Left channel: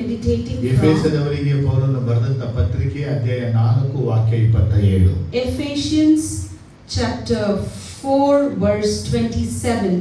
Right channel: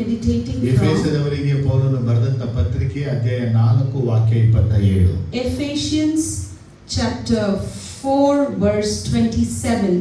meditating from? ಎಫೆಸದವರಿಗೆ ಪೌಲನು ಬರೆದಂತ ಪತ್ರಿಕೆ ಅಧ್ಯಾಯ 4 ವಾಕ್ಯ 27. Ephesians chapter 4 verse 27.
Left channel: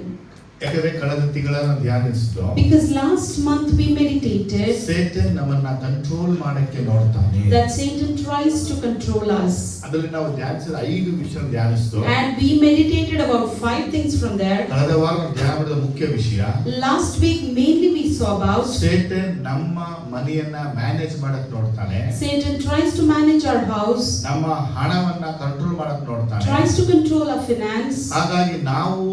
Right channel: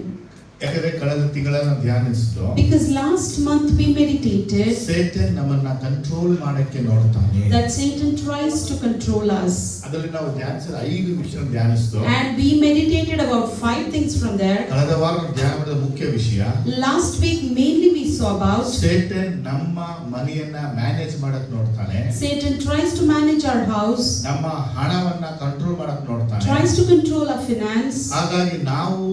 ಯಾಕಂದ್ರೆ ಕಳೆದ ತಿಂಗಳನ್ನ ಧ್ಯಾನಿಸಿದ್ದು. Because last month we meditated Satan ನಮ್ಮನ್ನ ಕಂಟ್ರೋಲ್ ಮಾಡಕ್ಕೆ ನೋಡ್ತಾನೆ. that Satan tries to control us. ಅದರಲ್ಲಿ ನಾವು ಧ್ಯಾನಿಸಿದ 5 ವಿಷಯ ಧ್ಯಾನಿಸಿದ್ದು. And we meditated about 5 things from there. ಕಳೆದ ವಾರ ಧ್ಯಾನ ಮಾಡಿದ ಮುಖ್ಯ ವಿಷಯ. Last week mainly we saw about Satan ನಮ್ಮ ಮನೆಯನ್ನ ಮ್ಯಾನೇಜ್ ಮಾಡಕ್ಕೆ ನೋಡ್ತಾನೆ. Satan tries to manage our house. ನಮ್ಮ ಹಣವನ್ನ ಕಂಟ್ರೋಲ್ ಮಾಡಕ್ಕೆ ನೋಡ್ತಾನೆ. Tries to control our finance. ಹಾಗಾಗಿ ನಾವು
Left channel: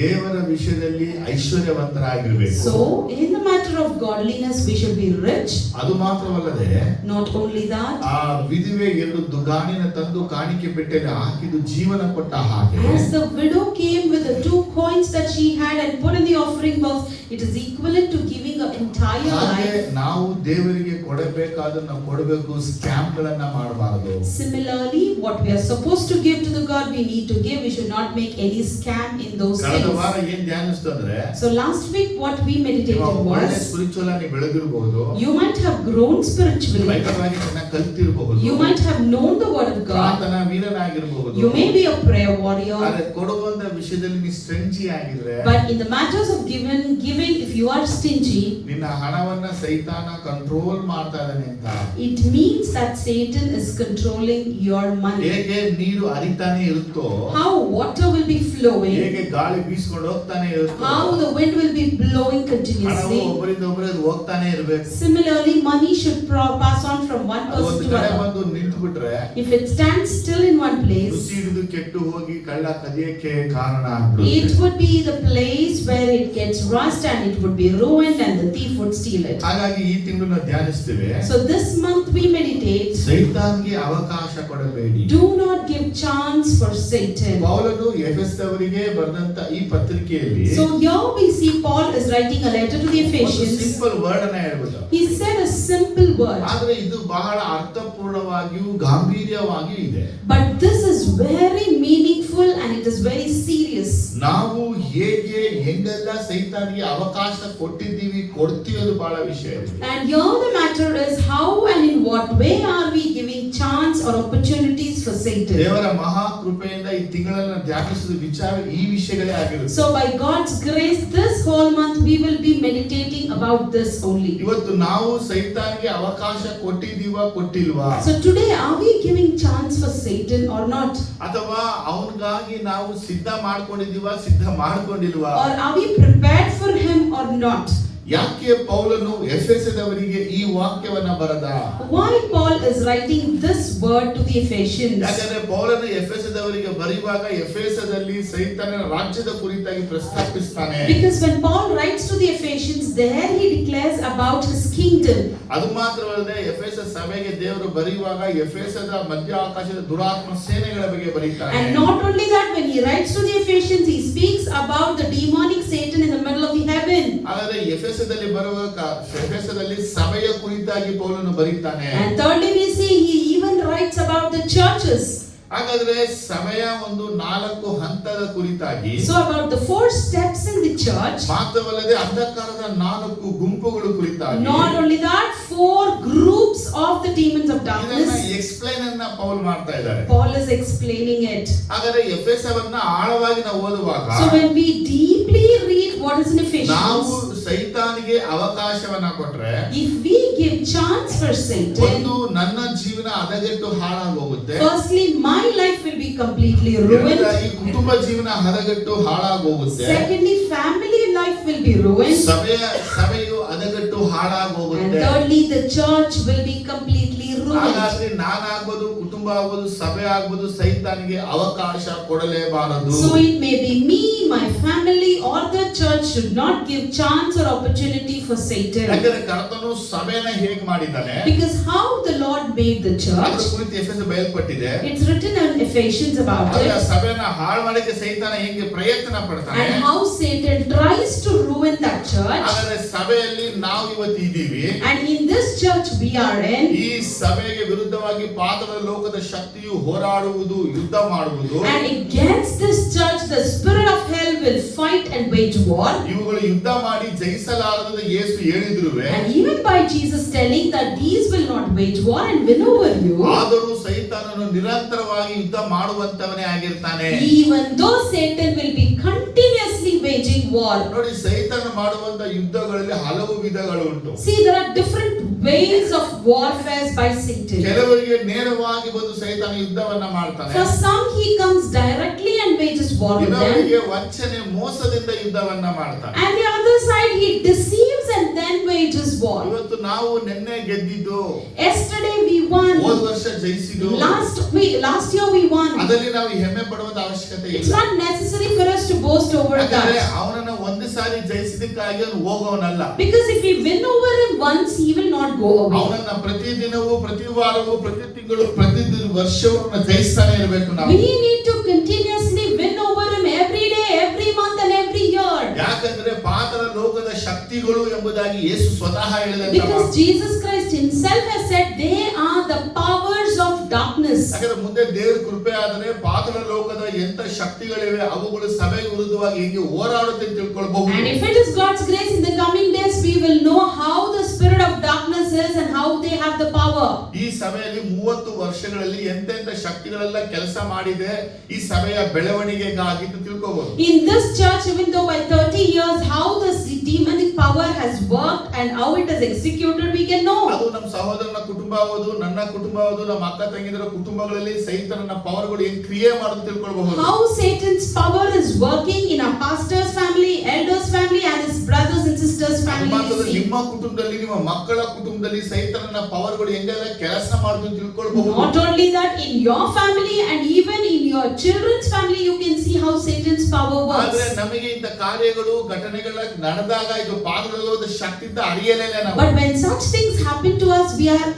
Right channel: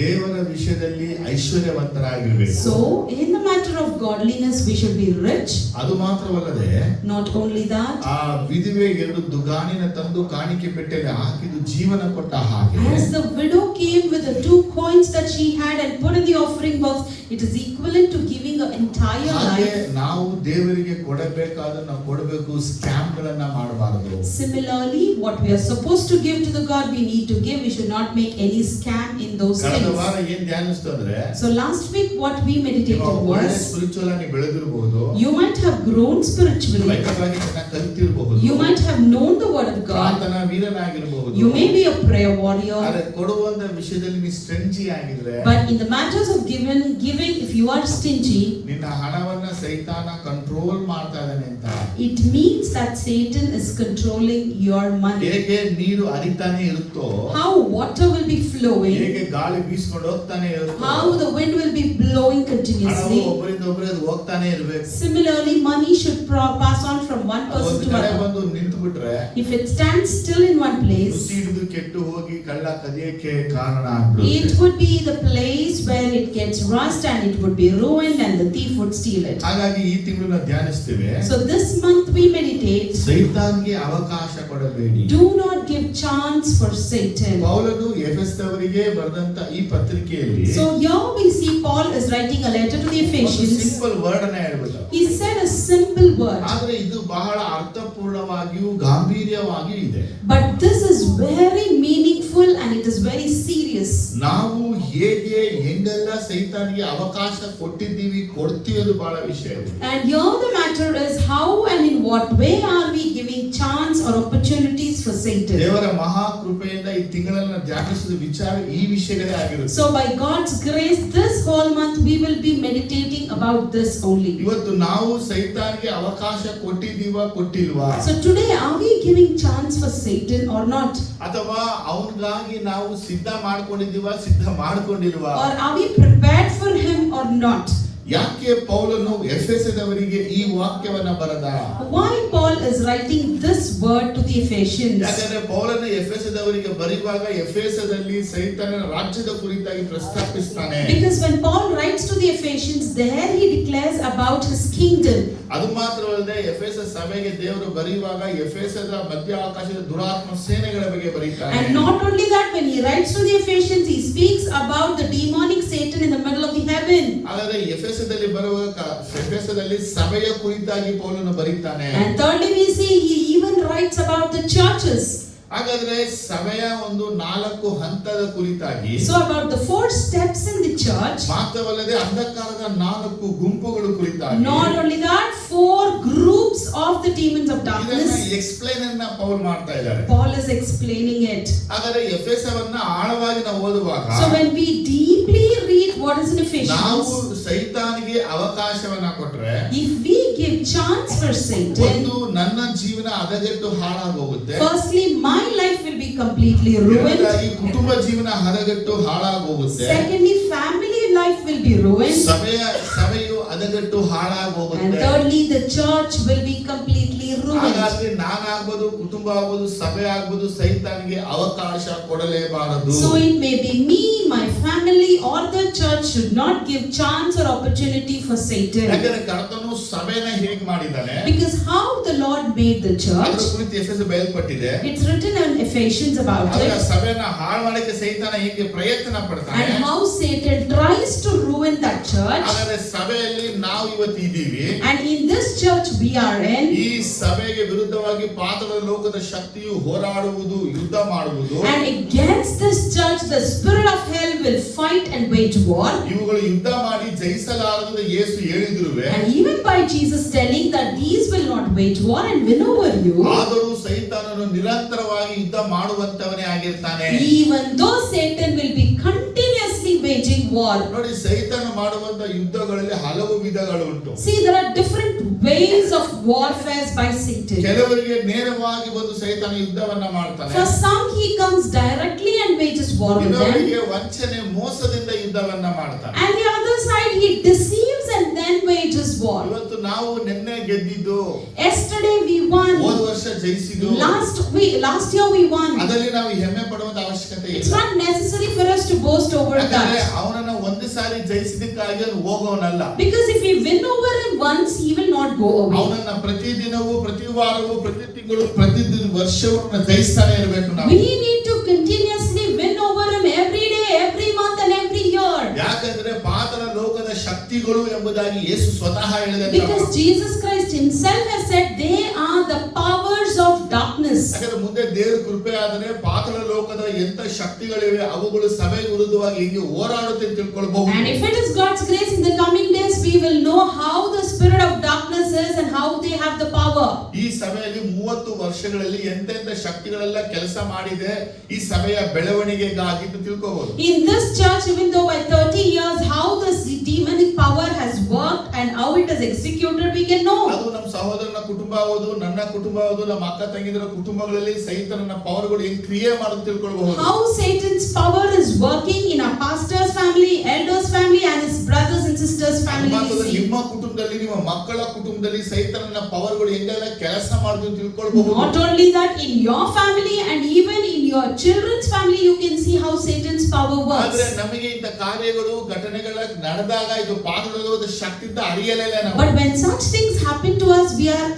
ದೇವರ ವಿಷಯದಲ್ಲಿ ಐಶ್ವರ್ಯವಂತರಾಗಿರಬೇಕು. So in the matter of godliness we should be rich. ಅದು ಮಾತ್ರವಲ್ಲದೆ Not only that, ಆ ವಿಧವೆ 2 ದುಗಾಣಿನ ತಂದು ಕಾಣಿಕೆ ಪೆಟ್ಟೆಗೆ ಹಾಕಿದ್ದು ಜೀವನ ಕೊಟ್ಟ ಹಾಗೆ as the widow came with the 2 coins that she had and put in the offering box, it is equivalent to giving her entire ಹಾಗೆ life. ನಾವು ದೇವರಿಗೆ ಕೊಡಬೇಕಾದನ್ನ ಕೊಡಬೇಕು, ಸ್ಕ್ಯಾಮ್ ಗಳನ್ನ ಮಾಡಬಾರದು. Similarly, what we are supposed to give to the God, we need to give. We should not make any scam in those ಕಳೆದ things. ವಾರ ಏನ್ ಧ್ಯಾನಿಸ್ತಂದ್ರೆ, So last week what we meditated was, spiritual ಆಗಿ ಬೆಳೆದಿರಬಹುದು, you might have grown spiritually, Bible ಆಗಿ ಚೆನ್ನಾಗಿ ಕಲಿತಿರಬಹುದು, you might have known the word of God, ಪ್ರಾರ್ಥನಾ ವೀರನಾಗಿರಬಹುದು, you may be a prayer warrior, ಆದರೆ ಕೊಡುವಂತ ವಿಷಯದಲ್ಲಿ ನೀ ಸ್ಟ್ರೆಂಜಿ ಆಗಿದ್ರೆ, but in the matters of giving, if you are stingy, ನಿನ್ನ ಹಣವನ್ನ ಸೈತಾನ ಕಂಟ್ರೋಲ್ ಮಾಡ್ತಾ ಇದ್ದಾನೆ ಅಂತ. it means that Satan is controlling your money. ಹೇಗೆ ನೀರು ಹರಿತಾನೆ ಇರುತ್ತೋ, How water will be flowing, ಹೇಗೆ ಗಾಳಿ ಬೀಸ್ಕೊಂಡು ಹೋಗ್ತಾನೆ ಇರುತ್ತೋ, how the wind will be blowing ಹಣವು continuously. ಒಬ್ಬರಿಂದ ಒಬ್ಬರಿಗೆ ಹೋಗ್ತಾನೆ ಇರಬೇಕು. Similarly, money should pass on from one person ಒಂದು to ಕಡೆ another. ಬಂದು ನಿಂತು ಬಿಟ್ರೆ If it stands still in one place, ರುಚಿ ಹಿಡಿದು ಕೆಟ್ಟು ಹೋಗಿ ಕಳ್ಳ ಕದಿಯಕ್ಕೆ ಕಾರಣ it ಆಗ್ಬಿಡುತ್ತೆ. would be the place where it gets rust and it would be ruined and the thief would steal it. ಹಾಗಾಗಿ ಈ ತಿಂಗಳು ಧ್ಯಾನಿಸ್ತೀವಿ, So this month we meditate, ಸೈತಾನ್ಗೆ ಅವಕಾಶ ಕೊಡಬೇಡಿ. do not give chance for Satan. ಪೌಲನು ಎಫೆಸದವರಿಗೆ ಬರೆದಂತ ಈ ಪತ್ರಿಕೆಯಲ್ಲಿ So here we see Paul is writing a letter to the ಒಂದು Ephesians. ಸಿಂಪಲ್ ವರ್ಡ್ ಅನ್ನ ಹೇಳ್ಬೋದು. He said a simple word, ಆದ್ರೆ ಇದು ಬಹಳ ಅರ್ಥಪೂರ್ಣವಾಗಿಯೂ ಗಾಂಭೀರ್ಯವಾಗಿಯೂ ಇದೆ. but this is very meaningful and it is very serious. ನಾವು ಹೇಗೆ ಹೆಂಗೆಲ್ಲ ಸೈತಾನ್ಗೆ ಅವಕಾಶ ಕೊಟ್ಟಿದ್ದೀವಿ, ಕೊಡ್ತೀವಿ ಬಹಳ ವಿಷಯ ಇದೆ. And here the matter is how and in what way are we giving chance or opportunities for Satan. ದೇವರ ಮಹಾ ಕೃಪೆಯಿಂದ ಈ ತಿಂಗಳನ್ನು ಧ್ಯಾನಿಸಿದ ವಿಚಾರ ಈ ವಿಷಯಗಳೇ ಆಗಿರುತ್ತೆ. So by God's grace this whole month we will be meditating about this only. ಇವತ್ತು ನಾವು ಸೈತಾನ್ಗೆ ಅವಕಾಶ ಕೊಟ್ಟಿದ್ದೀವಾ ಕೊಟ್ಟಿಲ್ವಾ? So today are we giving chance for Satan or not? ಅಥವಾ ಅವನಿಗಾಗಿ ನಾವು ಸಿದ್ಧ ಮಾಡ್ಕೊಂಡಿದ್ದೀವಾ ಸಿದ್ಧ ಮಾಡ್ಕೊಂಡಿಲ್ವಾ? Or are we prepared for him or not? ಯಾಕೆ ಪೌಲನು ಎಫೆಸದವರಿಗೆ ಈ ವಾಕ್ಯವನ್ನ ಬರೆದ? Why Paul is writing this word to the Ephesians? ಯಾಕಂದ್ರೆ ಪೌಲನು ಎಫೆಸದವರಿಗೆ ಬರೆಯುವಾಗ ಎಫೆಸದಲ್ಲಿ ಸೈತಾನನ ರಾಜ್ಯದ ಕುರಿತಾಗಿ ಪ್ರಸ್ತಾಪಿಸ್ತಾನೆ. Because when Paul writes to the Ephesians, there he declares about his kingdom. ಅದು ಮಾತ್ರವಲ್ಲದೆ ಎಫೆಸ ಸಭೆಗೆ ದೇವರು ಬರೆಯುವಾಗ ಎಫೆಸದ ಮಧ್ಯ ಆಕಾಶದ ದುರಾತ್ಮ ಸೇನೆಗಳ ಬಗ್ಗೆ ಬರೀತಾನೆ. And not only that, when he writes to the Ephesians, he speaks about the demonic Satan in the middle of the heaven. ಹಾಗಾದ್ರೆ ಎಫೆಸದಲ್ಲಿ ಬರುವಾಗ ಎಫೆಸದಲ್ಲಿ ಸಭೆಯ ಕುರಿತಾಗಿ ಪೌಲನು ಬರೀತಾನೆ. And thirdly, we see he even writes about the churches. ಹಾಗಾದ್ರೆ ಸಭೆಯ ಒಂದು 4 ಹಂತದ ಕುರಿತಾಗಿ, So about the 4 steps in the church. ಮಾತ್ರವಲ್ಲದೆ ಅಂಧಕಾರದ 4 ಗುಂಪುಗಳು ಕುರಿತಾಗಿ, Not only that, 4 groups of the demons of ಇದನ್ನ darkness. ಎಕ್ಸ್ಪ್ಲೈನ್ ಅನ್ನ ಪೌಲ್ ಮಾಡ್ತಾ ಇದ್ದಾರೆ. Paul is explaining it. ಹಾಗಾದ್ರೆ ಎಫೆಸವನ್ನ ಆಳವಾಗಿ ನಾವು ಓದುವಾಗ, So when we deeply read what is in ನಾವು Ephesians, ಸೈತಾನಿಗೆ ಅವಕಾಶವನ್ನ ಕೊಟ್ರೆ, if we give chance for Satan, ಒಂದು ನನ್ನ ಜೀವನ ಹದಗೆಟ್ಟು ಹಾಳಾಗೋಗುತ್ತೆ, firstly my life will be completely ruined. ಎರಡನೇದಾಗಿ ಕುಟುಂಬ ಜೀವನ ಹದಗೆಟ್ಟು ಹಾಳಾಗೋಗುತ್ತೆ, Secondly, family life will be ruined. ಸಭೆಯು ಹದಗೆಟ್ಟು And ಹಾಳಾಗೋಗುತ್ತೆ. thirdly, the church will be completely ruined. ಹಾಗಾಗಿ ನಾನಾಗ್ಬೋದು, ಕುಟುಂಬ ಆಗ್ಬೋದು, ಸಭೆ ಆಗ್ಬೋದು, ಸೈತಾನಿಗೆ ಅವಕಾಶ ಕೊಡಲೇಬಾರದು. So it may be me, my family, or the church should not give chance or opportunity for Satan. ಯಾಕಂದ್ರೆ ಕರ್ತನು ಸಭೆನ ಹೇಗೆ ಮಾಡಿದ್ದಾನೆ, Because how the Lord made the ಅದರ church, ಕುರಿತು ಎಫೆಸ ಬಯಲ್ಪಟ್ಟಿದೆ. it's written in Ephesians about ಆದ್ರೆ it. ಸಭೆನ ಹಾಳು ಮಾಡಕ್ಕೆ ಸೈತಾನ ಹೇಗೆ ಪ್ರಯತ್ನ ಪಡ್ತಾನೆ, And how Satan tries to ruin that church. ಹಾಗಾದ್ರೆ ಸಭೆಯಲ್ಲಿ ನಾವು ಇವತ್ತು ಇದ್ದೀವಿ. And in this church we are in. ಈ ಸಭೆಗೆ ವಿರುದ್ಧವಾಗಿ ಪಾತಾಳ ಲೋಕದ ಶಕ್ತಿಯು ಹೋರಾಡುವುದು, ಯುದ್ಧ ಮಾಡುವುದು. And against this church, the spirit of hell will fight fight and wage war. ಇವುಗಳು ಯುದ್ಧ ಮಾಡಿ ಜಯಿಸಲಾರದು ಯೇಸು ಹೇಳಿದ್ರುವೆ, And even by Jesus telling that these will not wage war and win over you, ಆದರೂ ಸೈತಾನನು ನಿರಂತರವಾಗಿ ಯುದ್ಧ ಮಾಡುವಂತವನೇ ಆಗಿರ್ತಾನೆ. even though Satan will be continuously waging war. ನೋಡಿ, ಸೈತಾನ ಮಾಡುವಂತ ಯುದ್ಧಗಳಲ್ಲಿ ಹಲವು ವಿಧಗಳು ಉಂಟು. See, there are different ways of warfare by Satan. ಕೆಲವರಿಗೆ ನೇರವಾಗಿ ಬಂದು ಸೈತಾನ ಯುದ್ಧವನ್ನ ಮಾಡ್ತಾನೆ. For some he comes directly and wages war on them. ಇನ್ನೊಬ್ಬರಿಗೆ ವಂಚನೆ ಮೋಸದಿಂದ ಯುದ್ಧವನ್ನ ಮಾಡ್ತಾನೆ. And the other side he deceives and then wages war. ಇವತ್ತು ನಾವು ನಿನ್ನೆ ಗೆದ್ದಿದ್ದು, Yesterday we won. ಹೋದ ವರ್ಷ ಜಯಿಸಿದ್ದು, Last year we won. ಅದರಲ್ಲಿ ನಾವು ಹೆಮ್ಮೆ ಪಡುವಂತ ಅವಶ್ಯಕತೆ It's ಇಲ್ಲ. not necessary for us to boast over ಯಾಕಂದ್ರೆ that. ಅವನನ್ನ ಒಂದು ಸಾರಿ ಜಯಿಸಿದಕ್ಕಾಗಿ ಅವನು ಹೋಗೋನಲ್ಲ. Because if we win over him once, he will not go away. ಅವನನ್ನ ಪ್ರತಿ ದಿನವೂ, ಪ್ರತಿ ವಾರವೂ, ಪ್ರತಿ ತಿಂಗಳು, ಪ್ರತಿ ವರ್ಷವೂ ಜಯಿಸ್ತಾನೆ ಇರಬೇಕು ನಾವು. We need to continuously win over him every day, every month and every year. ಯಾಕಂದ್ರೆ ಪಾತಾಳ ಲೋಕದ ಶಕ್ತಿಗಳು ಎಂಬುದಾಗಿ ಯೇಸು ಸ್ವತಃ ಹೇಳಿದಂತ Because Jesus Christ himself has said they are the powers of darkness. ಯಾಕಂದ್ರೆ ಮುಂದೆ ದೇವರ ಕೃಪೆ ಆದರೆ ಪಾತಾಳ ಲೋಕದ ಎಂತ ಶಕ್ತಿಗಳಿವೆ ಅವುಗಳು ಸಭೆಗೆ ವಿರುದ್ಧವಾಗಿ ಹೇಗೆ ಹೋರಾಡುತ್ತೆ ಅಂತ ತಿಳ್ಕೊಳ್ಬಹುದು. And if it is God's grace, in the coming days we will know how the spirit of darkness is and how they have the power. ಈ ಸಭೆಯಲ್ಲಿ 30 ವರ್ಷಗಳಲ್ಲಿ ಎಂತೆಂತ ಶಕ್ತಿಗಳೆಲ್ಲ ಕೆಲಸ ಮಾಡಿದೆ ಈ ಸಭೆಯ ಬೆಳವಣಿಗೆಗಾಗಿ ಅಂತ ತಿಳ್ಕೊಬಹುದು. In this church, even though by 30 years, how this demonic power has worked and how it is executed, we can know. ಅದು ನಮ್ಮ ಸಹೋದರನ ಕುಟುಂಬ ಆಗೋದು, ನನ್ನ ಕುಟುಂಬ ಆಗೋದು, ನಮ್ಮ ಅಕ್ಕ ತಂಗಿದರ ಕುಟುಂಬಗಳಲ್ಲಿ ಸೈತಾನನ ಪವರ್ಗಳು ಹೆಂಗ್ ಕ್ರಿಯೆ ಮಾಡೋದು ತಿಳ್ಕೊಳ್ಬಹುದು. How Satan's power is working in our pastor's family, elders' family, and his brothers and sisters' family. ನಿಮ್ಮ ಕುಟುಂಬದಲ್ಲಿ, ನಿಮ್ಮ ಮಕ್ಕಳ ಕುಟುಂಬದಲ್ಲಿ ಸೈತಾನನ ಪವರ್ಗಳು ಹೆಂಗೆಲ್ಲ ಕೆಲಸ ಮಾಡೋದು ಅಂತ ತಿಳ್ಕೊಳ್ಬಹುದು. Not only that, in your family and even in your children's family, you can see how Satan's power ಆದ್ರೆ works. ನಮಗೆ ಇಂಥ ಕಾರ್ಯಗಳು, ಘಟನೆಗಳ ನಡೆದಾಗ ಇದು ಪಾತಾಳದ ಶಕ್ತಿಯಿಂದ ಅರಿಯಲೇ ಇಲ್ಲ ನಾವು. But when such things happen to us, we are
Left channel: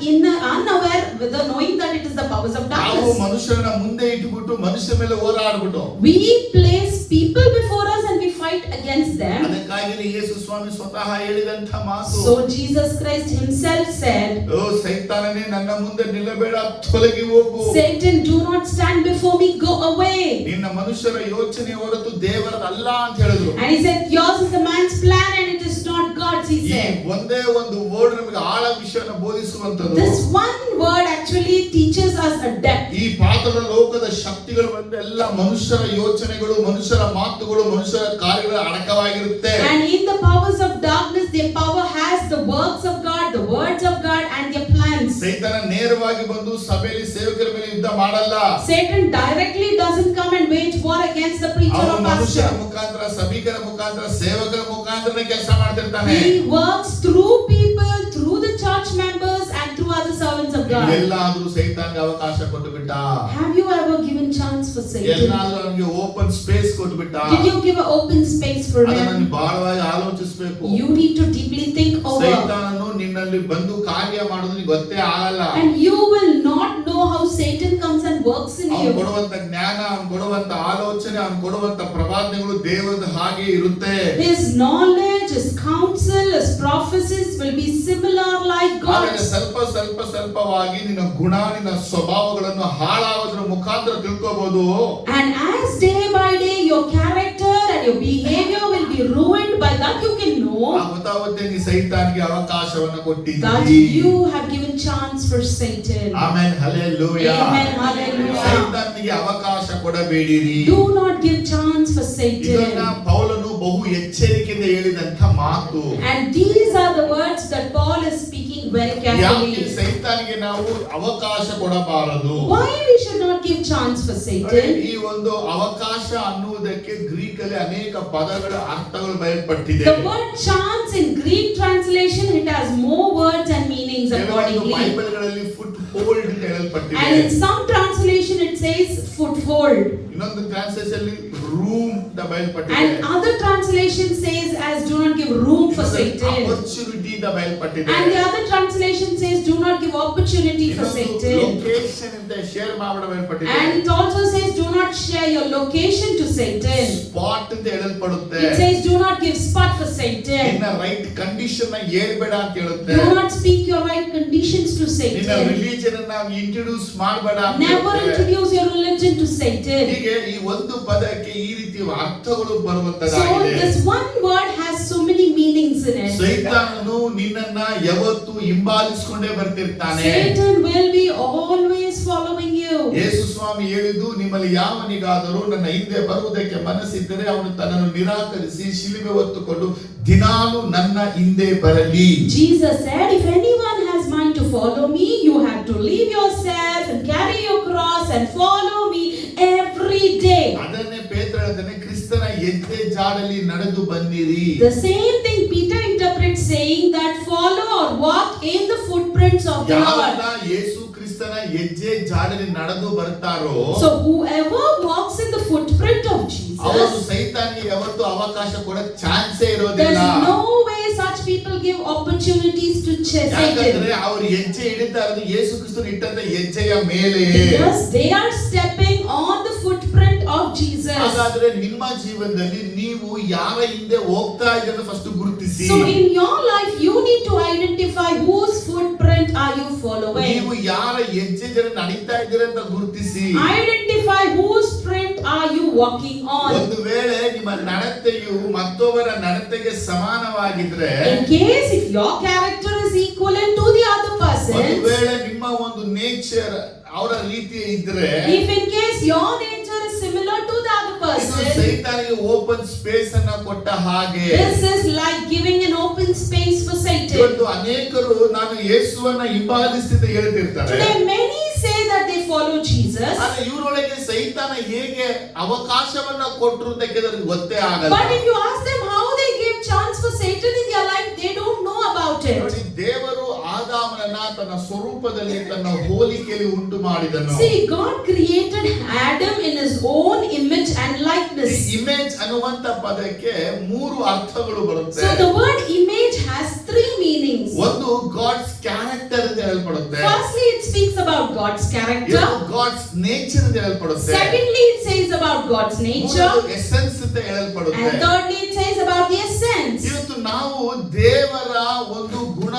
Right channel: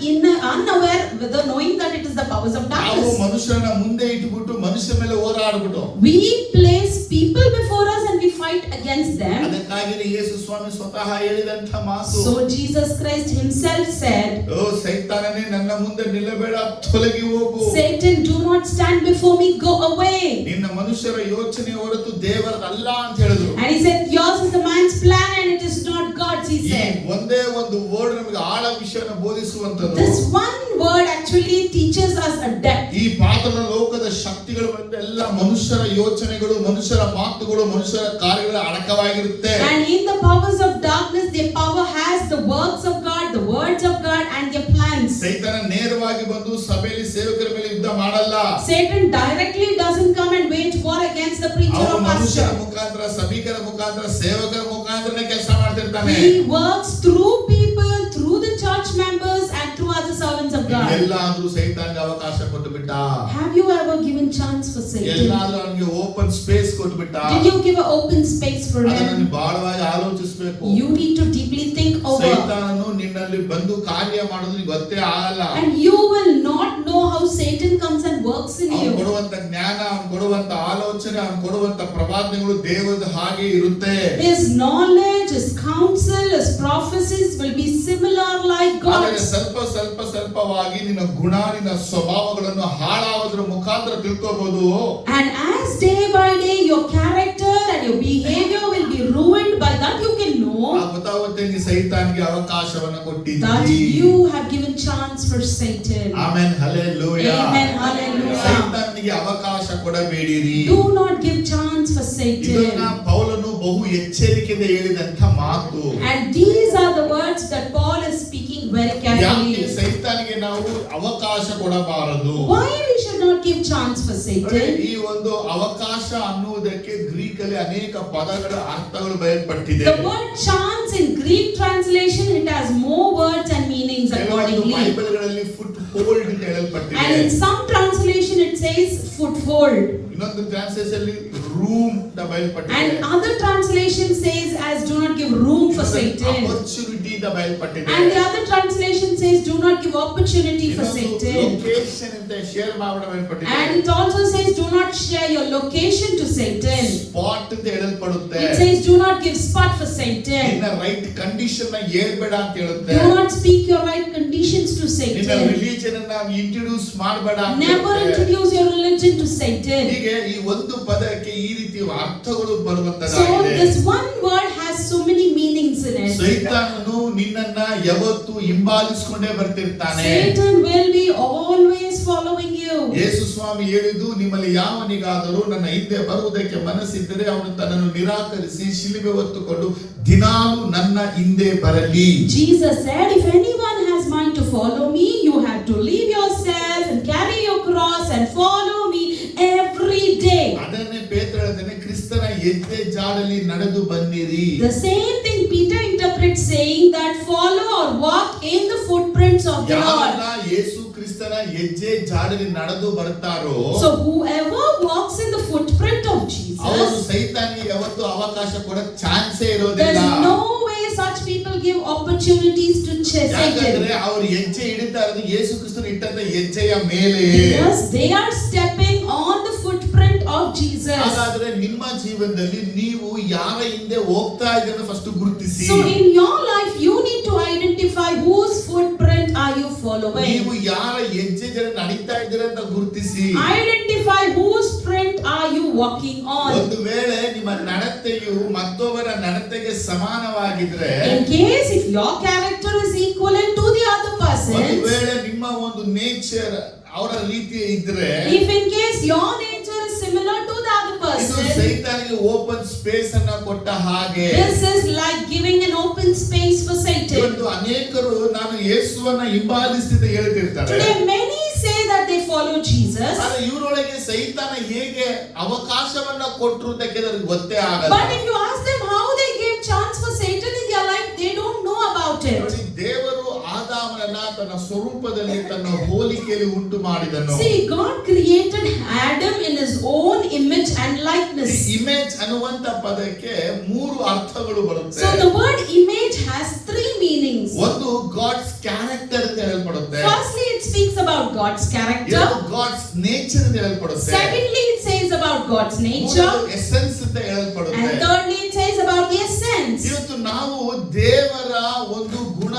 unaware, without knowing that it is the powers of ನಾವು darkness. ಮನುಷ್ಯರನ್ನ ಮುಂದೆ ಇಟ್ಟುಬಿಟ್ಟು ಮನುಷ್ಯ ಮೇಲೆ ಹೋರಾಡ್ಬಿಟ್ಟು We place people before us and we fight against them. ಅದಕ್ಕಾಗಿ ಯೇಸು ಸ್ವಾಮಿ ಸ್ವತಃ ಹೇಳಿದಂತ ಮಾತು, So Jesus Christ himself said, ಓ ಸೈತಾನನೇ, ನನ್ನ ಮುಂದೆ ನಿಲ್ಲಬೇಡ, ತೊಲಗಿ ಹೋಗು. Satan, do not stand before me, go away. ನಿನ್ನ ಮನುಷ್ಯರ ಯೋಚನೆ ಹೊರತು ದೇವರದಲ್ಲ ಅಂತ ಹೇಳಿದ್ರು. And he said, yours is the man's plan and it is not God's, he ಈ said. ಒಂದೇ ಒಂದು ವರ್ಡ್ ನಮಗೆ ಆಳ ವಿಷಯನ ಬೋಧಿಸುವಂತದ್ದು. This one word actually teaches us a depth. ಈ ಪಾತಾಳ ಲೋಕದ ಶಕ್ತಿಗಳು ಬಂದ ಎಲ್ಲ ಮನುಷ್ಯರ ಯೋಚನೆಗಳು, ಮನುಷ್ಯರ ಮಾತುಗಳು, ಮನುಷ್ಯರ ಕಾರ್ಯಗಳ ಅಡಕವಾಗಿರುತ್ತೆ. And in the powers of darkness, their power has the works of God, the words of God and their plans. ಸೈತಾನ ನೇರವಾಗಿ ಬಂದು ಸಭೆಯಲ್ಲಿ ಸೇವಕರ ಮೇಲೆ ಯುದ್ಧ ಮಾಡಲ್ಲ. Satan directly doesn't come and wage war against the preacher ಅವನು or ಮನುಷ್ಯರ pastor. ಮುಖಾಂತರ, ಸಭಿಕರ ಮುಖಾಂತರ, ಸೇವಕರ ಮುಖಾಂತರ ಕೆಲಸ ಮಾಡ್ತಿರ್ತಾನೆ. He works through people, through the church members and through other servants of God. ಎಲ್ಲಾದ್ರೂ ಸೈತಾನ್ಗೆ ಅವಕಾಶ ಕೊಟ್ಟು ಬಿಟ್ಟ? Have you ever given chance for Satan? ಎಲ್ಲಾದ್ರೂ ಅವನಿಗೆ ಓಪನ್ ಸ್ಪೇಸ್ ಕೊಟ್ಟು ಬಿಟ್ಟ? Did you give an open space for ಅದನ್ನು him? ಬಹಳವಾಗಿ ಆಲೋಚಿಸಬೇಕು. You need to deeply think over. ಸೈತಾನನು ನಿನ್ನಲ್ಲಿ ಬಂದು ಕಾರ್ಯ ಮಾಡೋದು ನಿನಗೆ ಗೊತ್ತೇ ಆಗಲ್ಲ. And you will not know how Satan comes and works in ಅವನು you. ಕೊಡುವಂತ ಜ್ಞಾನ, ಅವನು ಕೊಡುವಂತ ಆಲೋಚನೆ, ಅವನು ಕೊಡುವಂತ ಪ್ರವಾದನೆಗಳು ದೇವರದ ಹಾಗೆ ಇರುತ್ತೆ. His knowledge, his counsel, his prophecies will be similar like ಆಮೇಲೆ God's. ಸ್ವಲ್ಪವಾಗಿ ನಿನ್ನ ಗುಣ, ನಿನ್ನ ಸ್ವಭಾವಗಳನ್ನು ಹಾಳಾಗೋದ್ರ ಮುಖಾಂತರ ತಿಳ್ಕೋಬಹುದು. And as day by day your character and your behavior will be ruined, by that you can know ಗೊತ್ತಾಗುತ್ತೆ ನೀ ಸೈತಾನ್ಗೆ ಅವಕಾಶವನ್ನು that ಕೊಟ್ಟಿದ್ದೀರಿ. you have given chance for Satan. Amen, hallelujah. Amen, hallelujah. ಸೈತಾನ್ಗೆ ಅವಕಾಶ ಕೊಡಬೇಡಿರಿ. Do not give chance for ಇದನ್ನ Satan. ಪೌಲನು ಬಹು ಎಚ್ಚರಿಕೆಯಿಂದ ಹೇಳಿದಂತ ಮಾತು. And these are the words that Paul is speaking very ಯಾಕೆ carefully. ಸೈತಾನ್ಗೆ ನಾವು ಅವಕಾಶ ಕೊಡಬಾರದು? Why we should not give chance for Satan? ಈ ಒಂದು ಅವಕಾಶ ಅನ್ನುವುದಕ್ಕೆ ಗ್ರೀಕ್ ಅಲ್ಲಿ ಅನೇಕ ಪದಗಳ ಅರ್ಥಗಳು ಬಯಲ್ಪಟ್ಟಿದೆ. The word chance in Greek translation, it has more words and meanings ಕೆಲವೊಂದು accordingly. ಬೈಬಲ್ಗಳಲ್ಲಿ ಫುಟ್ ಹೋಲ್ಡ್ ಅಂತ ಹೇಳಲ್ಪಟ್ಟಿದೆ. And in some translation it says foothold. ಇನ್ನೊಂದು ಟ್ರಾನ್ಸ್ಲೇಷನ್ ಅಲ್ಲಿ ರೂಮ್ ಅಂತ ಬಯಲ್ಪಟ್ಟಿದೆ. And other translation says as do not give room for Satan. Opportunity ಅಂತ ಬಯಲ್ಪಟ್ಟಿದೆ. And the other translation says do not give opportunity for Satan. Location ಅಂತ ಶೇರ್ ಮಾಡಬೇಡ ಬಯಲ್ಪಟ್ಟಿದೆ. And it also says do not share your location to Satan. Spot ಅಂತ ಹೇಳಲ್ಪಡುತ್ತೆ. It says do not give spot for Satan. ನಿನ್ನ right condition ನ ಹೇಳ್ಬೇಡ ಅಂತ ಹೇಳುತ್ತೆ. Do not speak your right conditions to ನಿನ್ನ Satan. ರಿಲಿಜನ್ ರಿಲಿಜನ್ ಅನ್ನ ಇಂಟ್ರೊಡ್ಯೂಸ್ ಮಾಡಬೇಡ ಅಂತ Never ಹೇಳ್ತಾರೆ. introduce your religion to Satan. ಹೀಗೆ ಈ ಒಂದು ಪದಕ್ಕೆ ಈ ರೀತಿ ಅರ್ಥಗಳು So ಬರುವಂತದ್ದಾಗಿದೆ. this one word has so many meanings in it. ಸೈತಾನನು ನಿನ್ನನ್ನ ಯಾವತ್ತು ಹಿಂಬಾಲಿಸಿಕೊಂಡೇ ಬರ್ತಿರ್ತಾನೆ. Satan will be always following you. ಯೇಸು ಸ್ವಾಮಿ ಹೇಳಿದ್ದು, ನಿಮ್ಮಲ್ಲಿ ಯಾವನಿಗಾದರೂ ನನ್ನ ಹಿಂದೆ ಬರುವುದಕ್ಕೆ ಮನಸ್ಸಿದ್ದರೆ ಅವನು ತನ್ನನ್ನು ನಿರಾಕರಿಸಿ ಶಿಲುಬೆ ಹೊತ್ತುಕೊಂಡು ದಿನಾಲು ನನ್ನ ಹಿಂದೆ ಬರಲಿ. Jesus said, if anyone has mind to follow me, you have to leave yourself and carry your cross and follow me every day. ಅದನ್ನೇ ಪೇತ್ರ ಹೇಳ್ತಾನೆ, ಕ್ರಿಸ್ತನ ಹೆಜ್ಜೆ ಜಾಡಲಿ ನಡೆದು ಬನ್ನಿರಿ. The same thing Peter interprets saying that follow or walk in the footprints of ಯಾರೆಲ್ಲ God. ಯೇಸು ಕ್ರಿಸ್ತನ ಹೆಜ್ಜೆ ಜಾಡಲಿ ನಡೆದು ಬರ್ತಾರೋ So whoever walks in the footprint of ಅವರು Jesus, ಸೈತಾನಿಗೆ ಯಾವತ್ತು ಅವಕಾಶ ಕೊಡೋ ಚಾನ್ಸೇ ಇರೋದಿಲ್ಲ. there's no way such people give opportunities to ಯಾಕಂದ್ರೆ Satan. ಅವ್ರ ಹೆಜ್ಜೆ ಇಡ್ತಾ ಇರೋದು ಯೇಸು ಕ್ರಿಸ್ತನ ಇಟ್ಟಂತ ಹೆಜ್ಜೆಯ ಮೇಲೆ. Because they are stepping on the footprint of Jesus. ಹಾಗಾದ್ರೆ ನಿಮ್ಮ ಜೀವನದಲ್ಲಿ ನೀವು ಯಾರ ಹಿಂದೆ ಹೋಗ್ತಾ ಇದ್ದೀರ ಫಸ್ಟ್ ಗುರುತಿಸಿ. So in your life you need to identify whose footprint are you ನೀವು following. ಯಾರ ಹೆಜ್ಜೆ ಜನ ನಡೀತಾ ಇದ್ದೀರ ಅಂತ ಗುರುತಿಸಿ. Identify whose print are you walking on. ಒಂದು ವೇಳೆ ನಿಮ್ಮ ನಡತೆಯು ಮತ್ತೊಬ್ಬರ ನಡತೆಗೆ ಸಮಾನವಾಗಿದ್ರೆ, In case if your character is equivalent to the other ಒಂದು person's, ವೇಳೆ ನಿಮ್ಮ ಒಂದು ನೇಚರ್ ಅವರ ರೀತಿ ಇದ್ರೆ, if in case your nature is similar to the other ಇದು person, ಸೈತಾನಿಗೆ ಓಪನ್ ಸ್ಪೇಸ್ ಅನ್ನ ಕೊಟ್ಟ ಹಾಗೆ. this is like giving an open space for Satan. ಇವತ್ತು ಅನೇಕರು ನಾನು ಯೇಸುವನ್ನ ಹಿಂಬಾಲಿಸ್ತಿದ್ದೆ ಹೇಳ್ತಿರ್ತಾರೆ. Today many say that they follow Jesus, ಆದ್ರೆ ಇವರೊಳಗೆ ಸೈತಾನ ಹೇಗೆ ಅವಕಾಶವನ್ನ ಕೊಟ್ಟರು ಅಂತ ಕೇಳಿದ್ರೆ ಗೊತ್ತೇ ಆಗಲ್ಲ. but if you ask them how they gave chance for Satan in their life, they don't know about ನೋಡಿ, it. ದೇವರು ಆದಾಮನನ್ನ ತನ್ನ ಸ್ವರೂಪದಲ್ಲಿ ತನ್ನ ಹೋಲಿಕೆಯಲ್ಲಿ ಉಂಟು ಮಾಡಿದನು. See, God created Adam in his own image and likeness. Image ಅನ್ನುವಂತ ಪದಕ್ಕೆ ಮೂರು ಅರ್ಥಗಳು ಬರುತ್ತೆ. So the word image has three meanings. ಒಂದು ಗಾಡ್ಸ್ ಕ್ಯಾರೆಕ್ಟರ್ ಅಂತ ಹೇಳ್ಪಡುತ್ತೆ. Firstly, it speaks about God's character. ಎರಡು ಗಾಡ್ಸ್ ನೇಚರ್ ಅಂತ ಹೇಳ್ಪಡುತ್ತೆ. Secondly, it says about God's nature. ಮೂರನೇದು ಎಸೆನ್ಸ್ ಅಂತ ಹೇಳ್ಪಡುತ್ತೆ. And thirdly, it says about the essence. ಇವತ್ತು ನಾವು ದೇವರ ಒಂದು ಗುಣ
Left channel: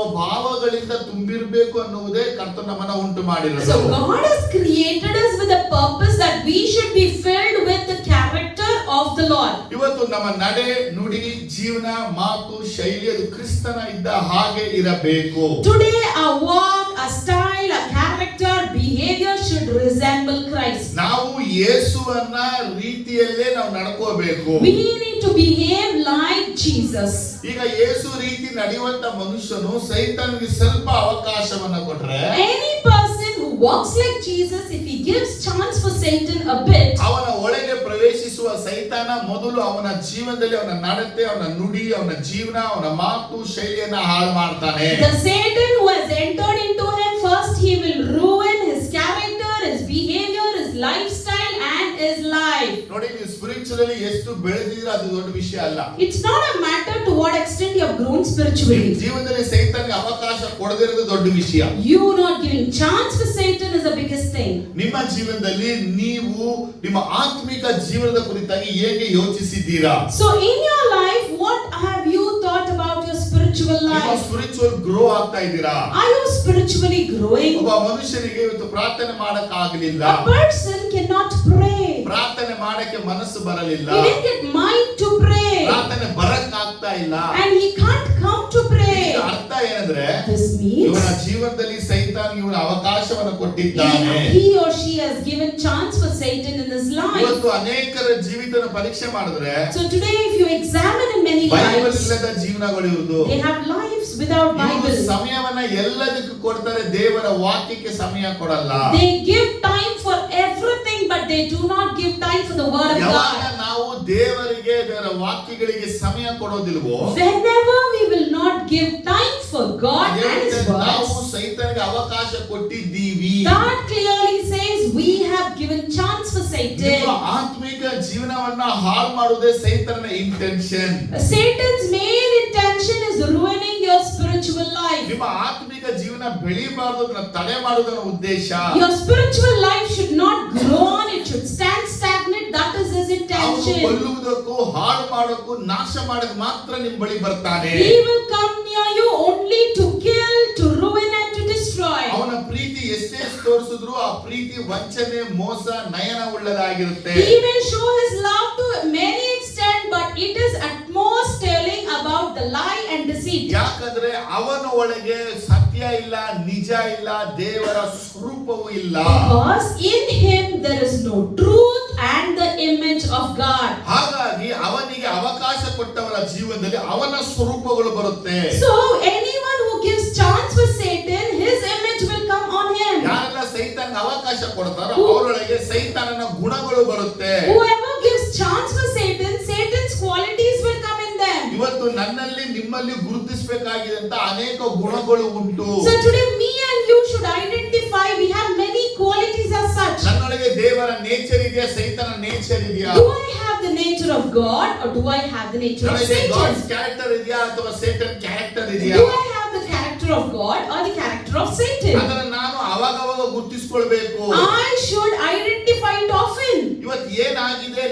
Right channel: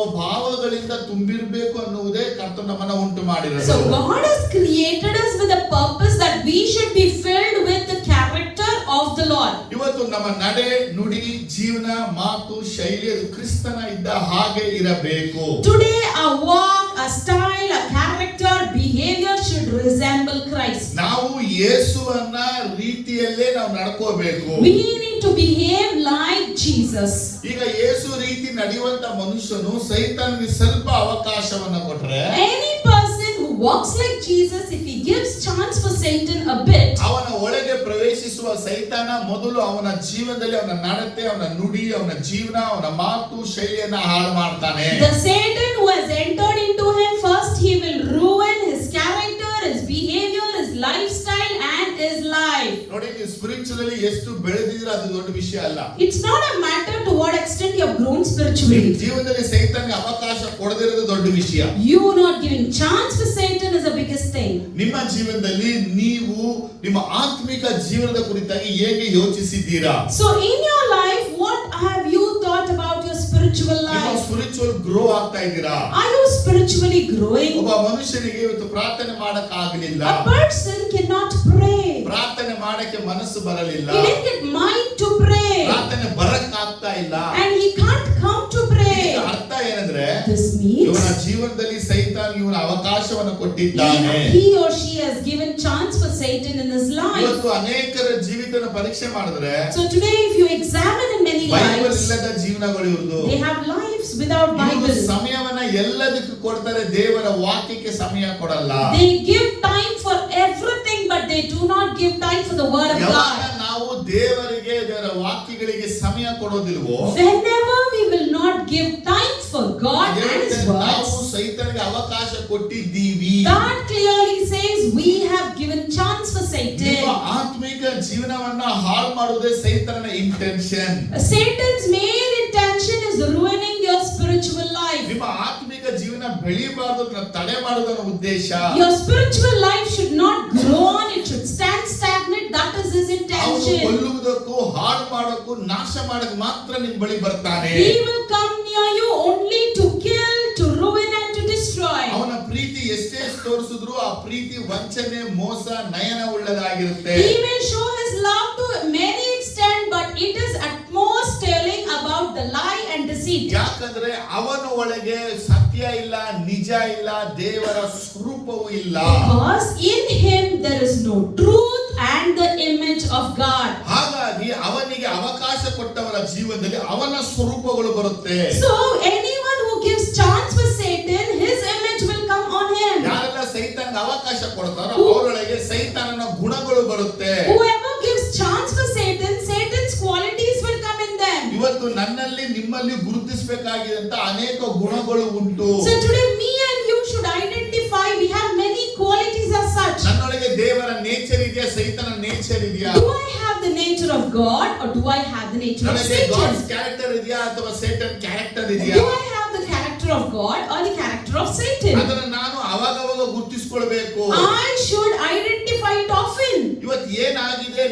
ಸ್ವಭಾವಗಳಿಂದ ತುಂಬಿರಬೇಕು ಅನ್ನುವುದೇ ಕರ್ತನು ನಮ್ಮನ್ನ ಉಂಟು ಮಾಡಿರೋದು. So God has created us with a purpose that we should be filled with the character of the Lord. ಇವತ್ತು ನಮ್ಮ ನಡೆ ನುಡಿ ಜೀವನ ಮಾತು ಶೈಲಿ ಅದು ಕ್ರಿಸ್ತನ ಇದ್ದ ಹಾಗೆ ಇರಬೇಕು. Today, our walk, our style, our character, behavior should resemble Christ. ನಾವು ಯೇಸುವನ್ನ ರೀತಿಯಲ್ಲೇ ನಾವು ನಡ್ಕೋಬೇಕು. We need to behave like Jesus. ಈಗ ಯೇಸು ರೀತಿ ನಡೆಯುವಂತ ಮನುಷ್ಯನು ಸೈತಾನಿಗೆ ಸ್ವಲ್ಪ ಅವಕಾಶವನ್ನ ಕೊಟ್ರೆ, Any person who walks like Jesus, if he gives chance for Satan a bit, ಅವನ ಒಳಗೆ ಪ್ರವೇಶಿಸುವ ಸೈತಾನ ಮೊದಲು ಅವನ ಜೀವನದಲ್ಲಿ ಅವನ ನಡತೆ, ಅವನ ನುಡಿ, ಅವನ ಜೀವನ, ಅವನ ಮಾತು ಶೈಲಿಯನ್ನ ಹಾಳು ಮಾಡ್ತಾನೆ. the Satan who has entered into him, first he will ruin his character, his behavior, his lifestyle and his life. ನೋಡಿ, ನೀವು ಸ್ಪಿರಿಚುವಲಿ ಎಷ್ಟು ಬೆಳೆದಿದ್ರೆ ಅದು ದೊಡ್ಡ ವಿಷಯ ಅಲ್ಲ. It's not a matter to what extent you have grown ನಿಮ್ಮ spiritually. ಜೀವನದಲ್ಲಿ ಸೈತಾನ್ಗೆ ಅವಕಾಶ ಕೊಡದಿರೋದು ದೊಡ್ಡ ವಿಷಯ. You not giving chance for Satan is the biggest thing. ನಿಮ್ಮ ಜೀವನದಲ್ಲಿ ನೀವು ನಿಮ್ಮ ಆತ್ಮಿಕ ಜೀವನದ ಕುರಿತಾಗಿ ಹೇಗೆ ಯೋಚಿಸಿದ್ದೀರಾ? So in your life, what have you thought about your spiritual ನಿಮ್ಮ life? ಸ್ಪಿರಿಚುವಲ್ ಗ್ರೋ ಆಗ್ತಾ ಇದ್ದೀರಾ? Are you spiritually growing? ಒಬ್ಬ ಮನುಷ್ಯನಿಗೆ ಇವತ್ತು ಪ್ರಾರ್ಥನೆ ಮಾಡಕ್ ಆಗಲಿಲ್ಲ, A person cannot pray. ಪ್ರಾರ್ಥನೆ ಮಾಡಕ್ಕೆ ಮನಸ್ಸು ಬರಲಿಲ್ಲ, He didn't get mind to pray. ಪ್ರಾರ್ಥನೆ ಬರಕ್ ಆಗ್ತಾ ಇಲ್ಲ. And he can't come to pray. ಇದರ ಅರ್ಥ ಏನಂದ್ರೆ, This ಇವನ means ಜೀವನದಲ್ಲಿ ಸೈತಾನ್ ಇವನ ಅವಕಾಶವನ್ನು ಕೊಟ್ಟಿದ್ದಾನೆ. he or she has given chance for Satan in his life. ಇವತ್ತು ಅನೇಕರ ಜೀವಿತನ ಪರೀಕ್ಷೆ ಮಾಡಿದ್ರೆ So today if you examine in many Bible lives, ಇಲ್ಲದ ಜೀವನಗಳು ಇರುವುದು. they have lives without ಇವರು Bible. ಸಮಯವನ್ನ ಎಲ್ಲದಕ್ಕೂ ಕೊಡ್ತಾರೆ, ದೇವರ ವಾಕ್ಯಕ್ಕೆ ಸಮಯ ಕೊಡಲ್ಲ. They give time for everything, but they do not give time for the word of ಯಾವಾಗ God. ನಾವು ದೇವರಿಗೆ ದೇವರ ವಾಕ್ಯಗಳಿಗೆ ಸಮಯ ಕೊಡೋದಿಲ್ವೋ, Whenever we will not give time for God and His ನಾವು words, ಸೈತಾನ್ಗೆ ಅವಕಾಶ ಕೊಟ್ಟಿದ್ದೀವಿ. God clearly says we have given chance for ನಿಮ್ಮ Satan. ಆತ್ಮಿಕ ಜೀವನವನ್ನ ಹಾಳು ಮಾಡುವುದೇ ಸೈತಾನನ intention. Satan's main intention is ruining your spiritual life. ನಿಮ್ಮ ಆತ್ಮಿಕ ಜೀವನ ಬೆಳೆಯಬಾರದು, ಅದನ್ನ ತಡೆ ಮಾಡುವುದರ ಉದ್ದೇಶ. Your spiritual life should not grow on, it should stand stagnant. That is his ಅವನು intention. ಕೊಲ್ಲುವುದಕ್ಕೂ ಹಾಳು ಮಾಡೋಕ್ಕೂ ನಾಶ ಮಾಡಕ್ ಮಾತ್ರ ನಿಮ್ ಬಳಿ ಬರ್ತಾನೆ. He will come near you only to kill, to ruin and to destroy. ಅವನ ಪ್ರೀತಿ ಎಷ್ಟೇ ತೋರಿಸಿದ್ರು ಆ ಪ್ರೀತಿ ವಂಚನೆ ಮೋಸ ನಯನ ಉಳ್ಳದಾಗಿರುತ್ತೆ. He may show his love to many extent, but it is at most telling about the lie and deceit. ಯಾಕಂದ್ರೆ ಅವನ ಒಳಗೆ ಸತ್ಯ ಇಲ್ಲ, ನಿಜ ಇಲ್ಲ, ದೇವರ ಸ್ವರೂಪವೂ ಇಲ್ಲ. Because in him there is no truth and the image of God. ಹಾಗಾಗಿ ಅವನಿಗೆ ಅವಕಾಶ ಕೊಟ್ಟವರ ಜೀವನದಲ್ಲಿ ಅವನ ಸ್ವರೂಪಗಳು ಬರುತ್ತೆ. So anyone who gives chance for Satan, his image will come on him. ಯಾರೆಲ್ಲ ಸೈತಾನಗೆ ಅವಕಾಶ ಕೊಡ್ತಾರೋ ಅವರೊಳಗೆ ಸೈತಾನನ ಗುಣಗಳು ಬರುತ್ತೆ. Whoever gives chance for Satan, Satan's qualities will come in them. ಇವತ್ತು ನನ್ನಲ್ಲಿ ನಿಮ್ಮಲ್ಲಿ ಗುರುತಿಸಬೇಕಾಗಿದ್ದಂತ ಅನೇಕ ಗುಣಗಳು ಉಂಟು. So today me and you should identify we have many qualities as such. ನನ್ನೊಳಗೆ ದೇವರ ನೇಚರ್ ಇದೆಯಾ, ಸೈತಾನ ನೇಚರ್ ಇದೆಯಾ? Do I have the nature of God or do I have the nature of ನನಗೆ Satan? ಗಾಡ್ಸ್ ಕ್ಯಾರೆಕ್ಟರ್ ಇದೆಯಾ ಅಥವಾ ಸೈತಾನ್ ಕ್ಯಾರೆಕ್ಟರ್ ಇದೆಯಾ? Do I have the character of God or the character of Satan? ಅದನ್ನ ನಾನು ಅವಾಗವಾಗ ಗುರುತಿಸಿಕೊಳ್ಬೇಕು. I should identify it often. ಇವತ್ತು ಏನಾಗಿದೆ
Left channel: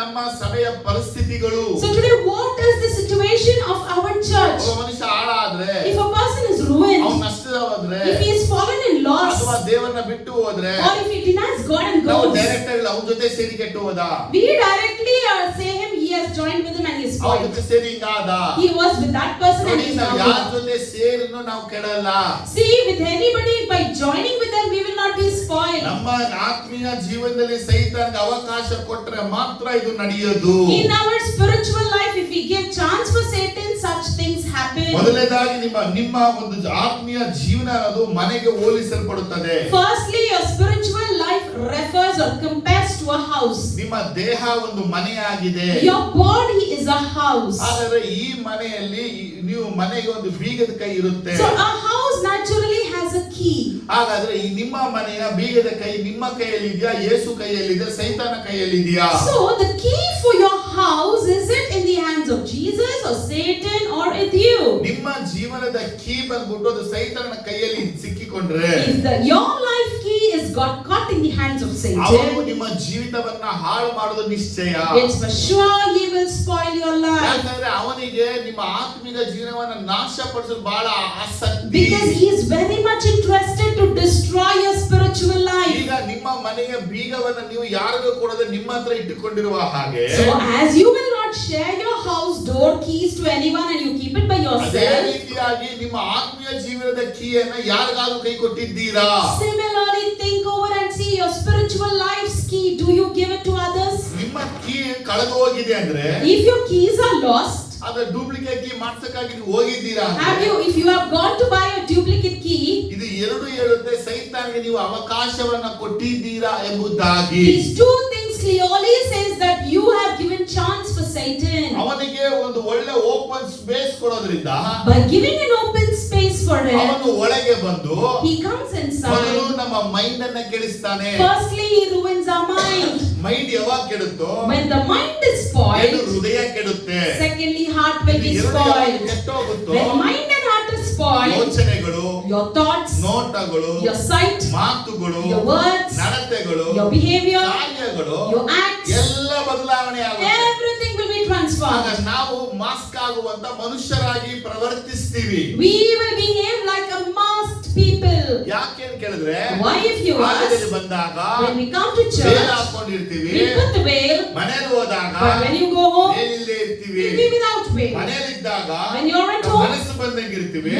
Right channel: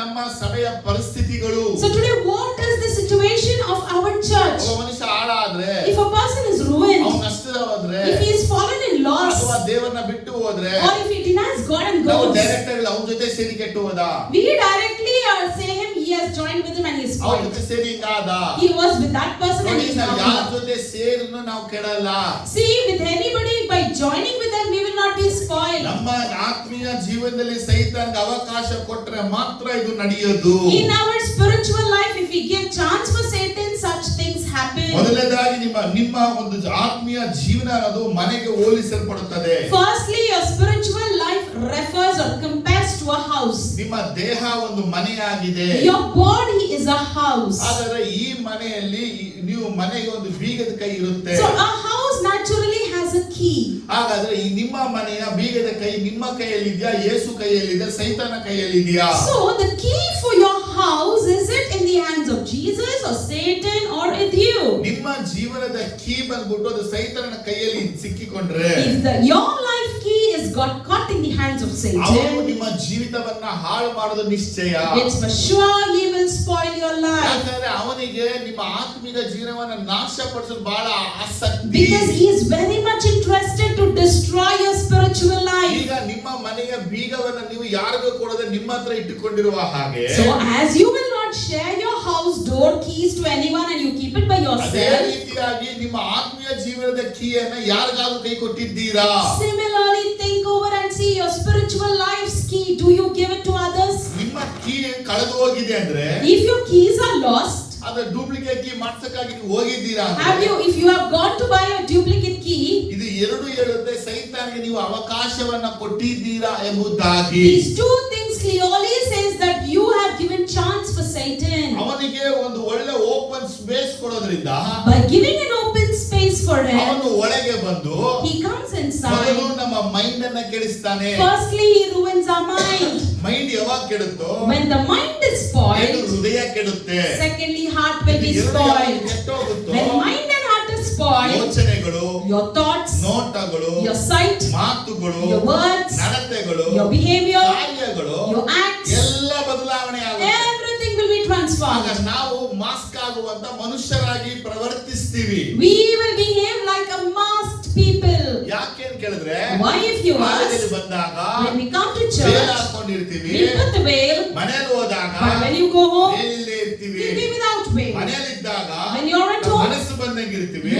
ನಮ್ಮ ಸಭೆಯ ಪರಿಸ್ಥಿತಿಗಳು? So today what is the situation of our church? ಒಬ್ಬ ಮನುಷ್ಯ ಹಾಳಾದ್ರೆ, If a person is ruined, ಅವನು ನಷ್ಟದವಾದ್ರೆ, if he is fallen in loss, ಅಥವಾ ದೇವರನ್ನ ಬಿಟ್ಟು ಹೋದ್ರೆ or if he denies God and ನಾವು goes, ಡೈರೆಕ್ಟ್ ಆಗಿ ಅವನ ಜೊತೆ ಸೇರಿ ಕೆಟ್ಟು ಹೋದ, we directly say him he has joined with him and he is ಅವನ spoiled. ಜೊತೆ ಸೇರಿ ಹಿಂಗಾದ. He was with that person and ನೋಡಿ, he is ನಾವು not ಯಾರ with them. ಜೊತೆ ಸೇರಿನೂ ನಾವು ಕೆಡಲ್ಲ. See, with anybody by joining with them we will not be spoiled. ನಮ್ಮ ಆತ್ಮೀಯ ಜೀವನದಲ್ಲಿ ಸೈತಾನ್ಗೆ ಅವಕಾಶ ಕೊಟ್ಟರೆ ಮಾತ್ರ ಇದು ನಡೆಯೋದು. In our spiritual life, if we give chance for Satan, such things happen. ಮೊದಲನೇದಾಗಿ ನಿಮ್ಮ ಒಂದು ಆತ್ಮೀಯ ಜೀವನ ಅದು ಮನೆಗೆ ಹೋಲಿಸಲ್ಪಡುತ್ತದೆ. Firstly, your spiritual life refers or compares to a house. ನಿಮ್ಮ ದೇಹ ಒಂದು ಮನೆಯಾಗಿದೆ. Your body is a house. ಆದರೆ ಈ ಮನೆಯಲ್ಲಿ ನೀವು ಮನೆಗೆ ಒಂದು ಬೀಗದ ಕೈ ಇರುತ್ತೆ. So a house naturally has a key. ಹಾಗಾದ್ರೆ ಈ ನಿಮ್ಮ ಮನೆಯ ಬೀಗದ ಕೈ ನಿಮ್ಮ ಕೈಯಲ್ಲಿ ಇದೆಯಾ, ಯೇಸು ಕೈಯಲ್ಲಿದೆ, ಸೈತಾನ ಕೈಯಲ್ಲಿ ಇದೆಯಾ? So the key for your house, is it in the hands of Jesus or Satan or with you? ನಿಮ್ಮ ಜೀವನದ ಕೀ ಬಂದ್ಬಿಟ್ಟು ಅದು ಸೈತಾನನ ಕೈಯಲ್ಲಿ ಸಿಕ್ಕಿಕೊಂಡ್ರೆ, If your life key is got caught in the hands of ಅವನು Satan, ನಿಮ್ಮ ಜೀವಿತವನ್ನ ಹಾಳು ಮಾಡೋದು ನಿಶ್ಚಯ. it's for sure he will spoil your life. ಯಾಕಂದ್ರೆ ಅವನಿಗೆ ನಿಮ್ಮ ಆತ್ಮಿಕ ಜೀವನವನ್ನ ನಾಶಪಡಿಸಲು ಬಹಳ ಆಸಕ್ತಿ. Because he is very much interested to destroy your spiritual life. ಈಗ ನಿಮ್ಮ ಮನೆಯ ಬೀಗವನ್ನ ನೀವು ಯಾರಿಗೂ ಕೊಡದೆ ನಿಮ್ಮ ಹತ್ರ ಇಟ್ಟುಕೊಂಡಿರುವ ಹಾಗೆ, So as you will not share your house door keys to anyone and you keep it by ಅದೇ yourself, ರೀತಿಯಾಗಿ ನಿಮ್ಮ ಆತ್ಮೀಯ ಜೀವನದ ಕೀಯನ್ನ ಯಾರಿಗಾದ್ರೂ ಕೈ ಕೊಟ್ಟಿದ್ದೀರಾ? similarly think over and see your spiritual life's key. Do you give it to others? ನಿಮ್ಮ ಕೀ ಕಳೆದು ಹೋಗಿದೆ ಅಂದ್ರೆ, If your keys are lost, ಅದ ಡೂಪ್ಲಿಕೇಟ್ ಕೀ ಮಾಡ್ಸಕ್ಕಾಗಿ ನೀವು ಹೋಗಿದ್ದೀರಾ have you, if you have gone to buy a duplicate key, ಇದು ಎರಡು ಹೇಳುತ್ತೆ ಸೈತಾನಿಗೆ ನೀವು ಅವಕಾಶವನ್ನ ಕೊಟ್ಟಿದ್ದೀರಾ ಎಂಬುದಾಗಿ. these two things clearly says that you have given chance for Satan. ಅವನಿಗೆ ಒಂದು ಒಳ್ಳೆ ಓಪನ್ ಸ್ಪೇಸ್ ಕೊಡೋದ್ರಿಂದ By giving an open space for him, ಅವನು ಒಳಗೆ ಬಂದು he comes ಮೊದಲು inside. ನಮ್ಮ ಮೈಂಡ್ ಅನ್ನ ಕೆಡಿಸ್ತಾನೆ. Firstly, he ruins our mind. Mind ಯಾವಾಗ ಕೆಡುತ್ತೋ When the mind is ಏನು spoiled, ಹೃದಯ ಕೆಡುತ್ತೆ. secondly, heart will be ಇದು ಎರಡು ಯಾವಾಗ spoiled. ಕೆಟ್ಟೋಗುತ್ತೋ When mind and heart is spoiled, ಯೋಚನೆಗಳು, your thoughts, ನೋಟಗಳು, your sight, ಮಾತುಗಳು, your words, ನಡತೆಗಳು, your behavior, ಕಾರ್ಯಗಳು your acts, ಎಲ್ಲ ಬದಲಾವಣೆ ಆಗುತ್ತೆ. everything will be ಆಗ transformed. ನಾವು ಮಾಸ್ಕ್ ಆಗುವಂತ ಮನುಷ್ಯರಾಗಿ ಪ್ರವರ್ತಿಸ್ತೀವಿ. We will behave like a masked people. ಯಾಕೆ ಅಂತ ಕೇಳಿದ್ರೆ, Why, if you ಆಲಯದಲ್ಲಿ ask, ಬಂದಾಗ when we come to well church, ಹಾಕೊಂಡಿರ್ತೀವಿ, we put the veil, ಮನೇಲಿ ಹೋದಾಗ but when you go home, ವೇಲಿಲ್ಲದೆ ಇರ್ತೀವಿ. you be without veil. ಮನೇಲಿದ್ದಾಗ When you're at home, ಮನಸ್ಸು ಬಂದಂಗೆ ಇರ್ತೀವಿ.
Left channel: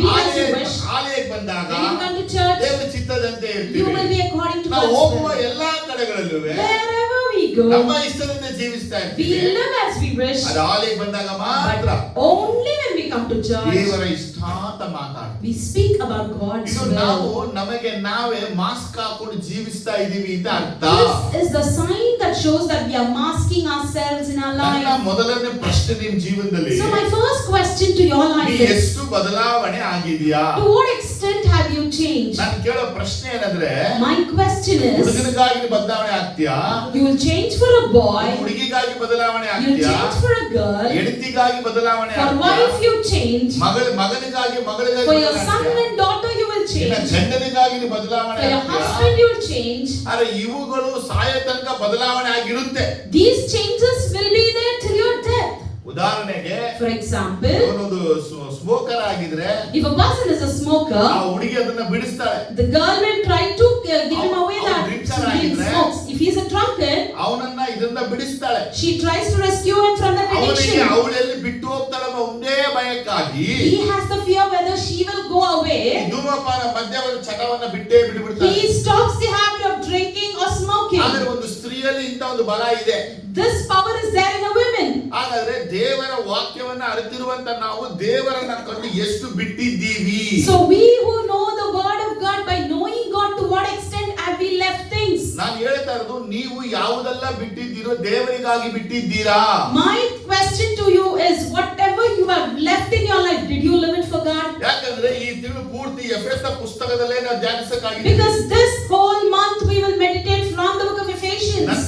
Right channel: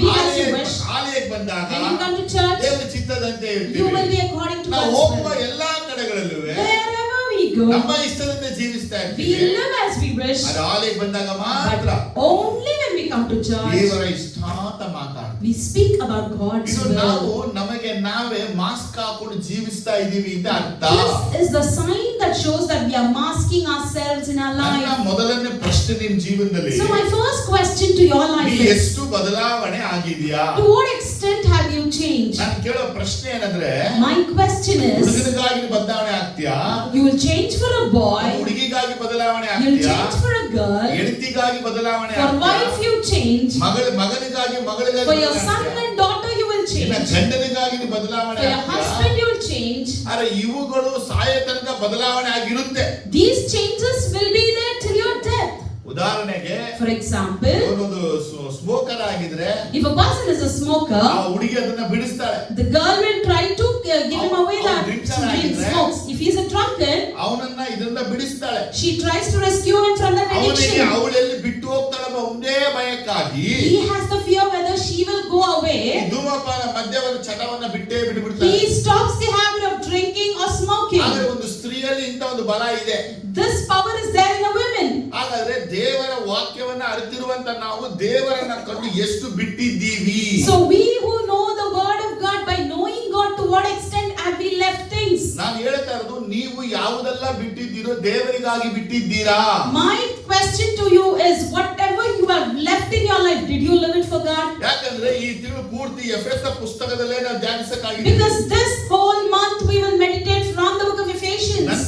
be as you wish. ಆಲಯಕ್ಕೆ ಬಂದಾಗ When you come to church, ದೇವರ ಚಿತ್ತದಂತೆ you ಇರ್ತೀವಿ. will be according to ನಾವು God's ಹೋಗುವ will. ಎಲ್ಲಾ ಕಡೆಗಳಲ್ಲೂ Wherever we go, ನಮ್ಮ ಇಷ್ಟದಂತೆ ಜೀವಿಸ್ತಾ we ಇರ್ತೀವಿ. live as we wish. ಅದು ಆಲಯಕ್ಕೆ ಬಂದಾಗ ಮಾತ್ರ But only when we come to church, ದೇವರ ಇಷ್ಟ ಅಂತ ಮಾತಾಡ್ತೀವಿ. we speak about God's ಇದು ನಾವು will. ನಮಗೆ ನಾವೇ ಮಾಸ್ಕ್ ಹಾಕೊಂಡು ಜೀವಿಸ್ತಾ ಇದೀವಿ ಅಂತ ಅರ್ಥ. This is the sign that shows that we are masking ourselves in our ನನ್ನ life. ಮೊದಲನೇ ಪ್ರಶ್ನೆ ನಿಮ್ ಜೀವನದಲ್ಲಿ, So my first question to your ನೀ life is, ಎಷ್ಟು ಬದಲಾವಣೆ ಆಗಿದೆಯಾ? to what extent have you changed? ನಾನು ಕೇಳೋ ಪ್ರಶ್ನೆ ಏನಂದ್ರೆ, My question is, ಹುಡುಗನಿಗಾಗಿ ಬದಲಾವಣೆ ಆಗ್ತೀಯಾ? you will change for a boy, ಹುಡುಗಿಗಾಗಿ ಬದಲಾವಣೆ you will ಆಗ್ತೀಯಾ? change for a girl, ಹೆಂಡತಿಗಾಗಿ ಬದಲಾವಣೆ for ಆಗ್ತೀಯಾ? wife you change, ಮಗನಿಗಾಗಿ for your son and daughter you will change, ಗಂಡನಿಗಾಗಿ ನೀ ಬದಲಾವಣೆ for your ಆಗ್ತೀಯಾ? husband you will change. ಆದ್ರೆ ಇವುಗಳು ಸಾಯೋ ತನಕ ಬದಲಾವಣೆ ಆಗಿರುತ್ತೆ. These changes will be there till your death. ಉದಾಹರಣೆಗೆ For example, ಅವನೊಂದು ಸ್ಮೋಕರ್ ಆಗಿದ್ರೆ if a person is a smoker, ಆ ಹುಡುಗಿ ಅದನ್ನ ಬಿಡಿಸ್ತಾಳೆ. the girl will try to give him away that he smokes. If he is a drunkard, ಅವನನ್ನ ಇದನ್ನ ಬಿಡಿಸ್ತಾಳೆ. she tries to rescue him from that ಅವನಿಗೆ addiction. ಅವಳೆಲ್ಲಿ ಬಿಟ್ಟು ಹೋಗ್ತಾಳಮ್ಮ ಒಂದೇ ಭಯಕ್ಕಾಗಿ He has the fear whether she will go away. ಧೂಮಪಾನ ಮದ್ಯವನ್ನ ಚಟವನ್ನ ಬಿಟ್ಟೇ ಬಿಡ್ಬಿಡ್ತಾನೆ. He stops the habit of drinking or smoking. ಆದ್ರೆ ಒಂದು ಸ್ತ್ರೀಯಲ್ಲಿ ಇಂತ ಒಂದು ಬಲ ಇದೆ. This power is there in a woman. ಹಾಗಾದ್ರೆ ದೇವರ ವಾಕ್ಯವನ್ನ ಅರಿತಿರುವಂತ ನಾವು ದೇವರನ್ನ ಕಂಡು ಎಷ್ಟು ಬಿಟ್ಟಿದ್ದೀವಿ. So we who know the word of God, by knowing God, to what extent have we left things? ನಾನು ಹೇಳ್ತಾ ಇರೋದು ನೀವು ಯಾವುದೆಲ್ಲ ಬಿಟ್ಟಿದ್ದೀರೋ ದೇವರಿಗಾಗಿ ಬಿಟ್ಟಿದ್ದೀರಾ? My question to you is, whatever you have left in your life, did you live it for God? ಯಾಕಂದ್ರೆ ಈ ತಿಂಗಳು ಪೂರ್ತಿ ಎಫೆಸ ಪುಸ್ತಕದಲ್ಲೇ ನಾವು ಧ್ಯಾನಿಸಕ್ಕಾಗಿದೆ. Because this whole month we will meditate from the book of Ephesians.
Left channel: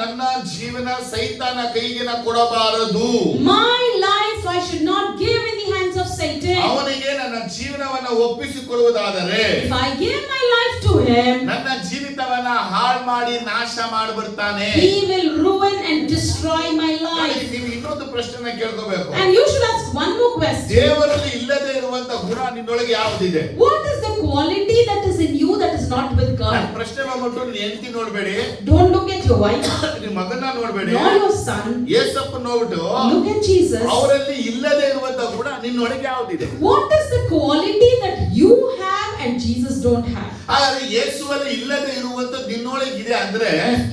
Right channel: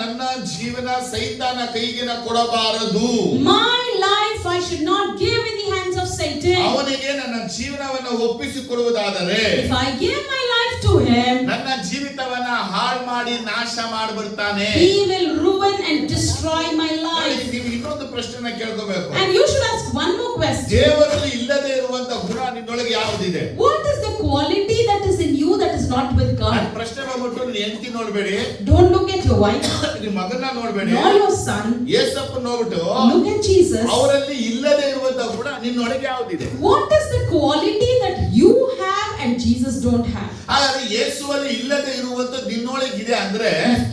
ನನ್ನ ಜೀವನ ಸೈತಾನ ಕೈಗೆ ಕೊಡಬಾರದು. My life I should not give in the hands of Satan. ಅವನಿಗೆ ನನ್ನ ಜೀವನವನ್ನು ಒಪ್ಪಿಸಿಕೊಡುವುದಾದರೆ, if I give my life to him, ನನ್ನ ಜೀವಿತವನ್ನ ಹಾಳು ಮಾಡಿ ನಾಶ ಮಾಡಿಬಿಡ್ತಾನೆ. he will ruin and destroy my life. ನೀವು ಇನ್ನೊಂದು ಪ್ರಶ್ನೆನ ಕೇಳ್ಕೋಬೇಕು. And you should ask one more question. ದೇವರಲ್ಲಿ ಇಲ್ಲದೆ ಇರುವಂತ ಗುಣ ನಿನ್ನೊಳಗೆ ಯಾವುದಿದೆ? What is the quality that is in you that is not with God? ನನ್ನ ಪ್ರಶ್ನೆ ಬಂದ್ಬಿಟ್ಟು ನೀನು ಹೆಂಡತಿ ನೋಡ್ಬೇಡಿ, Don't look at your wife, ನಿಮ್ಮ ಮಗನ ನೋಡ್ಬೇಡಿ, nor your son. ಯೇಸಪ್ಪ ನೋಡ್ಬಿಟ್ಟು Look at Jesus. ಅವರಲ್ಲಿ ಇಲ್ಲದೆ ಇರುವಂತ ಗುಣ ನಿನ್ನೊಳಗೆ ಯಾವುದಿದೆ? What is the quality that you have and Jesus don't have? ಹಾಗಾದ್ರೆ ಯೇಸುವಲ್ಲಿ ಇಲ್ಲದೆ ಇರುವಂತ ನಿನ್ನೊಳಗಿದೆ ಅಂದ್ರೆ,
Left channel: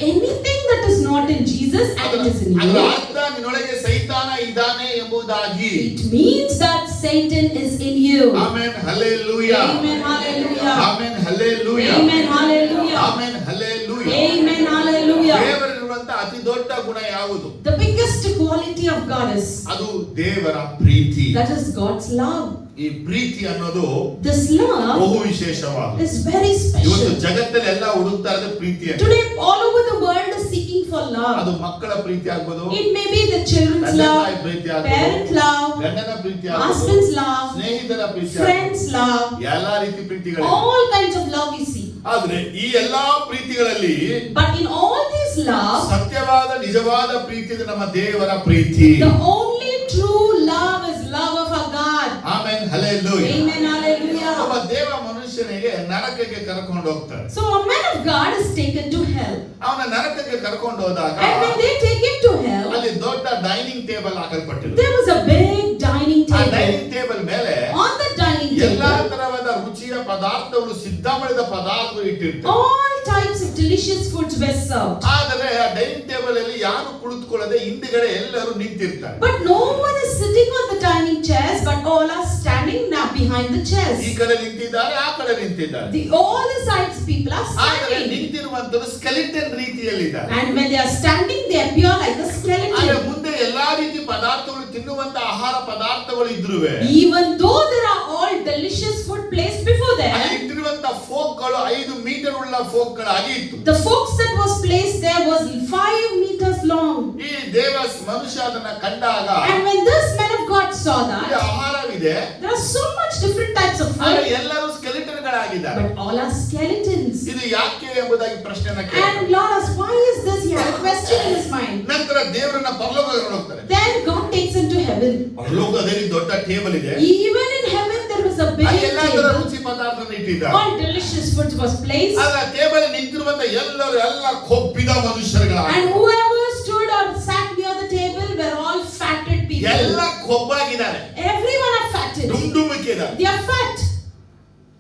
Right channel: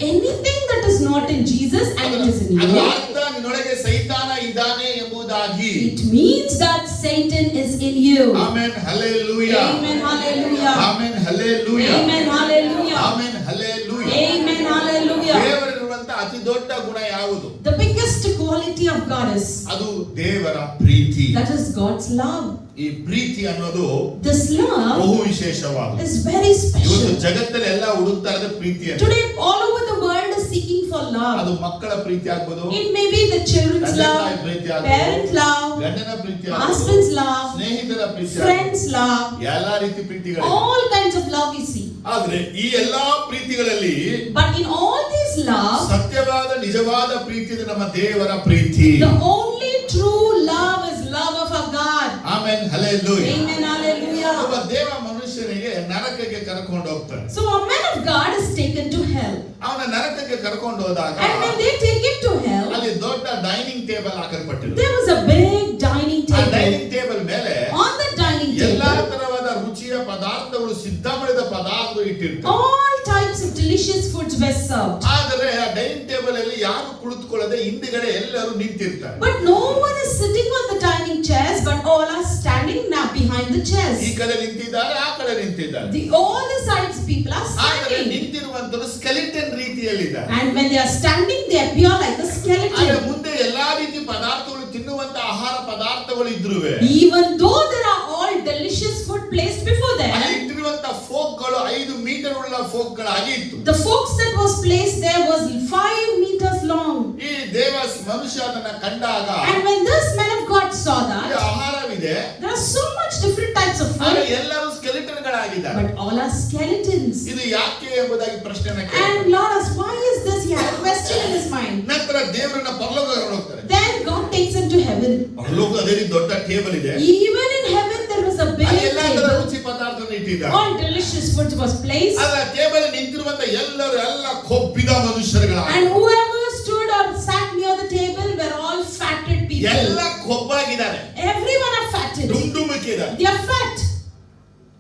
Anything that is not in Jesus and it is in ಅದರ you, ಅರ್ಥ ನಿನ್ನೊಳಗೆ ಸೈತಾನ ಇದ್ದಾನೆ ಎಂಬುದಾಗಿ. it means that Satan is in you. Amen hallelujah. Amen, hallelujah. Amen hallelujah. Amen, hallelujah. Amen hallelujah. Amen, hallelujah. ದೇವರಲ್ಲಿರುವಂತ ಅತಿ ದೊಡ್ಡ ಗುಣ ಯಾವುದು? The biggest quality of God is, ಅದು ದೇವರ ಪ್ರೀತಿ. that is God's love. ಈ ಪ್ರೀತಿ ಅನ್ನೋದು This love ಬಹು ವಿಶೇಷವಾದ. is very ಇವತ್ತು special. ಜಗತ್ತಲ್ಲಿ ಎಲ್ಲ ಹುಡುಕ್ತಾ ಇರೋದು ಪ್ರೀತಿಯನ್ನು. Today all over the world is seeking for love. ಅದು ಮಕ್ಕಳ ಪ್ರೀತಿ ಆಗ್ಬೋದು, It may be the children's ತಂದೆ love, ತಾಯಿ ಪ್ರೀತಿ ಆಗ್ಬೋದು, parents' love, ಗಂಡನ ಪ್ರೀತಿ ಆಗ್ಬೋದು, husband's love, ಸ್ನೇಹಿತರ ಪ್ರೀತಿ ಆಗ್ಬೋದು, friends' love, ಎಲ್ಲಾ ರೀತಿ ಪ್ರೀತಿಗಳಿವೆ. all kinds of love you see. ಆದ್ರೆ ಈ ಎಲ್ಲಾ ಪ್ರೀತಿಗಳಲ್ಲಿ But in all these love, ಸತ್ಯವಾದ ನಿಜವಾದ ಪ್ರೀತಿ ಇದು ನಮ್ಮ ದೇವರ ಪ್ರೀತಿ. the only true love is love of our God. Amen hallelujah. Amen, hallelujah. ಒಬ್ಬ ದೇವ ಮನುಷ್ಯನಿಗೆ ನರಕಕ್ಕೆ ಕರ್ಕೊಂಡು ಹೋಗ್ತಾರೆ. So a man of God is taken to hell. ಅವನ ನರಕಕ್ಕೆ ಕರ್ಕೊಂಡು ಹೋದಾಗ And when they take him to hell, ಅಲ್ಲಿ ದೊಡ್ಡ ಡೈನಿಂಗ್ ಟೇಬಲ್ ಹಾಕಲ್ಪಟ್ಟಿದೆ. there was a big dining ಆ table. ಡೈನಿಂಗ್ ಟೇಬಲ್ ಮೇಲೆ On the dining ಎಲ್ಲಾ table, ತರವಾದ ರುಚಿಯ ಪದಾರ್ಥಗಳು, ಸಿದ್ಧ ಮಾಡಿದ ಪದಾರ್ಥಗಳು ಇಟ್ಟಿರ್ತಾರೆ. all types of delicious foods were served. ಆದರೆ ಆ ಡೈನಿಂಗ್ ಟೇಬಲ್ ಅಲ್ಲಿ ಯಾರು ಕುಳಿತುಕೊಳ್ಳದೆ ಹಿಂದ್ಗಡೆ ಎಲ್ಲರೂ ನಿಂತಿರ್ತಾರೆ. But no one is sitting on the dining chairs, but all are standing now behind the chairs. ಈ ಕಡೆ ನಿಂತಿದ್ದಾರೆ, ಆ ಕಡೆ ನಿಂತಿದ್ದಾರೆ. All the sides people are ಆದರೆ standing. ನಿಂತಿರುವಂತರು ಸ್ಕೆಲಿಟನ್ ರೀತಿಯಲ್ಲಿದ್ದಾರೆ. And when they are standing, they appear like a ಆದ್ರೆ skeleton. ಮುಂದೆ ಎಲ್ಲಾ ರೀತಿ ಪದಾರ್ಥಗಳು, ತಿನ್ನುವಂತ ಆಹಾರ ಪದಾರ್ಥಗಳು ಇದ್ರುವೆ, Even though there are all delicious food placed before ಅಲ್ಲಿ them, ಇಟ್ಟಿರುವಂತ ಫೋಕ್ಗಳು 5 ಮೀಟರ್ ಉಳ್ಳ ಫೋಕ್ಗಳಾಗಿ ಇತ್ತು. the forks that was placed there was 5 meters long. ಈ ದೇವ ಮನುಷ್ಯ ಅದನ್ನ ಕಂಡಾಗ, And when this man of God saw ಈ that, ಆಹಾರವಿದೆ, there are so much different types of ಆದ್ರೆ food, ಎಲ್ಲರೂ ಸ್ಕೆಲಿಟನ್ ಗಳಾಗಿದ್ದಾರೆ. but all are skeletons. ಇದು ಯಾಕೆ ಎಂಬುದಾಗಿ ಪ್ರಶ್ನೆನ ಕೇಳಿ And Lord asked, why is this? He had a question in his mind. ನಂತರ ದೇವರನ್ನ ಪರಲೋಕ ಕರ್ಕೊಂಡು ಹೋಗ್ತಾರೆ. Then God takes him to heaven. ಪರಲೋಕ ಅದೇ ರೀತಿ ದೊಡ್ಡ ಟೇಬಲ್ ಇದೆ. Even in heaven there was a big ಅಲ್ಲಿ ಎಲ್ಲಾ ತರ table. ರುಚಿ ಪದಾರ್ಥವನ್ನು ಇಟ್ಟಿದ್ದಾರೆ. All delicious food was placed. ಆದ್ರೆ ಟೇಬಲ್ ನಿಂತಿರುವಂತ ಎಲ್ಲರೂ ಎಲ್ಲ ಕೊಬ್ಬಿದ ಮನುಷ್ಯರುಗಳಾಗಿ, And whoever stood or sat near the table were all fatted people. ಎಲ್ಲ ಕೊಬ್ಬಾಗಿದ್ದಾರೆ, Everyone are fatted. ಡುಂಡುಮುಕ್ಕಿದ್ದಾರೆ. They are fat.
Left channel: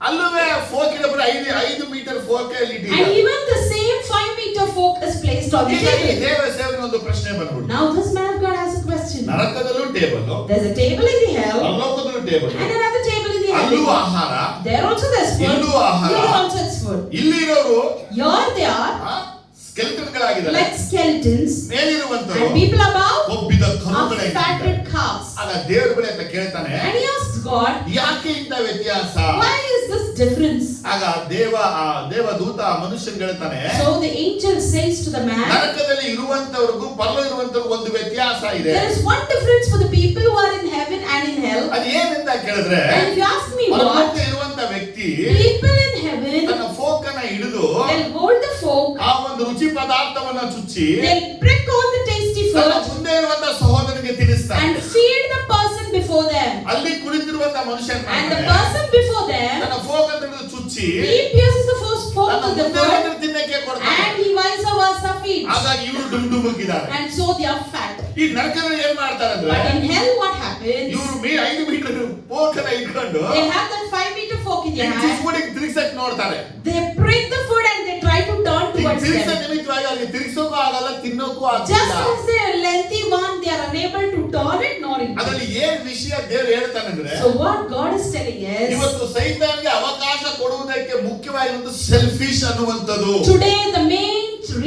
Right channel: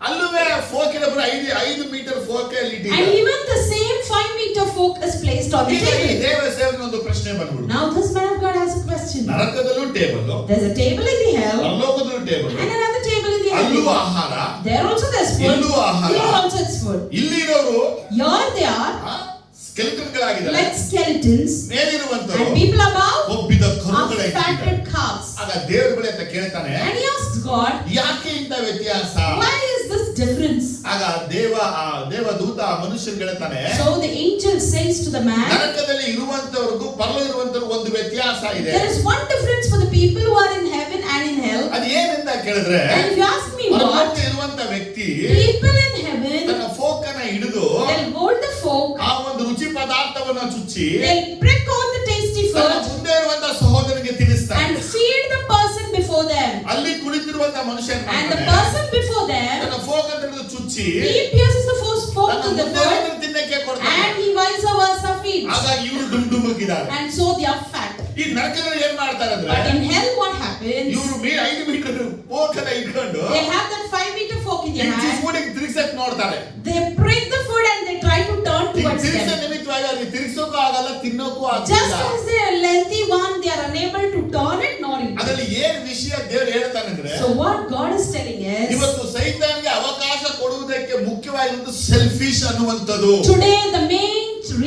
ಅಲ್ಲವೇ ಫೋಕಿನ ಬರ 5 ಮೀಟರ್ ಫೋಕ್ ಅಲ್ಲಿ And ಇಟ್ಟಿದ್ದಾರೆ. even the same 5-meter fork is placed on the ಹೀಗಾಗಿ table. ದೇವ ಸೇವಕನ ಒಂದು ಪ್ರಶ್ನೆ ಬಂದ್ಬಿಟ್ಟು, Now this man of God has a question. ನರಕದಲ್ಲೂ table, There's a table in the hell ಪರಲೋಕದಲ್ಲೂ table, and another table in the ಅಲ್ಲೂ heaven. ಆಹಾರ, There also there's food. ಇಲ್ಲೂ ಆಹಾರ. Here also it's food. ಇಲ್ಲಿರೋರು Here they are ಸ್ಕೆಲಿಟನ್ ಗಳಾಗಿದ್ದಾರೆ, like skeletons, ಮೇಲಿರುವಂತರು and people above ಕೊಬ್ಬಿದ are ಕರುಗಳಾಗಿದ್ದಾರೆ. fatted calves. ಆಗ ದೇವರ ಬಳಿ ಅಂತ ಕೇಳ್ತಾನೆ, And he asks God, ಯಾಕೆ ಇಂಥ ವ್ಯತ್ಯಾಸ? why is this difference? ಆಗ ದೇವದೂತ ಮನುಷ್ಯನ್ ಹೇಳ್ತಾನೆ, So the angel says to the man, ನರಕದಲ್ಲಿ ಇರುವಂತವ್ರಿಗೂ ಪರಲೋ ಇರುವಂತವ್ರಿಗೂ ಒಂದು ವ್ಯತ್ಯಾಸ ಇದೆ. there is one difference for the people who are in heaven and in hell. ಅದು ಏನಿಂದ ಕೇಳಿದ್ರೆ, And if you ask me what, ಪರಲೋಕ ಇರುವಂತ ವ್ಯಕ್ತಿ people in heaven, ತನ್ನ ಫೋಕ್ ಅನ್ನ ಹಿಡಿದು they'll hold the fork, ಆ ಒಂದು ರುಚಿ ಪದಾರ್ಥವನ್ನ ಚುಚ್ಚಿ they'll prick all the tasty ತನ್ನ food, ಮುಂದೆ And the ಮಾಡ್ತಾನೆ person before them, ತನ್ನ ಫೋಕ್ ಅಂತ ಹಿಡಿದು ಚುಚ್ಚಿ he pierces the first fork ತನ್ನ to the ಮುಂದೆ foot, ಅದನ್ನು ತಿನ್ನಕ್ಕೆ ಕೊಡ್ತಾನೆ. and he vice versa feeds. ಹಾಗಾಗಿ ಇವರು ಡುಮ್ಡುಮಗಿದ್ದಾರೆ. And so they are fat. ಈ ನರಕದಲ್ಲಿ ಏನ್ ಮಾಡ್ತಾರೆ ಅಂದ್ರೆ But in hell what happens? ಇವರು 5 ಮೀಟರ್ ಫೋಕನ್ನ ಇಟ್ಕೊಂಡು They have that 5-meter fork in their hand. ಚಿಸ್ಮುಡಿಗೆ ತಿರ್ಸಕ್ ನೋಡ್ತಾರೆ. They break the food and they try to turn towards ತಿರ್ಸ them. ನಿಮಿತ್ತವಾಗಿ ಅವ್ರಿಗೆ ತಿರ್ಸೋಕು ಆಗಲ್ಲ, ತಿನ್ನೋಕು Just ಆಗಲ್ಲ. as they are lengthy one, they are unable to turn it nor eat it. ಅದರಲ್ಲಿ ಏನ್ ವಿಷಯ ದೇವರು ಹೇಳ್ತಾನೆ ಅಂದ್ರೆ So what God is telling is, ಇವತ್ತು ಸೈತಾನ್ಗೆ ಅವಕಾಶ ಕೊಡುವುದಕ್ಕೆ ಮುಖ್ಯವಾಗಿರೋದು ಸೆಲ್ಫಿಶ್ ಅನ್ನುವಂಥದ್ದು. today the main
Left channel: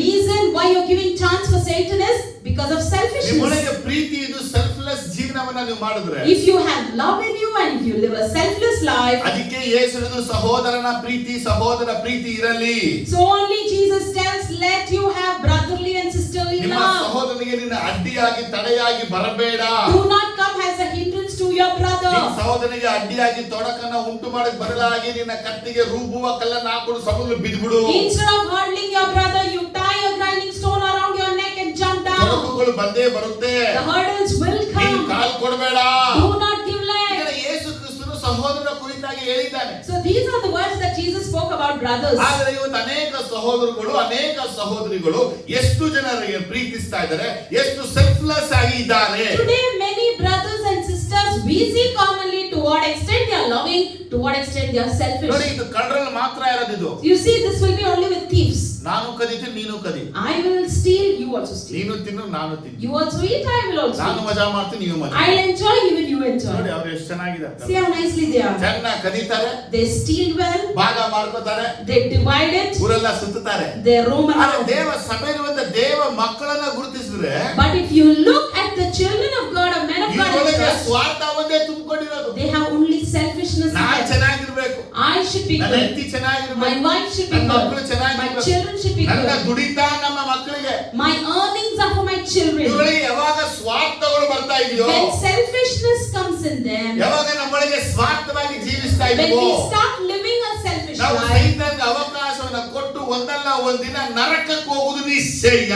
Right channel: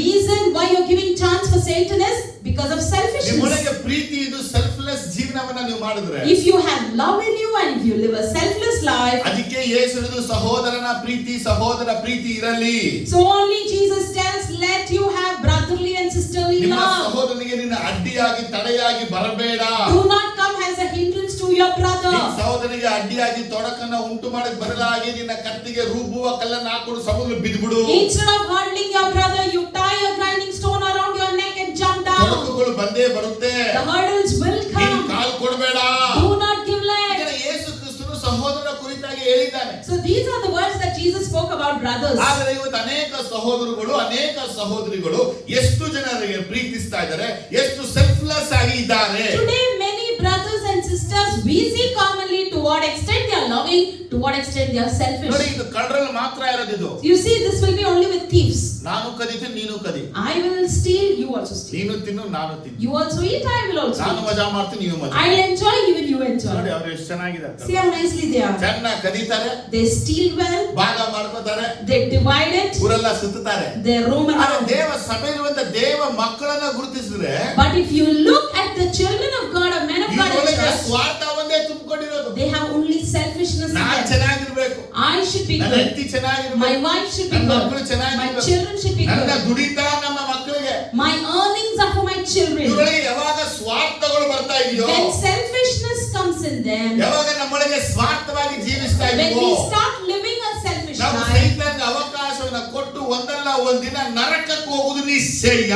reason why you're giving chance for Satan is because of selfishness. ನಿಮ್ಮೊಳಗೆ ಪ್ರೀತಿ ಇದು ಸೆಲ್ಫ್ಲೆಸ್ ಜೀವನವನ್ನ ನೀವು ಮಾಡಿದ್ರೆ, If you have love in you and if you live a selfless life, ಅದಕ್ಕೆ ಯೇಸು ಹೇಳಿದ್ರು ಸಹೋದರನ ಪ್ರೀತಿ ಸಹೋದರ ಪ್ರೀತಿ ಇರಲಿ. so only Jesus tells, let you have brotherly and sisterly ನಿಮ್ಮ love. ಸಹೋದರನಿಗೆ ನಿನ್ನ ಅಡ್ಡಿಯಾಗಿ ತಡೆಯಾಗಿ ಬರಬೇಡ. Do not come as a hindrance to your brother. ನಿನ್ನ ಸಹೋದರನಿಗೆ ಅಡ್ಡಿಯಾಗಿ ತೊಡಕನ್ನ ಉಂಟು ಮಾಡಕ್ ಬದಲಾಗಿ ನಿನ್ನ ಕತ್ತಿಗೆ ರೂಪುವ ಕಲ್ಲನ್ನ ಹಾಕೊಂಡು ಸಮುದ್ರ ಬಿದ್ದುಬಿಡು. Instead of hurting your brother, you tie a grinding stone around your neck and jump down. ತೊಡಕುಗಳು ಬಂದೇ ಬರುತ್ತೆ. The hurdles will ನೀನು come. ಕಾಲು ಕೊಡಬೇಡ. Do not give leg. ಯೇಸು ಕ್ರಿಸ್ತನು ಸಹೋದರ ಕುರಿತಾಗಿ ಹೇಳಿದ್ದಾನೆ. So these are the words that Jesus spoke about brothers. ಆದರೆ ಇವತ್ತು ಅನೇಕ ಸಹೋದರಗಳು ಅನೇಕ ಸಹೋದರಿಗಳು ಎಷ್ಟು ಜನರಿಗೆ ಪ್ರೀತಿಸ್ತಾ ಇದ್ದಾರೆ, ಎಷ್ಟು ಸೆಲ್ಫ್ಲೆಸ್ ಆಗಿ ಇದ್ದಾರೆ. Today many brothers and sisters we see commonly to what extent they are loving, to what extent they are ನೋಡಿ, selfish. ಇದು ಕಳ್ಳರಲ್ಲಿ ಮಾತ್ರ ಇರೋದಿದು. You see, this will be only with thieves. ನಾನು ಕದಿತೀನಿ, ನೀನು ಕದಿ. I will steal, you also steal. ನೀನು ತಿನ್ನು, ನಾನು ತಿನ್ನು. You also eat, I will also ನಾನು eat. ಮಜಾ ಮಾಡ್ತೀನಿ, ನೀವು ಮಜಾ. I enjoy, even you ನೋಡಿ enjoy. ಅವ್ರು ಎಷ್ಟು ಚೆನ್ನಾಗಿದ್ದಾರೆ. See how nicely they are. ಚೆನ್ನಾಗಿ ಕದೀತಾರೆ, They steal well, ಭಾಗ ಮಾಡ್ಕೋತಾರೆ, they divide it, ಊರೆಲ್ಲ ಸುತ್ತಾರೆ. they roam ಆದ್ರೆ around. ದೇವ ಸಭೆಯಲ್ಲಿರುವಂತ ದೇವ ಮಕ್ಕಳನ್ನ ಗುರುತಿಸಿದ್ರೆ But if you look at the children of God, or men of God in ಇವರೊಳಗೆ church, ಸ್ವಾರ್ಥ ಒಂದೇ ತುಂಬಿಕೊಂಡಿರೋದು. they have only selfishness. ನಾನ್ ಚೆನ್ನಾಗಿರ್ಬೇಕು, I should be ನನ್ನ good. ಹೆಂಡತಿ My ಚೆನ್ನಾಗಿರ್ಬೇಕು, wife should be ನನ್ನ good. ಮಕ್ಕಳು My ಚೆನ್ನಾಗಿರ್ಬೇಕು, children should be ನನ್ನ good. ದುಡಿತಾ ನಮ್ಮ ಮಕ್ಕಳಿಗೆ. My earnings are for my children. ಇವರೊಳಗೆ ಯಾವಾಗ ಸ್ವಾರ್ಥಗಳು ಬರ್ತಾ ಇದೆಯೋ, When selfishness comes in them, ಯಾವಾಗ ನಮ್ಮೊಳಗೆ ಸ್ವಾರ್ಥವಾಗಿ ಜೀವಿಸ್ತಾ when ಇದೀವೋ, we start living a selfish ನಾವು life, ಸೈತಾನ್ಗೆ ಅವಕಾಶವನ್ನ ಕೊಟ್ಟು ಒಂದಲ್ಲ ಒಂದಿನ ನರಕಕ್ಕೆ ಹೋಗುವುದು ನಿಶ್ಚಯ.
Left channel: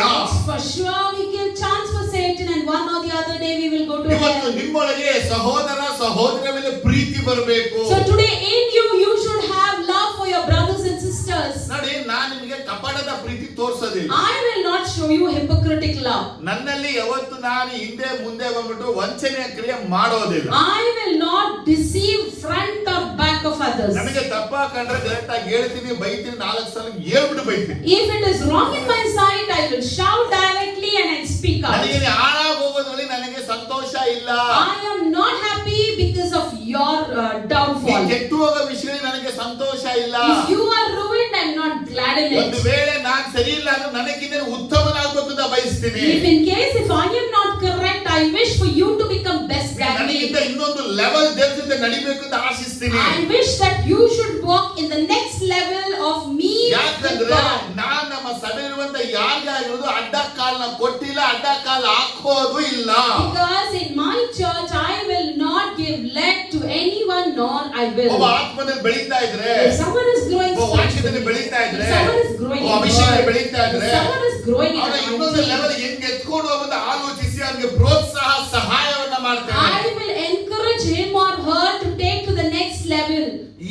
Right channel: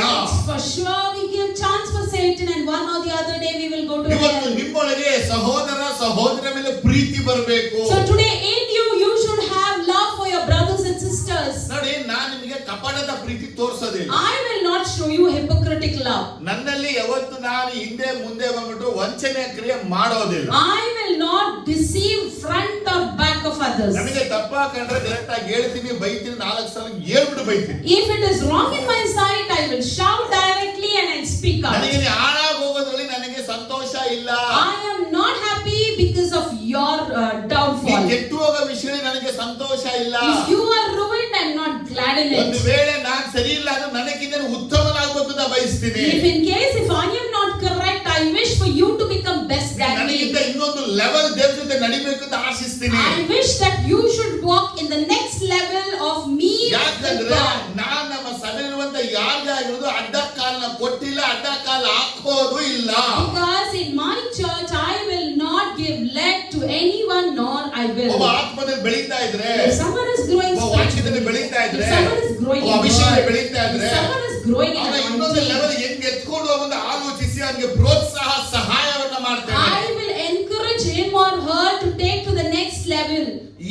for sure we give chance for Satan, and one or the other day we will go to ಇವತ್ತು hell. ನಿಮ್ಮೊಳಗೆ ಸಹೋದರ ಸಹೋದರ ಮೇಲೆ ಪ್ರೀತಿ ಬರಬೇಕು. So today in you, you should have love for your brothers and sisters. ನೋಡಿ, ನಾನು ನಿಮಗೆ ಕಪಟದ ಪ್ರೀತಿ ತೋರಿಸೋದಿಲ್ಲ. I will not show you hypocritic love. ನನ್ನಲ್ಲಿ ಯಾವತ್ತು ನಾನು ಹಿಂದೆ ಮುಂದೆ ಬಂದ್ಬಿಟ್ಟು ವಂಚನೆ ಕ್ರಿಯೆ ಮಾಡೋದಿಲ್ಲ. I will not deceive front or back of others. ನನಗೆ ತಪ್ಪ ಕಂಡ್ರೆ ಡೈರೆಕ್ಟ್ ಆಗಿ ಹೇಳ್ತೀನಿ, ಬೈತೀನಿ, 4 ಸಲ ಹೇಳ್ಬಿಟ್ಟು ಬೈತೀನಿ. If it is wrong in my sight, I will shout directly and I speak out. ನನಗೆ ನೀ ಹಾಳಾಗಿ ಹೋಗೋದ್ರಲ್ಲಿ ನನಗೆ ಸಂತೋಷ ಇಲ್ಲ. I am not happy because of your ನೀ downfall. ಕೆಟ್ಟು ಹೋಗೋ ವಿಷಯ ನನಗೆ ಸಂತೋಷ ಇಲ್ಲ. If you are ruined, I am not glad in ಒಂದು it. ವೇಳೆ ನಾನು ಸರಿ ಇಲ್ಲ ಅಂದ್ರೆ ನನಗಿಂತ ಉತ್ತಮನಾಗಬೇಕು ಅಂತ ಬಯಸ್ತೀನಿ. If in case if I am not correct, I wish for you to become best than ನನಗಿಂತ me. ಇನ್ನೊಂದು ಲೆವೆಲ್ ದೇವ್ರ ಜೊತೆ ನಡಿಬೇಕು ಅಂತ ಆಶಿಸ್ತೀನಿ. I wish that you should walk in the next level of me with ಯಾಕಂದ್ರೆ God. ನಾನ್ ನಮ್ಮ ಸಭೆಯಿರುವಂತ ಯಾರಿಗೆ ಆಗಿರೋದು ಅಡ್ಡ ಕಾಲನ ಕೊಟ್ಟಿಲ್ಲ, ಅಡ್ಡ ಕಾಲ ಹಾಕೋದು ಇಲ್ಲ. Because in my church, I will not give leg to anyone, nor I will. ಒಬ್ಬ ಆತ್ಮದಲ್ಲಿ ಬೆಳೀತಾ ಇದ್ರೆ, If someone is growing ಒಬ್ಬ ವಾಕ್ಯದಲ್ಲಿ ಬೆಳೀತಾ ಇದ್ರೆ, if someone is growing ಒಬ್ಬ in ಅಭಿಷೇಕದಲ್ಲಿ God, ಬೆಳೀತಾ if ಇದ್ರೆ, someone is growing in ಅವನ ಇನ್ನೊಂದು anointing, ಲೆವೆಲ್ ಹೆಂಗ್ ಎತ್ಕೊಂಡು ಹೋಗೋದು ಆಲೋಚಿಸಿ ಅವನಿಗೆ ಪ್ರೋತ್ಸಾಹ ಸಹಾಯವನ್ನ ಮಾಡ್ತೇನೆ. I will encourage him or her to take to the next level.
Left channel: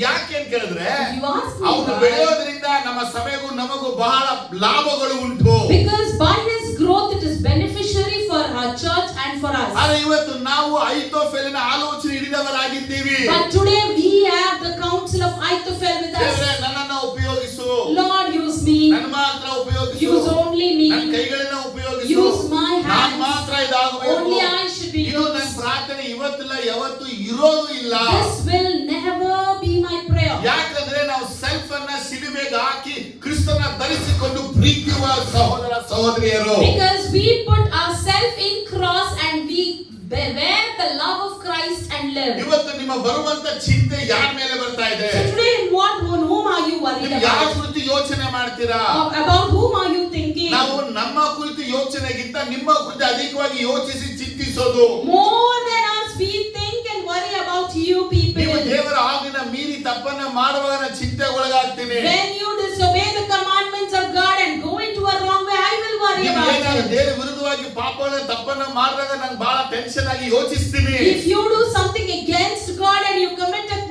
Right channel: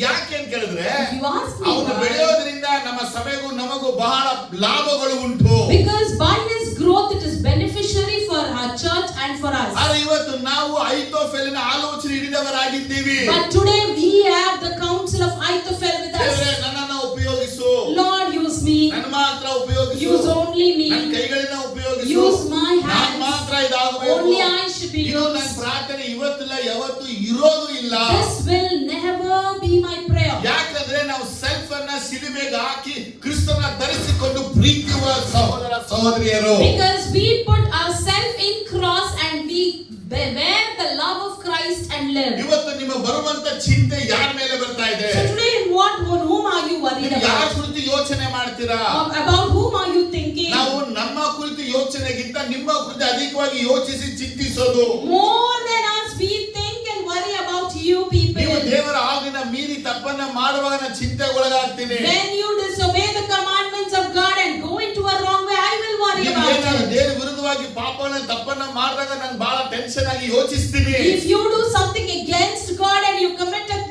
ಯಾಕೆ ಅಂತ ಕೇಳಿದ್ರೆ, If you ask me ಅವನು why, ಬೆಳೆಯೋದ್ರಿಂದ ನಮ್ಮ ಸಭೆಗೂ ನಮಗೂ ಬಹಳ ಲಾಭಗಳು ಉಂಟು. because by his growth it is beneficiary for our church and for us. ಆದ್ರೆ ಇವತ್ತು ನಾವು ಐತೋಫೆಲಿನ ಆಲೋಚನೆ ಹಿಡಿದವರಾಗಿದ್ದೀವಿ. But today we have the counsel of Ahithophel with ದೇವರೇ, us. ನನ್ನನ್ನ ಉಪಯೋಗಿಸು, Lord, use me. ನನ್ನ ಮಾತ್ರ ಉಪಯೋಗಿಸು, Use only me. ನನ್ನ ಕೈಗಳನ್ನ ಉಪಯೋಗಿಸು, Use my ನಾನು hands. ಮಾತ್ರ ಇದಾಗಬೇಕು. Only I should be ಇದು ನನ್ನ used. ಪ್ರಾರ್ಥನೆ ಇವತ್ತಿಲ್ಲ, ಯಾವತ್ತು ಇರೋದು ಇಲ್ಲ. This will never be my prayer. ಯಾಕಂದ್ರೆ ನಾವು ಸೆಲ್ಫ್ ಅನ್ನ ಶಿಲುಬೆಗೆ ಹಾಕಿ ಕ್ರಿಸ್ತನ ಧರಿಸಿಕೊಂಡು ಪ್ರೀತಿಯುವ ಸಹೋದರ ಸಹೋದರಿಯರು. Because we put ourselves in cross and we wear the love of Christ and live. ಇವತ್ತು ನಿಮ್ಮ ಬರುವಂತ ಚಿಂತೆ ಯಾರ ಮೇಲೆ ಬರ್ತಾ ಇದೆ? So today on whom are you worried ನೀವು ಯಾರ about? ಕುರಿತು ಯೋಚನೆ ಮಾಡ್ತೀರಾ? About whom are you thinking? ನಾವು ನಮ್ಮ ಕುರಿತು ಯೋಚನೆಗಿಂತ ನಿಮ್ಮ ಕುರಿತು ಅಧಿಕವಾಗಿ ಯೋಚಿಸಿ ಚಿಂತಿಸೋದು. More than us, we think and worry about you people. ನೀವು ದೇವರ ಆಜ್ಞೆನ ಮೀರಿ ತಪ್ಪನ್ನ ಮಾಡುವಾಗ ನಾನು ಚಿಂತೆಗೆ ಒಳಗಾಗ್ತೀನಿ. When you disobey the commandments of God and go into a wrong way, I will worry ನೀವು about ಏನಾದ್ರು you. ದೇವರ ವಿರುದ್ಧವಾಗಿ ಪಾಪವನ್ನ ತಪ್ಪನ್ನ ಮಾಡಿದಾಗ ನಾನು ಬಹಳ ಟೆನ್ಷನ್ ಆಗಿ ಯೋಚಿಸ್ತೀನಿ. If you do something against God and you commit a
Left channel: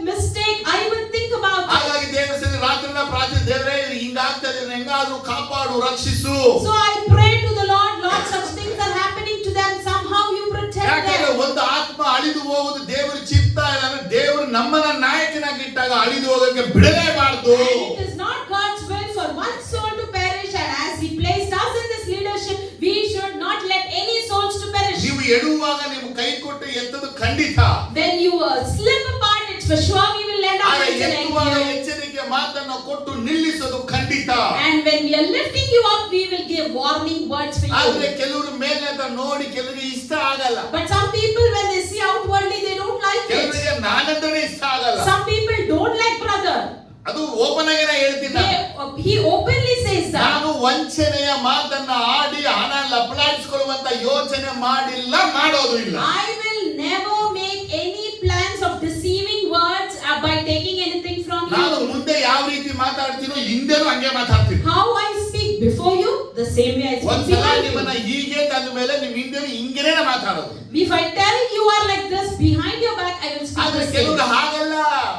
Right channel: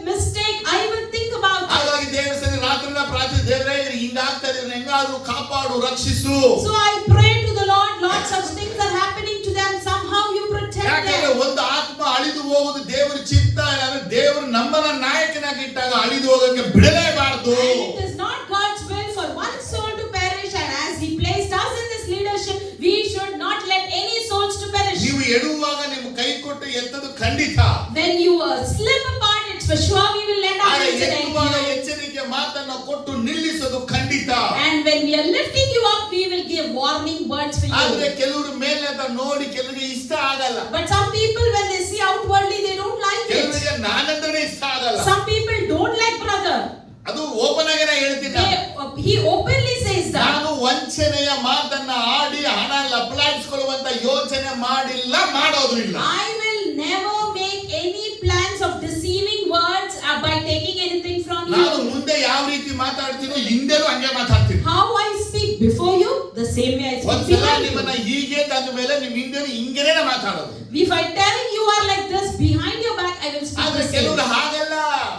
ಕಾಪಾಡು, ರಕ್ಷಿಸು. So I pray to the Lord, Lord, such things are happening to them. Somehow you protect ಯಾಕಂದ್ರೆ them. ಒಂದು ಆತ್ಮ ಅಳಿದು ಹೋಗುದು ದೇವರ ಚಿತ್ತ ಇಲ್ಲ ಅಂದ್ರೆ ದೇವರು ನಮ್ಮನ್ನ ನಾಯಕನಾಗಿ ಇಟ್ಟಾಗ ಅಳಿದು ಹೋಗಕ್ಕೆ ಬಿಡಲೇಬಾರದು. And it is not God's will for one soul to perish, and as He placed us in this leadership, we should not let any souls to perish. ನೀವು ಎಡುವಾಗ ನಿಮ್ಮ ಕೈ ಕೊಟ್ಟು ಎತ್ತದು ಖಂಡಿತ. When you slip apart, it's for sure we will let our ಆಗ hands ಎತ್ತುವಾಗ and ಎಚ್ಚರಿಕೆ ಮಾತನ್ನ ಕೊಟ್ಟು ನಿಲ್ಲಿಸೋದು ಖಂಡಿತ. And when we are lifting you up, we will give warning words for ಆದ್ರೆ you. ಕೆಲವರು ಮೇಲೆ ಅಂತ ನೋಡಿ ಕೆಲವರಿಗೆ ಇಷ್ಟ ಆಗಲ್ಲ. But some people, when they see outwardly, they don't like it. ಕೆಲವರಿಗೆ ನಾನಂದ್ರೆ ಇಷ್ಟ ಆಗಲ್ಲ. Some people don't like brother. ಅದು ಓಪನ್ ಆಗಿ ಹೇಳ್ತೀನಿ ನಾನು. He openly says that. ನಾನು ವಂಚನೆಯ ಮಾತನ್ನ ಆಡಿ ಹಣ ಲಪಲಾಡಿಸಿಕೊಳ್ಳುವಂತ ಯೋಚನೆ ಮಾಡಿಲ್ಲ, ಮಾಡೋದು ಇಲ್ಲ. I will never make any plans of deceiving words by taking anything from ನಾನು you. ಮುಂದೆ ಯಾವ ರೀತಿ ಮಾತಾಡ್ತೀನೋ ಹಿಂದೆನೂ ಹಂಗೆ ಮಾತಾಡ್ತೀನಿ. How I speak before you, the same way I speak ಒಂದ್ಸಲ behind ನಿಮ್ಮನ್ನ you. ಹೀಗೆ ತಂದ ಮೇಲೆ ನಿಮ್ ಹಿಂದೆನೂ ಹಿಂಗೇನೆ ಮಾತಾಡೋದು. If I tell you are like this, behind your back I will speak ಆದ್ರೆ the same. ಕೆಲವರು ಹಾಗಲ್ಲ.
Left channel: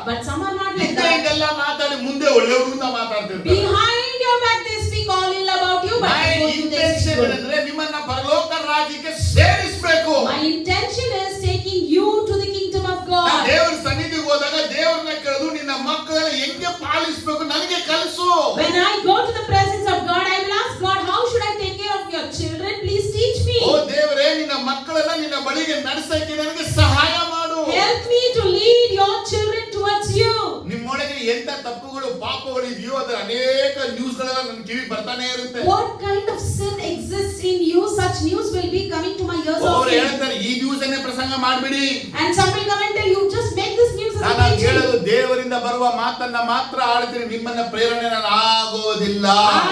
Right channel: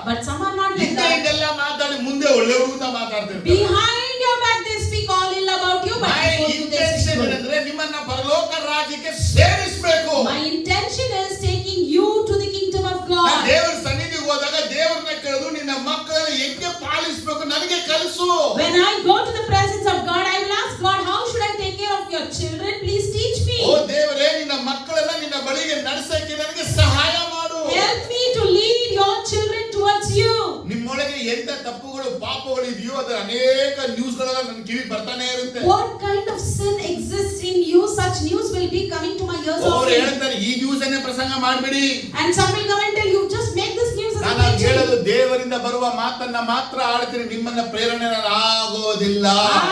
But some are not like ಹಿಂದೆ that. ಹಿಂಗೆಲ್ಲ ಮಾತಾಡಿ ಮುಂದೆ ಒಳ್ಳೆಯವರು ಅಂತ ಮಾತಾಡ್ತಿರ್ತಾರೆ. Behind your back they speak all ill about you, but My before you they intention speak good. ಏನಂದ್ರೆ ನಿಮ್ಮನ್ನ ಪರಲೋಕ ರಾಜ್ಯಕ್ಕೆ ಸೇರಿಸಬೇಕು. My intention is taking you to the kingdom of ನಾನು God. ದೇವರ ಸನ್ನಿಧಿಗೆ ಹೋದಾಗ ದೇವರನ್ನ ಕೇಳಿದ್ರು ನಿನ್ನ ಮಕ್ಕಳನ್ನ ಹೆಂಗೆ ಪಾಲಿಸಬೇಕು ನನಗೆ ಕಲಿಸು. When I go to the presence of God, I will ask God, how should I take care of your children? Please teach me. ಓ ದೇವರೇ, ನಿನ್ನ ಮಕ್ಕಳೆಲ್ಲ ನಿನ್ನ ಬಳಿಗೆ ನಡೆಸಕ್ಕೆ ನನಗೆ ಸಹಾಯ ಮಾಡು. Help me to lead your children towards you. ನಿಮ್ಮೊಳಗೆ ಎಂತ ತಪ್ಪುಗಳು ಪಾಪಗಳು ಇದೆಯೋ ಅದರ ಅನೇಕ ನ್ಯೂಸ್ಗಳೆಲ್ಲ ನನ್ನ ಕಿವಿ ಬರ್ತಾನೆ ಇರುತ್ತೆ. What kind of sin exists in you? Such news will be coming to my ears. ಅವ್ರು often. ಹೇಳ್ತಾರೆ ಈ ನ್ಯೂಸ್ ಅನ್ನೇ ಪ್ರಸಂಗ ಮಾಡ್ಬಿಡಿ. And some will come and tell you, just make this news as a ನಾನು teaching. ಹೇಳಲು ದೇವರಿಂದ ಬರುವ ಮಾತನ್ನ ಮಾತ್ರ ಆಡ್ತೀನಿ, ನಿಮ್ಮನ್ನ ಪ್ರೇರಣೆ ನಾನು ಆಗೋದಿಲ್ಲ.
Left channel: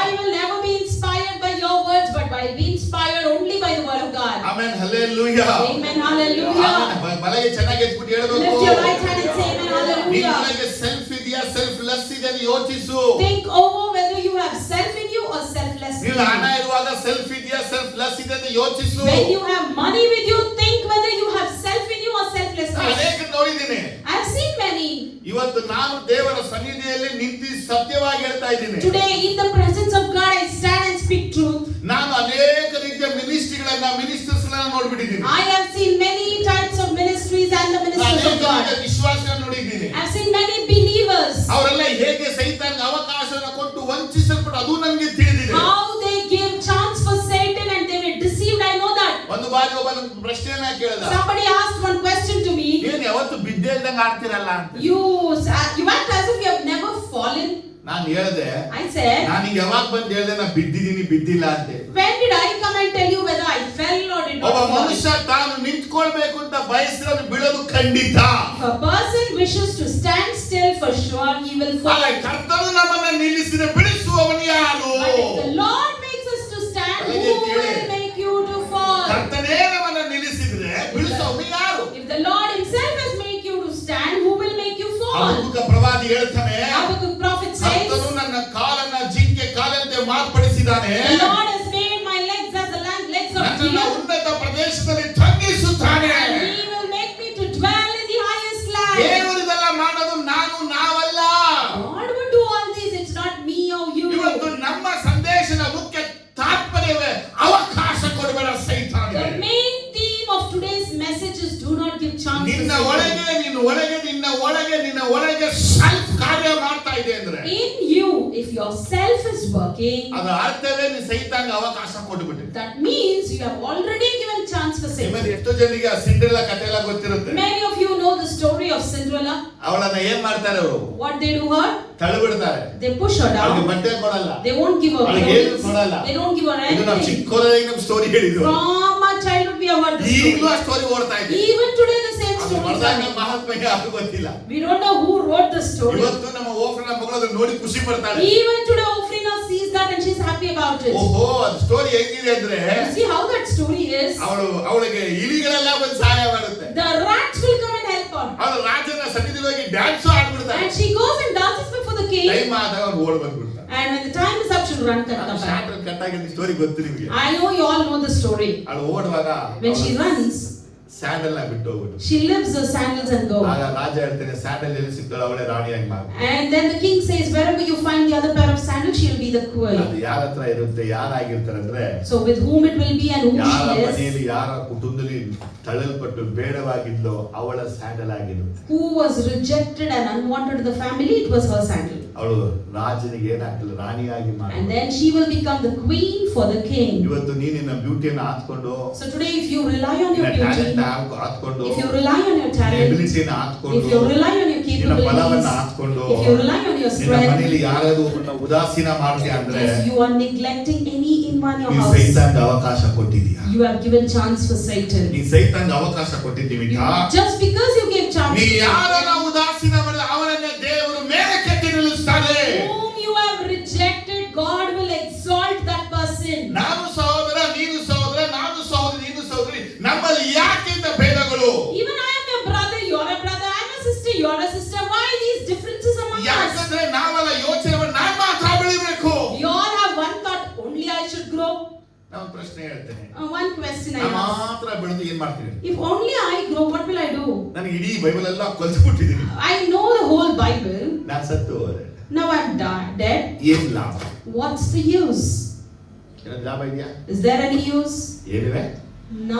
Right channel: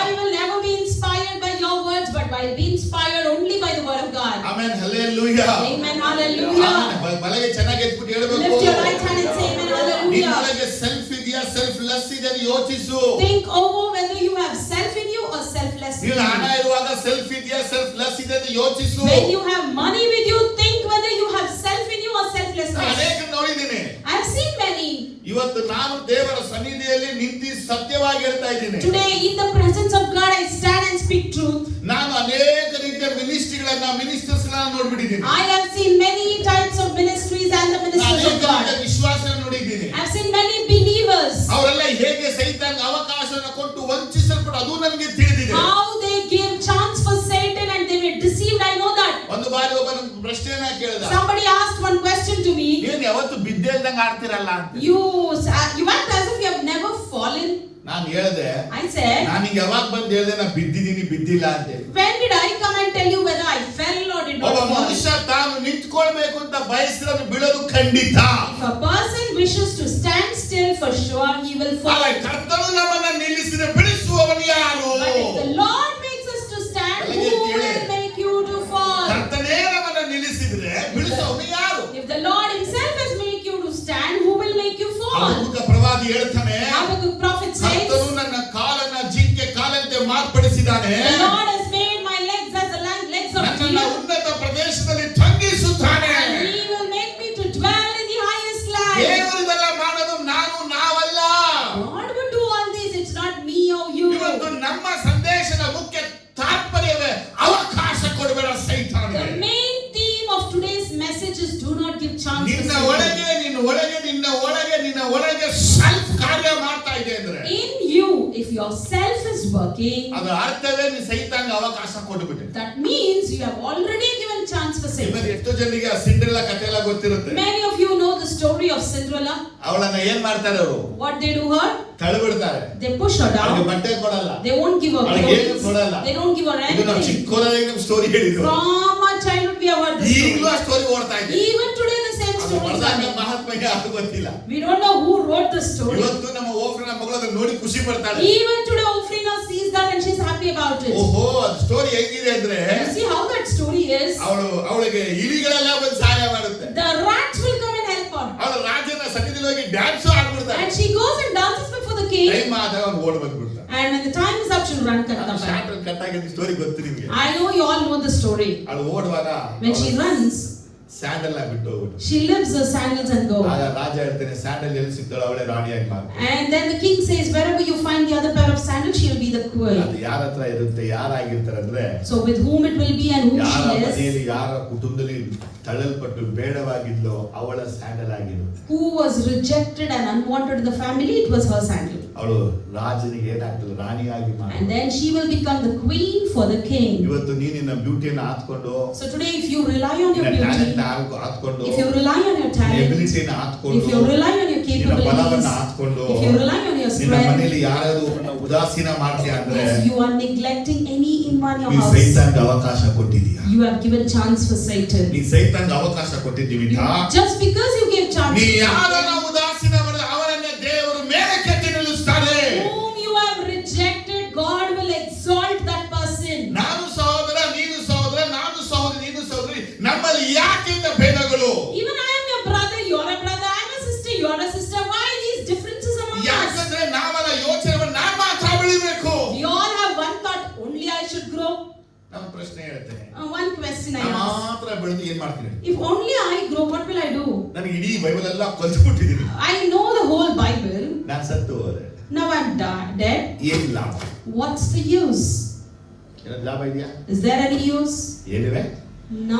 I will never be inspired by your words, but I will be inspired only by the word of God. Amen, hallelujah. Amen, hallelujah. Amen. ಬಲಗೆ ಚೆನ್ನಾಗಿ ಎತ್ಬಿಟ್ಟು ಹೇಳ್ಬೇಕು. Lift your right hand and say amen, hallelujah. ನಿಮ್ಮೊಳಗೆ ಸೆಲ್ಫ್ ಇದೆಯಾ, self less ಇದೆ ಅಂತ ಯೋಚಿಸು. Think over whether you have self in you or selfless in ನೀವು you. ಹಣ ಇರುವಾಗ ಸೆಲ್ಫ್ ಇದೆಯಾ, ಸೆಲ್ಫ್ ಲೆಸ್ ಇದೆ ಅಂತ ಯೋಚಿಸು. When you have money with you, think whether you have self in you or selflessness. ಅನೇಕ ನೋಡಿದ್ದೀನಿ. I have seen many. ಇವತ್ತು ನಾನು ದೇವರ ಸನ್ನಿಧಿಯಲ್ಲಿ ನಿಂತು ಸತ್ಯವಾಗಿ ಹೇಳ್ತಾ ಇದ್ದೀನಿ. Today in the presence of God I stand and speak truth. ನಾನು ಅನೇಕ ರೀತಿಯ ಮಿನಿಸ್ಟರ್ಸ್ ನೋಡ್ಬಿಟ್ಟಿದ್ದೀನಿ. I have seen many types of ministries and the ministers of ಅನೇಕ God. ರೀತಿಯ ವಿಶ್ವಾಸ ನೋಡಿದ್ದೀನಿ. I have seen many believers. ಅವರೆಲ್ಲ ಹೇಗೆ ಸೈತಾನ್ಗೆ ಅವಕಾಶವನ್ನು ಕೊಟ್ಟು ವಂಚಿಸಲ್ಪಟ್ಟು ಅದು ನನಗೆ ತಿಳಿದಿದೆ. How they give chance for Satan and they were deceived. I know that. ಒಂದು ಬಾರಿ ಒಬ್ಬ ಪ್ರಶ್ನೆಯನ್ನ ಕೇಳಿದ. Somebody asked one question to me. ನೀನು ಯಾವತ್ತು ಬಿದ್ದೆ ಇಲ್ದಂಗೆ ಆಡ್ತಿರಲ್ಲ ಅಂತ. You act as if you have never fallen. ನಾನು ಹೇಳಿದೆ, I said, ನಾನು ಯಾವಾಗ ಬಂದು ಹೇಳಿದೆ ನಾ ಬಿದ್ದಿದ್ದೀನಿ ಬಿದ್ದಿಲ್ಲ ಅಂತ. when did I come and tell you whether I fell or did not ಒಬ್ಬ fall? ಮನುಷ್ಯ ತಾನು ನಿಂತ್ಕೊಳ್ಬೇಕು ಅಂತ ಬಯಸಿದ್ರೆ ಬೀಳೋದು ಖಂಡಿತ. If a person wishes to stand still, for sure he will fall. ಆದರೆ ಕರ್ತನು ನಮ್ಮನ್ನು ನಿಲ್ಲಿಸಿದ ಬಿಡಿಸುವವನು ಯಾರು? But if the Lord makes us to stand, who will make you to fall? ಕರ್ತನೇ ನಮ್ಮನ್ನು ನಿಲ್ಲಿಸಿದ್ರೆ ಬಿಡಿಸುವವನು ಯಾರು? If the Lord himself has made you to stand, who will make you fall? ಹಬಕ್ಕೂಕ ಪ್ರವಾದಿ ಹೇಳ್ತಾನೆ, Habakkuk prophet says, ಕರ್ತನು ನನ್ನ ಕಾಲನ್ನ ಜಿಂಕೆ ಕಾಲಂತೆ ಮಾರ್ಪಡಿಸಿದ್ದಾನೆ. the Lord has made my legs as the legs of ನನ್ನನ್ನ deer. ಉನ್ನತ ಪ್ರದೇಶದಲ್ಲಿ ತಂಗಿಸುತ್ತಾನೆ. He will make me to dwell in the highest land. ದೇವರು ಇದೆಲ್ಲ ಮಾಡೋದು ನಾವಲ್ಲ. God will do all these. It's not me or you. ಇವತ್ತು ನಮ್ಮ ಸಂದೇಶದ ಮುಖ್ಯ ತಾತ್ಪರ್ಯವೇ ಅವಕಾಶ ಕೊಡಬೇಡ ಸೈತಾನಿಗೆ. The main theme of today's message is do not give chance to ನಿನ್ನ Satan. ಒಳಗೆ ಸೆಲ್ಫ್ ಕಾರ್ಯ ಮಾಡ್ತಾ ಇದೆ ಅಂದ್ರೆ In you, if your self is working, ಅದು ಅರ್ಥವೇ ನೀನು ಸೈತಾನ್ಗೆ ಅವಕಾಶ ಕೊಟ್ಟುಬಿಟ್ಟೆ. that means you have already given chance for Satan. ನಿಮ್ಮಲ್ಲಿ ಎಷ್ಟೋ ಜನರಿಗೆ ಆ ಸಿಂಡ್ರೆಲ್ಲಾ ಕಥೆ ಎಲ್ಲ ಗೊತ್ತಿರುತ್ತೆ. Many of you know the story of Cinderella. ಅವಳನ್ನ ಏನ್ ಮಾಡ್ತಾರೆ ಅವರು? What they do her? ತಳ್ಳಿಬಿಡ್ತಾರೆ. They push her ಅವಳಿಗೆ down. ಬಟ್ಟೆ ಕೊಡಲ್ಲ. They won't give her ಅವಳಿಗೆ ಏನು clothes. ಕೊಡಲ್ಲ. They don't give her ಇದು ನಾವು anything. ಚಿಕ್ಕವರಾಗಿ ನಮ್ಮ ಸ್ಟೋರಿ ಹೇಳಿದ್ವು. From our childhood we have heard the ಈಗಲೂ ಆ story. ಸ್ಟೋರಿ ಓಡ್ತಾ ಇದೆ. Even today the same ಅದು story is ಬರ್ದಾಗ happening. ಮಹಾತ್ಮಗೆ ಅದು ಗೊತ್ತಿಲ್ಲ. We don't know who wrote the story. ಇವತ್ತು ನಮ್ಮ ಓಫ್ರನ ಮಗಳು ಅದನ್ನ ನೋಡಿ ಖುಷಿ ಪಡ್ತಾಳೆ. Even today Ofrina sees that and she's happy about it. ಓಹೋ, ಅದು ಸ್ಟೋರಿ ಹೆಂಗಿದೆ ಅಂದ್ರೆ You see how that story is? ಅವಳಿಗೆ ಇಲಿಗಳೆಲ್ಲ ಬಂದು ಸಹಾಯ ಮಾಡುತ್ತೆ. The rats will come and help her. ಅವಳು ರಾಜನ ಸನ್ನಿಧಿಯಲ್ಲಿ ಹೋಗಿ ಡ್ಯಾನ್ಸ್ ಆಡ್ಬಿಡ್ತಾಳೆ. And she goes and dances before the king. Time ಆದಾಗ ಅವ್ನು ಓಡ್ ಬಂದ್ಬಿಡ್ತಾನೆ. And when the time is up, she'll run and come back. Short cut ಆಗಿದ್ದ ಸ್ಟೋರಿ ಗೊತ್ತು ನಿಮಗೆ. I know you all know the story. ಅವಳು ಓಡುವಾಗ When she runs, ಸ್ಯಾಂಡಲ್ ನ ಬಿಟ್ಟು ಹೋಗ್ಬಿಟ್ಟು. She leaves her sandals and goes. ಆಗ ರಾಜ ಹೇಳ್ತಾನೆ, ಸ್ಯಾಂಡಲ್ ಎಲ್ಲಿ ಸಿಗ್ತಾಳೋ ಅವಳೇ ರಾಣಿಯಾಗಿ ಮಾಡು. And then the king says, wherever you find the other pair of sandals, she'll be the queen. ಅದು ಯಾರ ಹತ್ರ ಇರುತ್ತೆ, ಯಾರಾಗಿರ್ತಾರೆ ಅಂದ್ರೆ, So with whom it will be and who ಯಾರ she is, ಮನೆಯಲ್ಲಿ ಯಾರ ಕುಟುಂಬದಲ್ಲಿ ತಳ್ಳಲ್ಪಟ್ಟು ಬೇಡವಾಗಿದ್ಲೋ ಅವಳ ಸ್ಯಾಂಡಲ್ ಆಗಿರುತ್ತೆ. who was rejected and unwanted in the family, it was her sandal. ಅವಳು ರಾಜನಿಗೆ ಏನಾಗ್ತದೆ, ರಾಣಿಯಾಗಿ ಮಾಡು. And then she will become the queen for the king. ಇವತ್ತು ನೀನಿನ ಬ್ಯೂಟಿಯನ್ನು ಹಾಕೊಂಡು, So today if you rely on your talent beauty, ಹಾಕೊಂಡು, if you rely on your talent, ಎಬಿಲಿಟಿನ if ಹಾಕೊಂಡು, you rely on your ನಿನ್ನ ಬಲವನ್ನ capabilities, ಹಾಕೊಂಡು, if you rely on your ನಿನ್ನ strength, ಮನೆಯಲ್ಲಿ ಯಾರಾದ್ರೂ ಒಬ್ಬನ ಉದಾಸೀನ ಮಾಡ್ತೀಯ ಅಂದ್ರೆ, if you are neglecting any in one ನೀ house, ಸೈತಾನ್ಗೆ ಅವಕಾಶ ಕೊಟ್ಟಿದೀಯಾ? you have given chance for Satan. ನೀ ಸೈತಾನ್ಗೆ ಅವಕಾಶ ಕೊಟ್ಟಿದ್ದೀವಿಯಾ? Just because you gave chance ನೀ to ಯಾರನ್ನ ಉದಾಸೀನ ಮಾಡಲ್ಲ, ಅವರನ್ನೇ ದೇವರು ಮೇಲಕ್ಕೆತ್ತಿ ನಿಲ್ಲಿಸ್ತಾರೆ. whom you have rejected, God will exalt that person. ನಾನು ಸಹೋದರ, ನೀನು ಸಹೋದರ, ನಾನು ಸಹೋದರಿ, ನೀನು ಸಹೋದರಿ, ನಮ್ಮಲ್ಲಿ ಯಾಕಿಂತ ಭೇದಗಳು? Even I am your brother, you are a brother, I am a sister, you are a sister. Why these differences among us? ಯಾಕಂದ್ರೆ ನಾವೆಲ್ಲ ಯೋಚನೆ ಮಾಡಿ ನಾನು ಮಾತ್ರ ಬೆಳಿಬೇಕು. We all have one thought, only I should grow. ನಾನು ಪ್ರಶ್ನೆ ಹೇಳ್ತೇನೆ, One question I ನಾನು ask. ಮಾತ್ರ ಬೆಳೆದು ಏನ್ ಮಾಡ್ತೀನಿ? If only I grow, what will I do? ನನಗೆ ಇಡೀ ಬೈಬಲ್ ಎಲ್ಲ ಕಲ್ತ್ಬಿಟ್ಟಿದ್ದೀನಿ. I know the whole Bible. ನಾನು ಸತ್ತು ಹೋದೆ, Now I'm dead. ಏನ್ ಲಾಭ? What's the use? ಏನಾದ್ರು ಲಾಭ ಇದೆಯಾ? Is there any use? ಏನಿದೆ?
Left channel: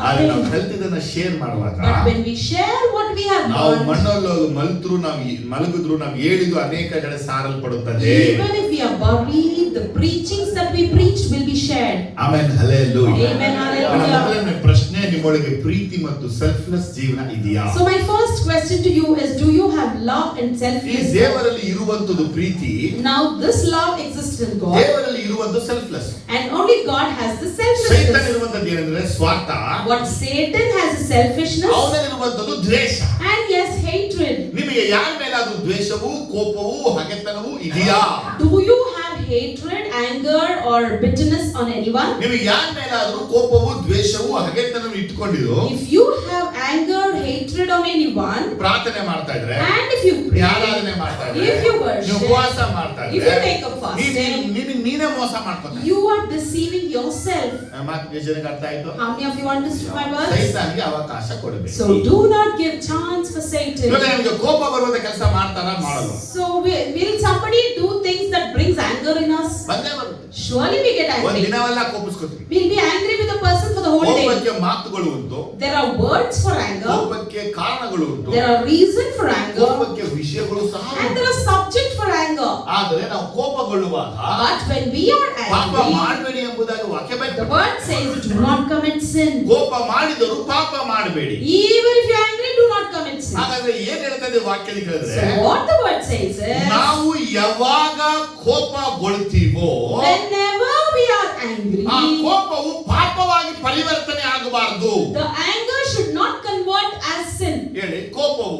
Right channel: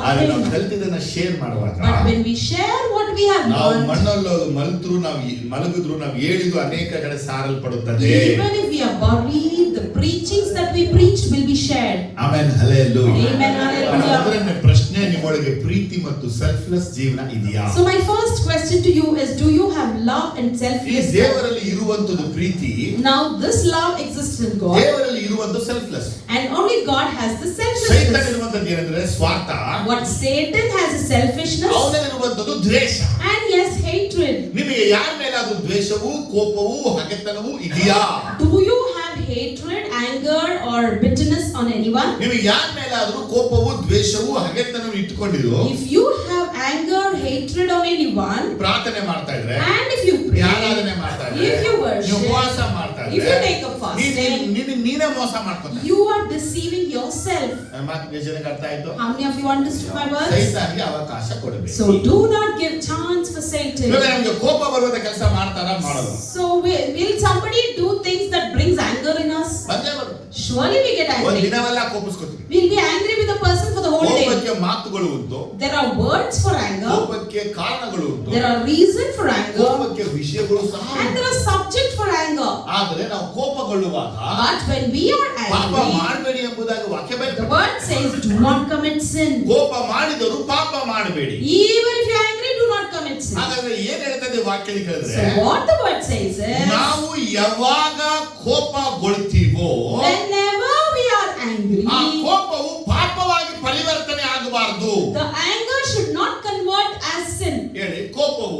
ಆದ್ರೆ ನಾವು Nothing. ಕಲ್ತಿದ್ದನ್ನ ಶೇರ್ ಮಾಡುವಾಗ, But when we share what we have ನಾವು learned, ಮಣ್ಣಲ್ಲಿ ಮಲ್ತ್ರು, ನಾವು ಮಲಗಿದ್ರು, ನಾವು ಹೇಳಿದ್ದು ಅನೇಕ ಕಡೆ ಸಾರಲ್ಪಡುತ್ತದೆ. even if we are buried, the preachings that we preach will be shared. ಆಮೇಲೆ ಹಲ್ಲೆಲೂಯಾ. Amen, hallelujah. ನನ್ನ ಮೊದಲನೇ ಪ್ರಶ್ನೆ, ನಿಮ್ಮೊಳಗೆ ಪ್ರೀತಿ ಮತ್ತು ಸೆಲ್ಫ್ಲೆಸ್ ಜೀವನ ಇದೆಯಾ? So my first question to you is, do you have love and ಈ selflessness? ದೇವರಲ್ಲಿ ಇರುವಂತದ್ದು ಪ್ರೀತಿ, Now this love exists in God, ದೇವರಲ್ಲಿ ಇರುವಂತ selfless. and only God has the ಸೈತಾನ್ selflessness. ಇರುವಂತದ್ದು ಏನಂದ್ರೆ ಸ್ವಾರ್ಥ, What Satan has is selfishness, ಅವನಿರುವಂತದ್ದು ದ್ವೇಷ. and yes, hatred. ನಿಮಗೆ ಯಾರ ಮೇಲಾದ್ರೂ ದ್ವೇಷವು, ಕೋಪವು, ಹಗೆತನವು ಇದೆಯಾ? Do you have hatred, anger or bitterness on anyone? ನಿಮಗೆ ಯಾರ ಮೇಲಾದ್ರೂ ಕೋಪವು, ದ್ವೇಷವು, ಹಗೆತನವು ಇಟ್ಕೊಂಡಿದ್ದು If you have anger, hatred on anyone, ಪ್ರಾರ್ಥನೆ ಮಾಡ್ತಾ ಇದ್ರೆ, and if you pray, ಆರಾಧನೆ ಮಾಡ್ತಾ ಇದ್ರೆ, if you worship, ನೀವು ಉಪವಾಸ ಮಾಡ್ತಾ if ಇದ್ರೆ, you take a fasting, ನೀನೇ ಮೋಸ ಮಾಡ್ಕೊಂಡ. you are deceiving yourself. ಮಾತು ಜನಕ್ಕೆ ಅರ್ಥ ಆಯ್ತು? How many of you understood my words? ಸೈತಾನ್ಗೆ ಅವಕಾಶ ಕೊಡಬೇಕು. So do not give chance for Satan. ಇವಾಗ ನಮಗೆ ಕೋಪ ಬರುವಂತ ಕೆಲಸ ಮಾಡ್ತಾರ, ಮಾಡಲ್ಲ? So will somebody do things that brings anger in us? ಬಂದೇ ಬರುತ್ತೆ. Surely we get ಒಂದ್ angry. ದಿನವೆಲ್ಲ ಕೋಪಿಸ್ಕೊತೀವಿ. We'll be angry with the person for the whole day. ಕೋಪಕ್ಕೆ ಮಾತುಗಳು ಉಂಟು, There are words for anger. ಕೋಪಕ್ಕೆ ಕಾರಣಗಳು ಉಂಟು, There are reason for anger. ಕೋಪಕ್ಕೆ ವಿಷಯಗಳು ಸಹ And ಉಂಟು. there are subject for anger. ಆದ್ರೆ ನಾವು ಕೋಪಗೊಳ್ಳುವಾಗ But when we are ಪಾಪ angry, ಮಾಡಬೇಡಿ ಎಂಬುದಾಗಿ ವಾಕ್ಯ the ಬೈತದೆ. word says, do not commit sin. ಕೋಪ ಮಾಡಿದರೂ ಪಾಪ ಮಾಡಬೇಡಿ. Even if you are angry, do not commit sin. ಹಾಗಾದ್ರೆ ಏನ್ ಹೇಳ್ತದೆ ವಾಕ್ಯದಲ್ಲಿ ಹೇಳಿದ್ರೆ, So what the word says is, ನಾವು ಯಾವಾಗ ಕೋಪಗೊಳ್ತೀವೋ whenever we are angry, ಆ ಕೋಪವು ಪಾಪವಾಗಿ ಪರಿವರ್ತನೆ ಆಗಬಾರದು. the anger should not convert as sin. ಹೇಳಿ, ಕೋಪವು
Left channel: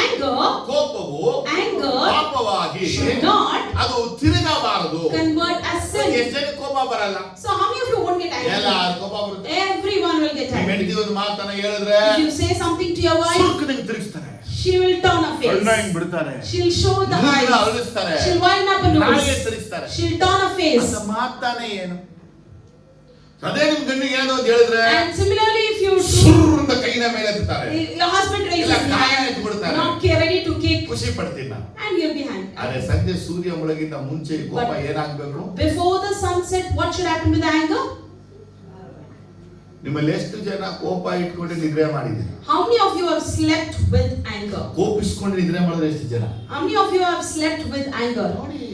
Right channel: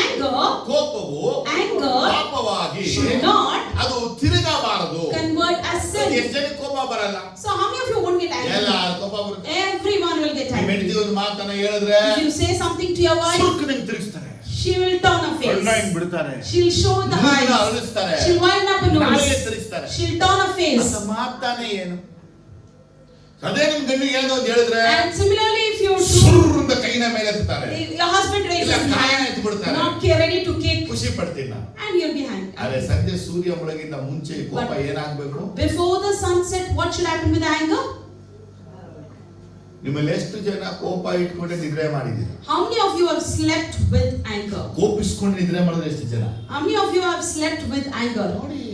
Anger ಪಾಪವಾಗಿ should not ಅದು ತಿರುಗಬಾರದು. convert as sin. ಎಷ್ಟು ಜನ ಕೋಪ ಬರಲ್ಲ? So how many of you won't get ಎಲ್ಲ angry? ಕೋಪ ಬರುತ್ತೆ. Everyone will get ನಿಮ್ಮ angry. ಹೆಂಡತಿ ಒಂದು ಮಾತನ್ನ ಹೇಳಿದ್ರೆ If you say something to your wife, ಸುರ್ಕು ನಿಮ್ಗೆ ತಿರುಗಿಸ್ತಾರೆ, she will turn her ಕಣ್ಣ face. ಹಿಂಗ್ ಬಿಡ್ತಾರೆ, She'll show the ಮೂಗನ್ನ eyes. ಅರಳಿಸ್ತಾರೆ, She'll wind up her ನಾಲಿಗೆ nose. ತಿರುಗಿಸ್ತಾರೆ. She'll turn her face. ಅಂತ ಮಾತಾನೆ ಏನು? ಅದೇ ನಿಮ್ ಗಂಡಿಗೆ ಏನೋ ಅಂತ ಹೇಳಿದ್ರೆ And similarly, if you do, ಸುರ್ರದ ಕೈನ ಮೇಲೆ ಎತ್ತಾರೆ, your husband ಇಲ್ಲ raises his ಕಾಯನ hand, ಎತ್ತು ಬಿಡ್ತಾರೆ, not ready to kick, ಖುಷಿ ಪಡ್ತೀನಿ ನಾನು. and you'll be angry. ಆದ್ರೆ ಸಂಜೆ ಸೂರ್ಯ ಮುಳುಗಿಂತ ಮುಂಚೆ ಈ ಕೋಪ ಏನಾಗ್ಬೇಕು? Before the sunset, what should happen with anger? ನಿಮ್ಮಲ್ಲಿ ಎಷ್ಟು ಜನ ಕೋಪ ಇಟ್ಕೊಂಡು ನಿದ್ರೆ ಮಾಡಿದ್ದೀರಿ? How many of you have slept with anger? ಕೋಪಿಸ್ಕೊಂಡು ನಿದ್ರೆ ಮಾಡೋದು ಎಷ್ಟು ಜನ? How many of you have slept with anger? ನೋಡಿ,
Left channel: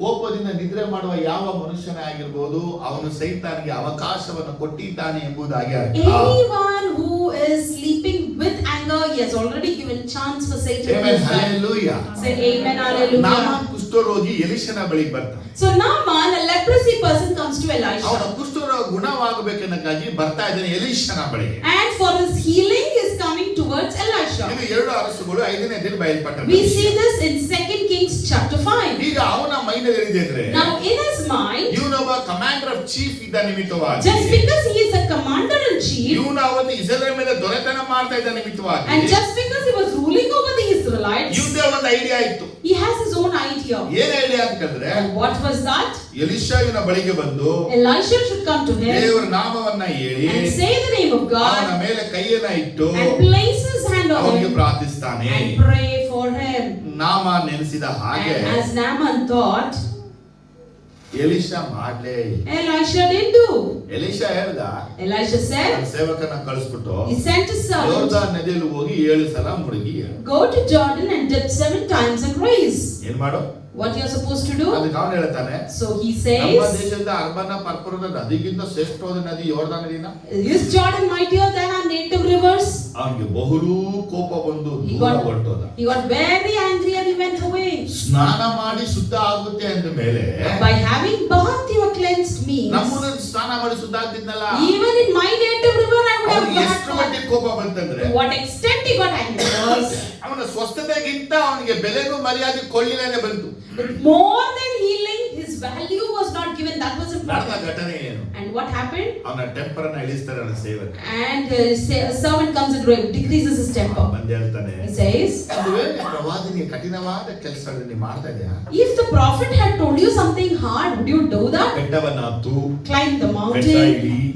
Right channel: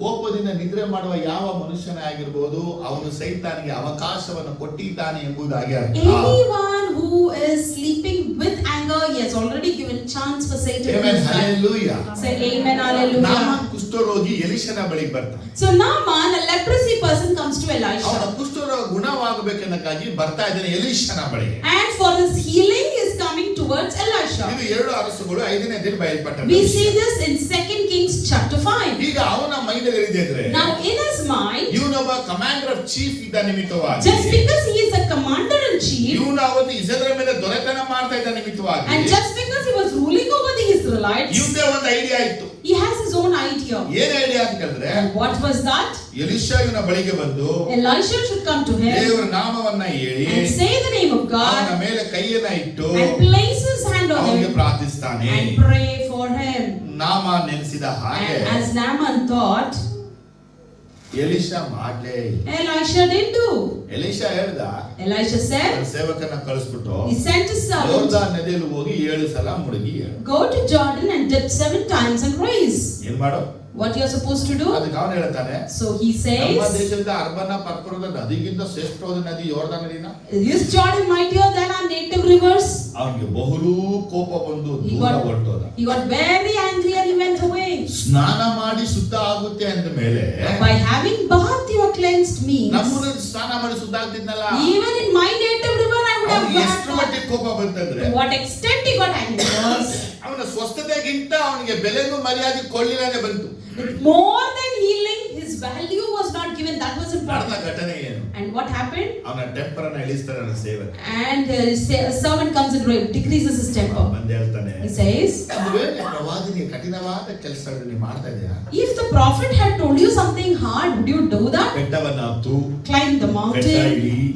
ಕೋಪದಿಂದ ನಿದ್ರೆ ಮಾಡುವ ಯಾವ ಮನುಷ್ಯನೇ ಆಗಿರ್ಬೋದು, ಅವನು ಸೈತಾನಿಗೆ ಅವಕಾಶವನ್ನು ಕೊಟ್ಟಿದ್ದಾನೆ ಎಂಬುದಾಗಿ ಅರ್ಥ. Anyone who is sleeping with anger, he has already given chance for Satan to Amen, strike. hallelujah. Say amen, hallelujah. Naaman ಕುಷ್ಠರೋಗಿ ಎಲಿಷನ ಬಳಿಗೆ ಬರ್ತಾನೆ. So Naaman, a leprosy person, comes to ಅವನ Elisha, ಕುಷ್ಠರೋಗ ಗುಣವಾಗಬೇಕೆನ್ನಕ್ಕಾಗಿ ಬರ್ತಾ ಇದ್ದಾನೆ ಎಲಿಷನ ಬಳಿಗೆ. and for his healing he is coming towards Elisha. ಇದು 2 ಅರಸುಗಳು 5ನೇ ದಿನ ಬಯಲ್ಪಟ್ಟದ್ದು. We see this in 2 Kings chapter 5. ಈಗ ಅವನ ಮೈಂಡ್ ಏನಿದೆ ಅಂದ್ರೆ, Now in his mind, ಇವನೊಬ್ಬ ಕಮಾಂಡರ್ ಆಫ್ ಚೀಫ್ ಇದ್ದ ನಿಮಿತ್ತವಾಗಿ, just because he is a commander in chief, ಇವನು ಅವತ್ತು ಇಸ್ರಾಯೇಲ್ ಮೇಲೆ ದೊರೆತನ ಮಾಡ್ತಾ ಇದ್ದ ನಿಮಿತ್ತವಾಗಿ, and just because he was ruling over the Israelites, ಇವನೇ ಒಂದು ಐಡಿಯಾ ಇತ್ತು. he has his own idea. ಏನ್ ಐಡಿಯಾ ಅಂತ ಹೇಳಿದ್ರೆ, And what was that? ಎಲಿಷಾ ಇವನ ಬಳಿಗೆ ಬಂದು Elisha should come to him ದೇವರ ನಾಮವನ್ನ ಹೇಳಿ and say the name of ಅವನ God ಮೇಲೆ ಕೈಯನ್ನ ಇಟ್ಟು and place his hand on ಅವನಿಗೆ him ಪ್ರಾರ್ಥಿಸ್ತಾನೆ. and pray for him. ನಾಮ ನೆನೆಸಿದ ಹಾಗೆ And as Naaman thought, ಎಲಿಷಾ ಮಾಡ್ಲೇ ಇಲ್ಲ. Elisha didn't do. ಎಲಿಷಾ ಹೇಳ್ದ, Elisha said, ತನ್ನ ಸೇವಕನ ಕಳಿಸ್ಬಿಟ್ಟು he sent his servant, ಯೋರ್ದಾನ್ ನದಿಯಲ್ಲಿ ಹೋಗಿ 7 ಸಲ ಮುಳುಗಿ ಹೇಳು. go to Jordan and dip 7 times and rise. ಏನ್ ಮಾಡು? What you're supposed to do? ಅದಕ್ಕೆ ಅವನು ಹೇಳ್ತಾನೆ, So he ನಮ್ಮ says, ದೇಶದ ಅರ್ಬನ ಪರ್ಪರದ ನದಿಗಿಂತ ಶ್ರೇಷ್ಠವಾದ ನದಿ ಯೋರ್ದಾನ್ ನದಿನ. is Jordan mightier than our native rivers? ಅವನಿಗೆ ಬಹು ಕೋಪ ಬಂದು He ದೂರ got, ಹೊರಟೋದ. he got very angry and he went away. ಸ್ನಾನ ಮಾಡಿ ಶುದ್ಧ ಆಗುತ್ತೆ ಅಂದ ಮೇಲೆ By having bath you are cleansed means, ನಮ್ಮನ್ನ ಸ್ನಾನ ಮಾಡಿ ಶುದ್ಧ ಆಗ್ತಿದ್ನಲ್ಲ, even in my native river I would ಅವನಿಗೆ have ಎಷ್ಟು got. ಮಟ್ಟಿಗೆ ಕೋಪ ಬಂತಂದ್ರೆ To what extent he got angry was, ಅವನ ಸ್ವಸ್ಥತೆಗಿಂತ ಅವನಿಗೆ ಬೆಲೆನೂ ಮರ್ಯಾದೆ ಕೊಳ್ಳಿಲೇನೆ ಬಂತು. with more than healing, his value was not given. That was ನಡೆದ important. ಘಟನೆ ಏನು? And what happened? ಅವನ ಟೆಂಪರ್ ಅನ್ನ ಇಳಿಸ್ತಾರೆ ಅವನ ಸೇವಕ. And a servant comes and decreases his temper. ಬಂದು ಹೇಳ್ತಾನೆ, He says, ಒಂದು ವೇಳೆ ಪ್ರವಾದಿನಿ ಕಠಿಣವಾದ ಕೆಲಸಗಳನ್ನು ನೀವು ಮಾಡ್ತಾ ಇದೀಯಾ, if the prophet had told you something hard, would you do that? ಬೆಟ್ಟವನ್ನ ಹತ್ತು Climb the mountain,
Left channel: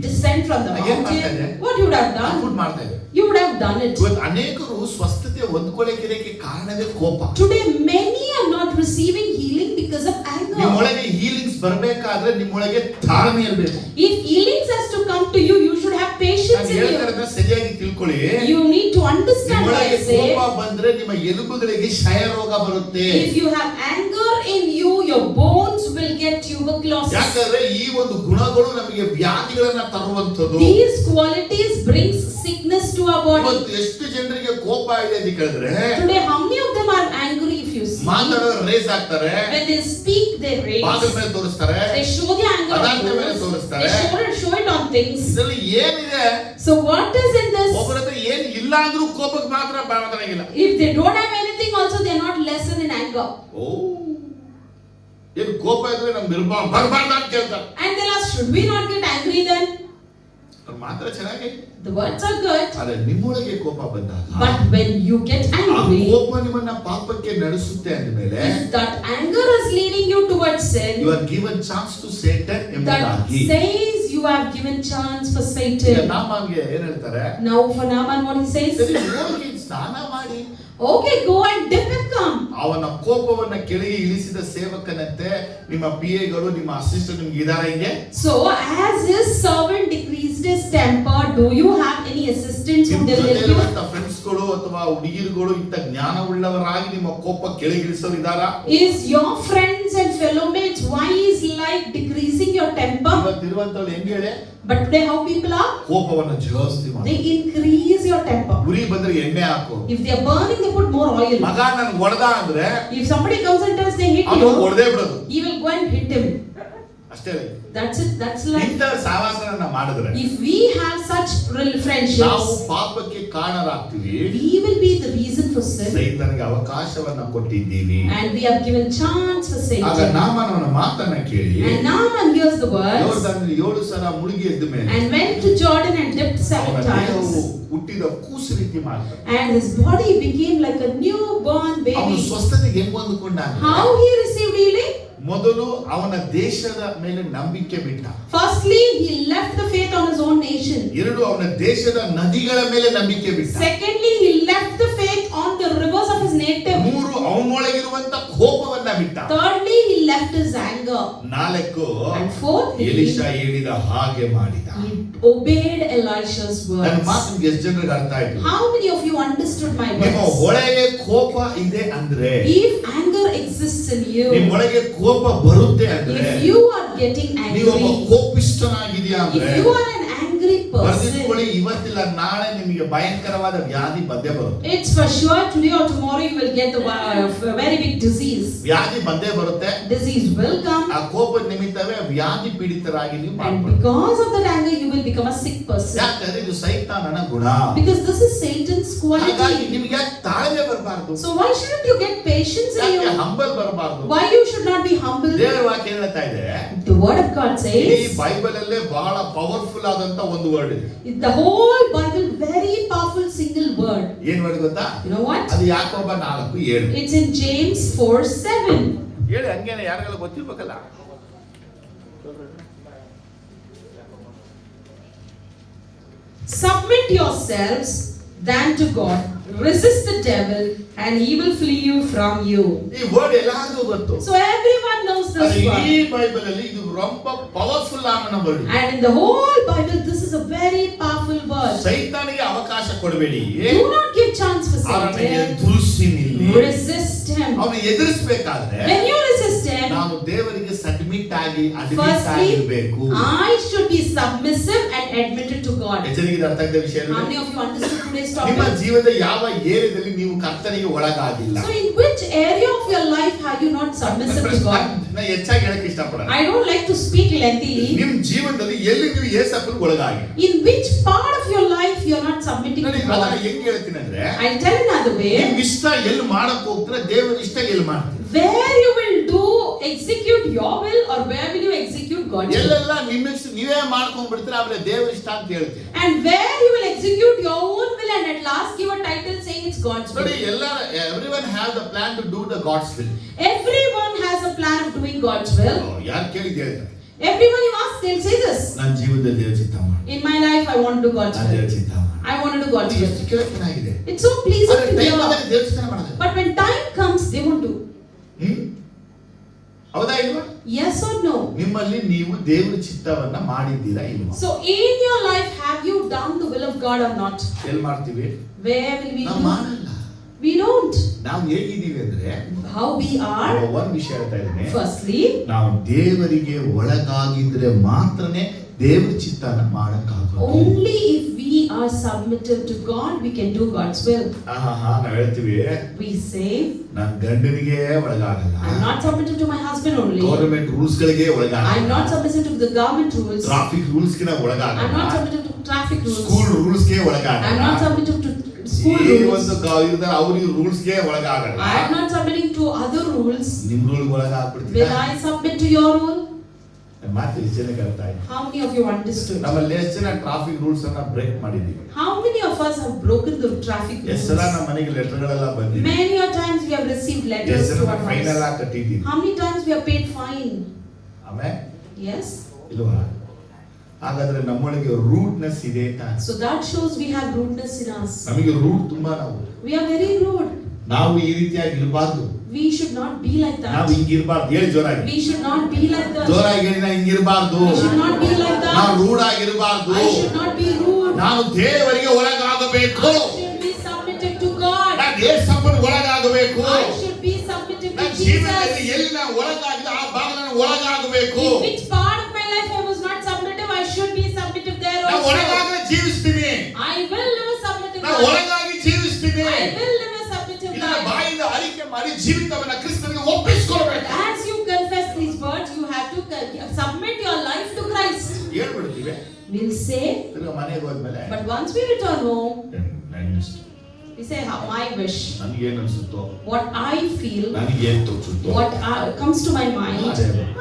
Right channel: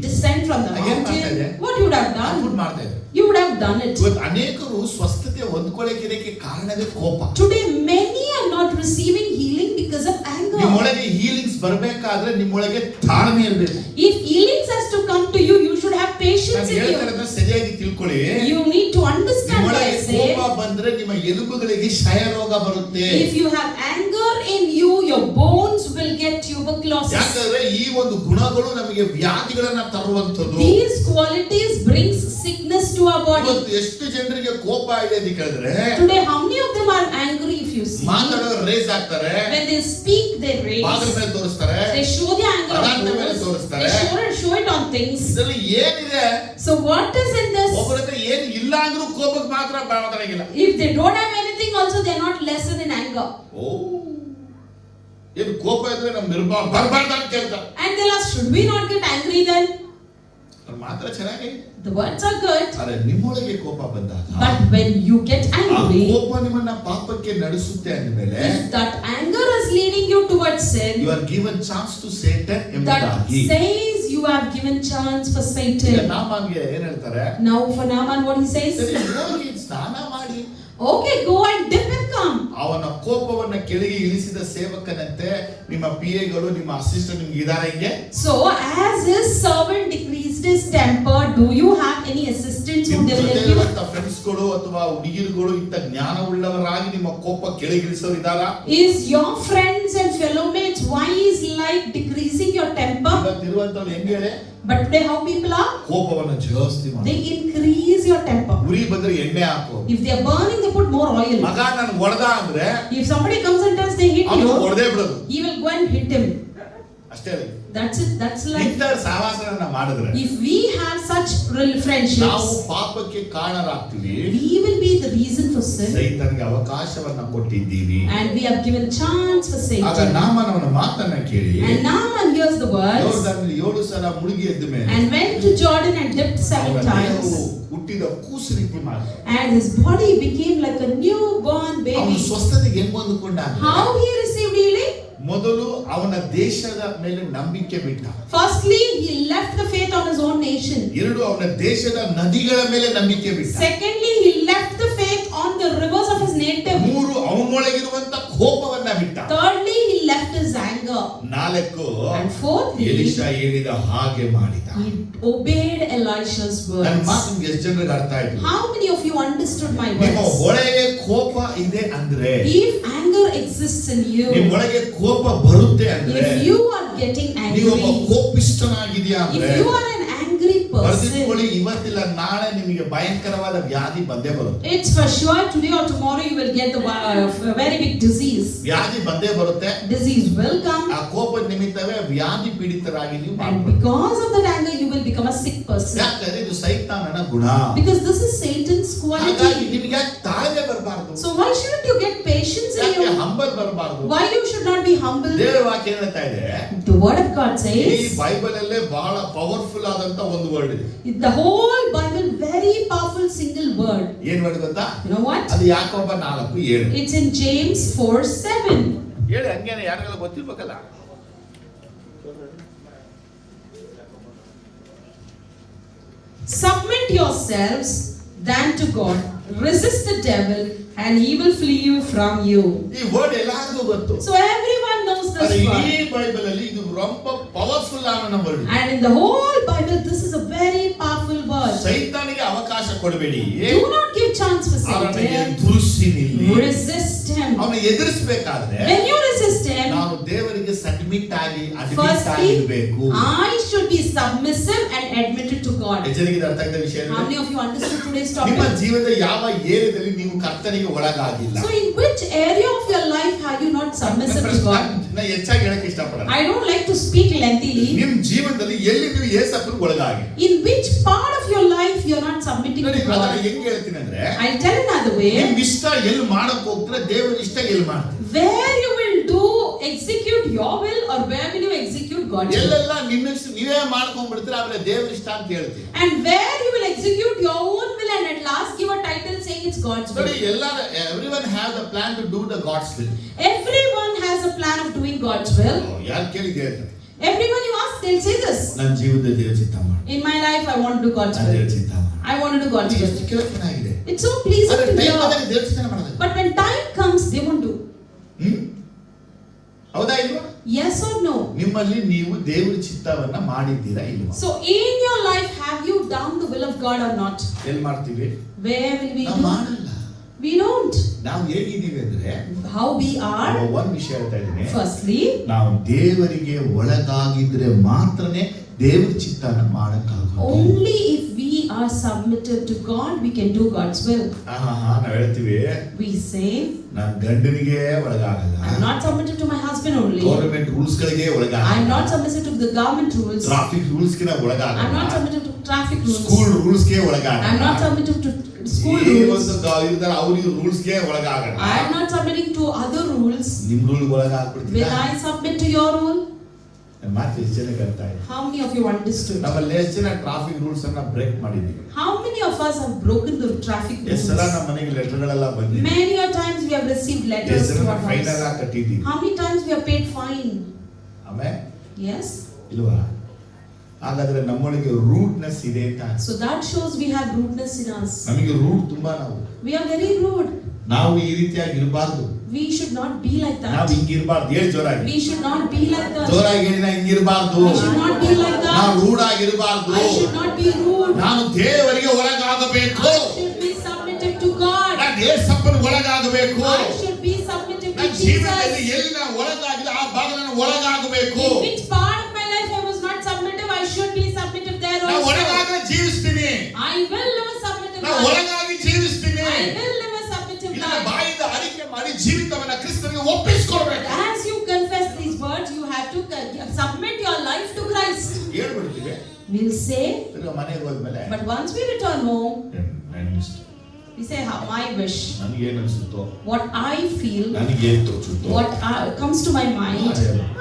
descend from the mountain. What you would have done? ಮಾಡ್ತಾ ಇದ್ದಾರೆ. You would have done it. ಇವತ್ತು ಅನೇಕರು ಸ್ವಸ್ಥತೆ ಹೊಂದ್ಕೊಳ್ಳೋಕೆ ಕಾರಣವೇ ಕೋಪ. Today many are not receiving healing because of anger. ನಿಮ್ಮೊಳಗೆ ಹೀಲಿಂಗ್ಸ್ ಬರಬೇಕಾದ್ರೆ ನಿಮ್ಮೊಳಗೆ ತಾಳ್ಮೆ ಇರಬೇಕು. If healings has to come to you, you should have patience ನಾನು in you. ಹೇಳ್ತಾರನ್ನ ಸರಿಯಾಗಿ ತಿಳ್ಕೊಳ್ಳಿ. You need to understand what I ನಿಮ್ಮೊಳಗೆ say. ಕೋಪ ಬಂದ್ರೆ ನಿಮ್ಮ ಎಲುಬುಗಳಿಗೆ ಕ್ಷಯ ರೋಗ ಬರುತ್ತೆ. If you have anger in you, your bones will get tuberculosis. ಯಾಕಂದ್ರೆ ಈ ಒಂದು ಗುಣಗಳು ನಮಗೆ ವ್ಯಾಧಿಗಳನ್ನ ತರುವಂತದ್ದು. These qualities brings sickness to our body. ಇವತ್ತು ಎಷ್ಟು ಜನರಿಗೆ ಕೋಪ ಇದೆ ಅಂತ ಕೇಳಿದ್ರೆ, Today how many of them are angry? If you see, ಮಾತಾಡೋರು ರೇಸ್ ಆಗ್ತಾರೆ, when they speak they rage, ಬಾಗಿಲ ಮೇಲೆ ತೋರಿಸ್ತಾರೆ, they show the anger on ಪದಾರ್ಥ ಮೇಲೆ others, ತೋರಿಸ್ತಾರೆ. they show it on things. ಇದರಲ್ಲಿ ಏನಿದೆ? So what is in this? ಒಬ್ಬರ ಹತ್ರ ಏನು ಇಲ್ಲ ಅಂದ್ರೂ ಕೋಪಕ್ಕೆ ಮಾತ್ರ ಮಾತಾಡಂಗಿಲ್ಲ. If they don't have anything also, they are not lesser in anger. ಓ, ಏನು ಕೋಪ ಇದ್ರೆ ನಮ್ಗೆ ಬರಬಾರ್ದು ಅಂತ ಕೇಳ್ತಾರೆ. And they'll ask, should we not get angry then? ಅವ್ರು ಮಾತ್ರ ಚೆನ್ನಾಗಿ, The words are good, ಆದ್ರೆ ನಿಮ್ಮೊಳಗೆ ಕೋಪ ಬಂದಾಗ but when you get ಆ angry, ಕೋಪ ನಿಮ್ಮನ್ನ ಪಾಪಕ್ಕೆ ನಡೆಸುತ್ತೆ ಅಂದಮೇಲೆ if that anger is leading you towards sin, you are given chance to Satan that ಎಂಬುದಾಗಿ. says you have given chance for ಈಗ Satan. ನಾಮಾನ್ಗೆ ಏನ್ ಹೇಳ್ತಾರೆ? Now for Naaman what he says, ಸರಿ, ಹೋಗಿ ಸ್ನಾನ ಮಾಡಿ. okay, go and dip and come. ಅವನ ಕೋಪವನ್ನ ಕೆಳಗೆ ಇಳಿಸಿದ ಸೇವಕನಂತೆ ನಿಮ್ಮ ಪಿಎಗಳು ನಿಮ್ಮ ಅಸಿಸ್ಟೆಂಟ್ ನಿಮ್ಗೆ ಇದಾರ ಹಿಂಗೆ? So as his servant decreased his temper, do you have any assistants who ನಿಮ್ಮ will help you? ಜೊತೆಲಿರುವಂತ ಫ್ರೆಂಡ್ಸ್ಗಳು ಅಥವಾ ಹುಡುಗಿರುಗಳು ಇಂಥ ಜ್ಞಾನ ಉಳ್ಳವರಾಗಿ ನಿಮ್ಮ ಕೋಪ ಕೆಳಗೆ ಇಳಿಸೋರು ಇದಾರ? Is your friends and fellow mates wise like decreasing your temper? ಇವತ್ತಿರುವಂತವ್ರು ಹೆಂಗೆ ಹೇಳಿ? But today how people are? ಕೋಪವನ್ನ ಜಾಸ್ತಿ ಮಾಡಿ. They increase your temper. ಉರಿ ಬಂದ್ರೆ ಎಣ್ಣೆ ಹಾಕು. If they are burning, they put more oil. ಮಗ ನನ್ ಹೊಡೆದ ಅಂದ್ರೆ If somebody comes and tells they hit ಅವನು you, ಹೊಡೆದೇ ಬಿಡೋದು he will go and hit him. ಅಷ್ಟೇ ಅಲ್ಲ. That's it. That's life. ಇಂಥ ಸಹವಾಸಗಳನ್ನ ಮಾಡಿದ್ರೆ If we have such real ನಾವು friendships, ಪಾಪಕ್ಕೆ ಕಾರಣರಾಗ್ತೀವಿ. we will be the reason for sin, ಸೈತಾನಿಗೆ ಅವಕಾಶವನ್ನ ಕೊಟ್ಟಿದ್ದೀವಿ. and we have given chance for ಆಗ Satan. ನಾಮನವನ ಮಾತನ್ನ ಕೇಳಿ And Naaman hears the words ಯೋರ್ದಾನಿಗೆ 7 ಸಲ ಮುಳುಗಿ ಎದ್ದ ಮೇಲೆ and went to Jordan and dipped 7 ಅವನ ದೇಹವು times, ಹುಟ್ಟಿದ ಕೂಸು ರೀತಿ ಮಾಡ್ತಾರೆ. and his body became like a newborn ಅವನು baby. ಸ್ವಸ್ಥತೆಗೆ ಹೆಂಗ್ ಹೊಂದಿಕೊಂಡ? How he received healing? ಮೊದಲು ಅವನ ದೇಶದ ಮೇಲೆ ನಂಬಿಕೆ ಬಿಟ್ಟ. Firstly, he left the faith on his own nation. 2 ಅವನ ದೇಶದ ನದಿಗಳ ಮೇಲೆ ನಂಬಿಕೆ ಬಿಟ್ಟ. Secondly, he left the faith on the rivers of his native. 3 ಅವನೊಳಗಿರುವಂತ ಕೋಪವನ್ನ ಬಿಟ್ಟ. Thirdly, he left his anger. 4 And fourthly, ಎಲಿಷಾ ಹೇಳಿದ ಹಾಗೆ ಮಾಡಿದ. he obeyed Elisha's ನನ್ನ words. ಮಾತು ಎಷ್ಟು ಜನರಿಗೆ ಅರ್ಥ ಆಯ್ತು? How many of you understood my ನಿಮ್ಮ words? ಒಳಗೆ ಕೋಪ ಇದೆ ಅಂದ್ರೆ, If anger exists in you, ನಿಮ್ಮೊಳಗೆ ಕೋಪ ಬರುತ್ತೆ ಅಂದ್ರೆ, if you are getting ನೀವೊಬ್ಬ angry, ಕೋಪಿಷ್ಠನಾಗಿದೆಯಾ ಅಂದ್ರೆ if you are an angry person, ಬರ್ದಿಟ್ಕೊಳ್ಳಿ, ಇವತ್ತಿಲ್ಲ ನಾಳೆ ನಿಮಗೆ ಭಯಂಕರವಾದ ವ್ಯಾಧಿ ಬಂದೇ ಬರುತ್ತೆ. it's for sure today or tomorrow you will get the very big disease. ವ್ಯಾಧಿ ಬಂದೇ ಬರುತ್ತೆ. Disease will come, ಆ ಕೋಪದ ನಿಮಿತ್ತವೇ ವ್ಯಾಧಿ ಪೀಡಿತರಾಗಿ ನೀವು and ಮಾಡ್ಕೊಳ್ಳಿ. because of that anger you will become a sick person. ಯಾಕಂದ್ರೆ ಇದು ಸೈತಾನನ ಗುಣ. Because this is Satan's ಹಾಗಾಗಿ quality. ನಿಮಗೆ ಯಾಕೆ ತಾಳ್ಮೆ ಬರಬಾರ್ದು? So why shouldn't you get patience in ಯಾಕೆ you? ಹಂಬಲ್ ಬರಬಾರ್ದು? Why you should not be humble? ದೇವರ ವಾಕ್ಯ ಹೇಳ್ತಾ ಇದೆ, The word of God ಈ says, ಬೈಬಲ್ ಅಲ್ಲೇ ಬಹಳ ಪವರ್ಫುಲ್ ಆದಂತ ಒಂದು ವರ್ಡ್ ಇದೆ. the whole Bible, very powerful single word. ಏನ್ ವರ್ಡ್ ಗೊತ್ತಾ? You know what? ಅದು ಯಾಕೋಬ 4:7. It's in James 4:7. ಹೇಳಿ, ಹಂಗೇನೆ ಯಾರಿಗೆಲ್ಲ ಗೊತ್ತಿರ್ಬೇಕಲ್ಲ. Submit yourselves then to God. Resist the devil and he will flee you from you. ಈ ವರ್ಡ್ ಎಲ್ಲಾದ್ರೂ ಗೊತ್ತು. So everyone knows this ಅದು word. ಇಡೀ ಬೈಬಲ್ ಅಲ್ಲಿ ಇದು ரொம்ப ಪವರ್ಫುಲ್ ಆದ word. And in the whole Bible this is a very powerful word. ಸೈತಾನಿಗೆ ಅವಕಾಶ ಕೊಡಬೇಡಿ. Do not give chance for ಅವನಿಗೆ Satan. ದುರುಸಿ ನಿಲ್ಲಿ. Resist him. ಅವನು ಎದುರಿಸಬೇಕಾದ್ರೆ When you resist him, ನಾವು ದೇವರಿಗೆ ಸಬ್ಮಿಟ್ ಆಗಿ ಅಡ್ಮಿಟ್ ಆಗಿರಬೇಕು. I should be submissive and admitted to God. ಎಚ್ಚರಿಕೆ ಅರ್ಥ ಆಗಿದ ವಿಷಯ. How many of you understood today's ನಿಮ್ಮ topic? ಜೀವನದ ಯಾವ ಏರಿಯಾದಲ್ಲಿ ನೀವು ಕರ್ತನಿಗೆ ಒಳಗಾಗಿಲ್ಲ? So in which area of your life have you not submissive to God? ನಾನು ಹೆಚ್ಚಾಗಿ ಹೇಳಕ್ಕೆ ಇಷ್ಟಪಡಲ್ಲ. I don't like to speak lengthily. ನಿಮ್ಮ ಜೀವನದಲ್ಲಿ ಎಲ್ಲಿ ನೀವು ಯೇಸಪ್ಪನ ಒಳಗಾಗಿ? In which part of your life you are not submitting ನೋಡಿ to ಅದನ್ನ God? ಹೆಂಗೆ ಹೇಳ್ತೀನಿ ಅಂದ್ರೆ, I'll tell another way. ನಿಮ್ಮ ಇಷ್ಟ ಎಲ್ಲಿ ಮಾಡಕ್ಕೆ ಹೋಗ್ತೀರಾ, ದೇವರ ಇಷ್ಟ ಎಲ್ಲಿ ಮಾಡ್ತೀರಾ? Where you will execute your will or where will you execute God's will? ಎಲ್ಲೆಲ್ಲ ನಿಮ್ಮ ಇಷ್ಟ ನೀವೇ ಮಾಡ್ಕೊಂಡ್ ಬಿಡ್ತೀರಾ, ಆದ್ರೆ ದೇವರ ಇಷ್ಟ ಅಂತ ಹೇಳ್ತೀವಿ. And where you will execute your own will and at last give a title saying it's God's will. ನೋಡಿ everyone has a plan to do the God's will. Everyone has a plan of doing God's will. ಯಾರು ಕೇಳಿದ್ದೆ? Everyone you ask, they'll say this. ನನ್ನ ಜೀವನದಲ್ಲಿ ದೇವರ ಚಿತ್ತ ಮಾಡು. In my life, I want to do God's ದೇವರ will. ಚಿತ್ತ ಮಾಡು. I want to do God's will. ಎಷ್ಟು ಕೇಳಕ್ಕೆ ಚೆನ್ನಾಗಿದೆ. It's so pleasing ಆದ್ರೆ to ಟೈಮ್ hear. ಬಂದಾಗ ದೇವರ ಚಿತ್ತ ಮಾಡೋದು. But when time comes, they won't do. ಹೌದಾ ಇಲ್ವಾ? Yes or no? ನಿಮ್ಮಲ್ಲಿ ನೀವು ದೇವರ ಚಿತ್ತವನ್ನ ಮಾಡಿದ್ದೀರಾ ಇಲ್ವಾ? So in your life, have you done the will of God or not? ಎಲ್ಲಿ ಮಾಡ್ತೀವಿ? Where will we ನಾವು do? ಮಾಡಲ್ಲ. We don't. ನಾವು ಹೇಗಿದ್ದೀವಿ ಅಂದ್ರೆ, How we are? ಒಂದು ವಿಷಯ ಹೇಳ್ತಾ ಇದ್ದೀನಿ. Firstly, ನಾವು ದೇವರಿಗೆ ಒಳಗಾಗಿದ್ರೆ ಮಾತ್ರನೇ ದೇವರ ಚಿತ್ತನ ಮಾಡಕ್ಕಾಗೋದು. only if we are submitted to God, we can do God's will. ನಾವು ಹೇಳ್ತೀವಿ, We say, ನಾನು ಗಂಡನಿಗೆ ಒಳಗಾಗಲ್ಲ. I'm not submitted to my husband only. Government rules ಗಳಿಗೆ ಒಳಗಾಗಲ್ಲ. I'm not submitted to the government rules. Traffic rules ಗೆ I'm ಒಳಗಾಗಲ್ಲ. not submitted to traffic rules. School rules ಗೆ ಒಳಗಾಗಲ್ಲ. I'm not submitted to school ಈ rules. ಒಂದು ಅವ್ರಿಗೆ ರೂಲ್ಸ್ ಗೆ ಒಳಗಾಗಲ್ಲ. I'm not submitting to other rules. ನಿಮ್ ರೂಲ್ Will ಒಳಗಾಗ್ಬಿಡ್ತೀರಾ? I submit to your rule? ಮಾತು ಎಷ್ಟು ಜನ ಹೇಳ್ತಾ ಇಲ್ಲ. How many of you understood? ನಮ್ಮಲ್ಲಿ ಎಷ್ಟು ಜನ ಟ್ರಾಫಿಕ್ ರೂಲ್ಸ್ ಅನ್ನ ಬ್ರೇಕ್ ಮಾಡಿದೀವಿ? How many of us have broken the traffic rules? ಎಷ್ಟು ಸಲ ನಮ್ಮ ಮನೆಗೆ ಲೆಟರ್ಗಳೆಲ್ಲ ಬಂದಿದೆ? Many a times we have received letters ಎಷ್ಟು to ಜನ our ಫೈನ್ ಎಲ್ಲ house. ಕಟ್ಟಿದ್ದೀವಿ? How many times we have paid fine? ಆಮೇಲೆ Yes. ಇಲ್ವಾ? ಹಾಗಾದ್ರೆ ನಮ್ಮೊಳಗೆ ರೂಟ್ನೆಸ್ ಇದೆ ಅಂತ. So that shows we have rudeness in us. ನಮಗೆ ರೂಟ್ ತುಂಬಾ ನಾವು. We are very rude. ನಾವು ಈ ರೀತಿಯಾಗಿ ಇರಬಾರ್ದು. We should not be like ನಾವು that. ಹಿಂಗಿರಬಾರ್ದು. ಹೇಳಿ ಜೋರಾಗಿ. We should not be like that. ಜೋರಾಗಿ ಹೇಳಿ, ನಾ ಹಿಂಗಿರಬಾರ್ದು. We should not be like that. ನಾವು ರೂಢ ಆಗಿರಬಾರ್ದು. I should not be rude. ನಾನು ದೇವರಿಗೆ ಒಳಗಾಗಬೇಕು. I should be submitted to God. ನಾನು ಯೇಸಪ್ಪನ ಒಳಗಾಗಬೇಕು. I should be submitted to ನನ್ನ Jesus. ಜೀವನದಲ್ಲಿ ಎಲ್ಲಿ ನಾನು ಒಳಗಾಗಿದೆ ಆ ಭಾಗ ನಾನು ಒಳಗಾಗಬೇಕು. In which part of my life I was not submissive, I should be submissive there ನಾನು also. ಒಳಗಾಗದೆ ಜೀವಿಸ್ತೀನಿ. I will live a submissive ನಾನು life. ಒಳಗಾಗಿ ಜೀವಿಸ್ತೀನಿ. I will live a submissive ಇದನ್ನ life. ಬಾಯಿಂದ ಅರಿಕೆ ಮಾಡಿ ಜೀವಿತವನ್ನ ಕ್ರಿಸ್ತನಿಗೆ ಒಪ್ಪಿಸಿಕೊಡ್ಬೇಕು. As you confess these words, you have to submit your life to Christ. ಹೇಳ್ಬಿಡ್ತೀವಿ. We'll say, ತಿರ್ಗಾ ಮನೆಗೆ ಹೋದ್ಮೇಲೆ but once we return home, we say how I wish, ನನಗೇನು ಅನ್ಸುತ್ತೋ, what I feel, ನನಗೇನು ತೋಚುತ್ತೋ, what comes to my mind,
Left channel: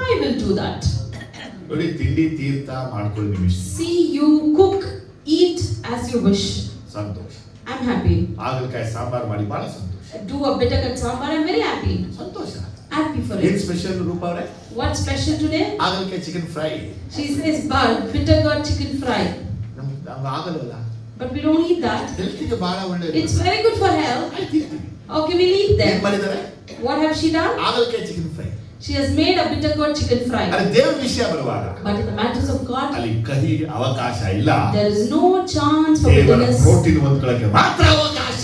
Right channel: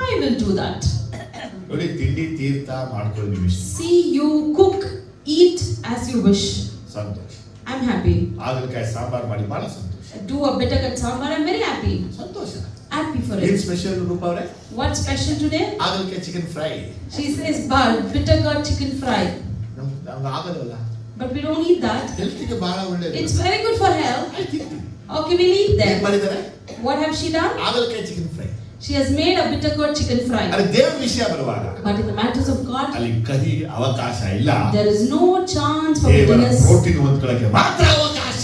I will do that. ನೋಡಿ ತಿಂಡಿ ತೀರ್ಥ ಮಾಡ್ಕೊಳ್ಳಿ ನಿಮ್ಮ ಇಷ್ಟ. See, you cook, eat as you wish. Santhosh. I'm happy. ಹಾಗಲಕಾಯಿ ಸಾಂಬಾರ್ ಮಾಡಿ ಬಹಳ ಸಂತೋಷ. Do a bitter cut sambar, I'm very happy. ಸಂತೋಷ. Happy for ಏನ್ it. ಸ್ಪೆಷಲ್ ರೂಪ ಅವರೇ? What's special today? ಹಾಗಲಕಾಯಿ chicken fry. She says, bitter cut chicken fry. ನಮ್ಗೆ ಆಗಲ್ಲ. But we don't eat that. ಹೆಲ್ತ್ಗೆ ಬಹಳ ಒಳ್ಳೆಯದು. It's very good for health. ತಿಂತೀವಿ. Okay, we'll eat ಏನ್ them. ಮಾಡಿದ್ದಾರೆ? What have she done? ಹಾಗಲಕಾಯಿ chicken fry. She has made a bitter cut chicken fry. ಅರೆ ದೇವರ ವಿಷಯ ಬರುವಾಗ But in the matters of God, ಅಲ್ಲಿ ಕಹಿ ಅವಕಾಶ ಇಲ್ಲ. there is no chance for ದೇವರ bitterness. ಪ್ರೋಟೀನ್ ಹೊಂದ್ಕೊಳ್ಳಕ್ಕೆ ಮಾತ್ರ ಅವಕಾಶ.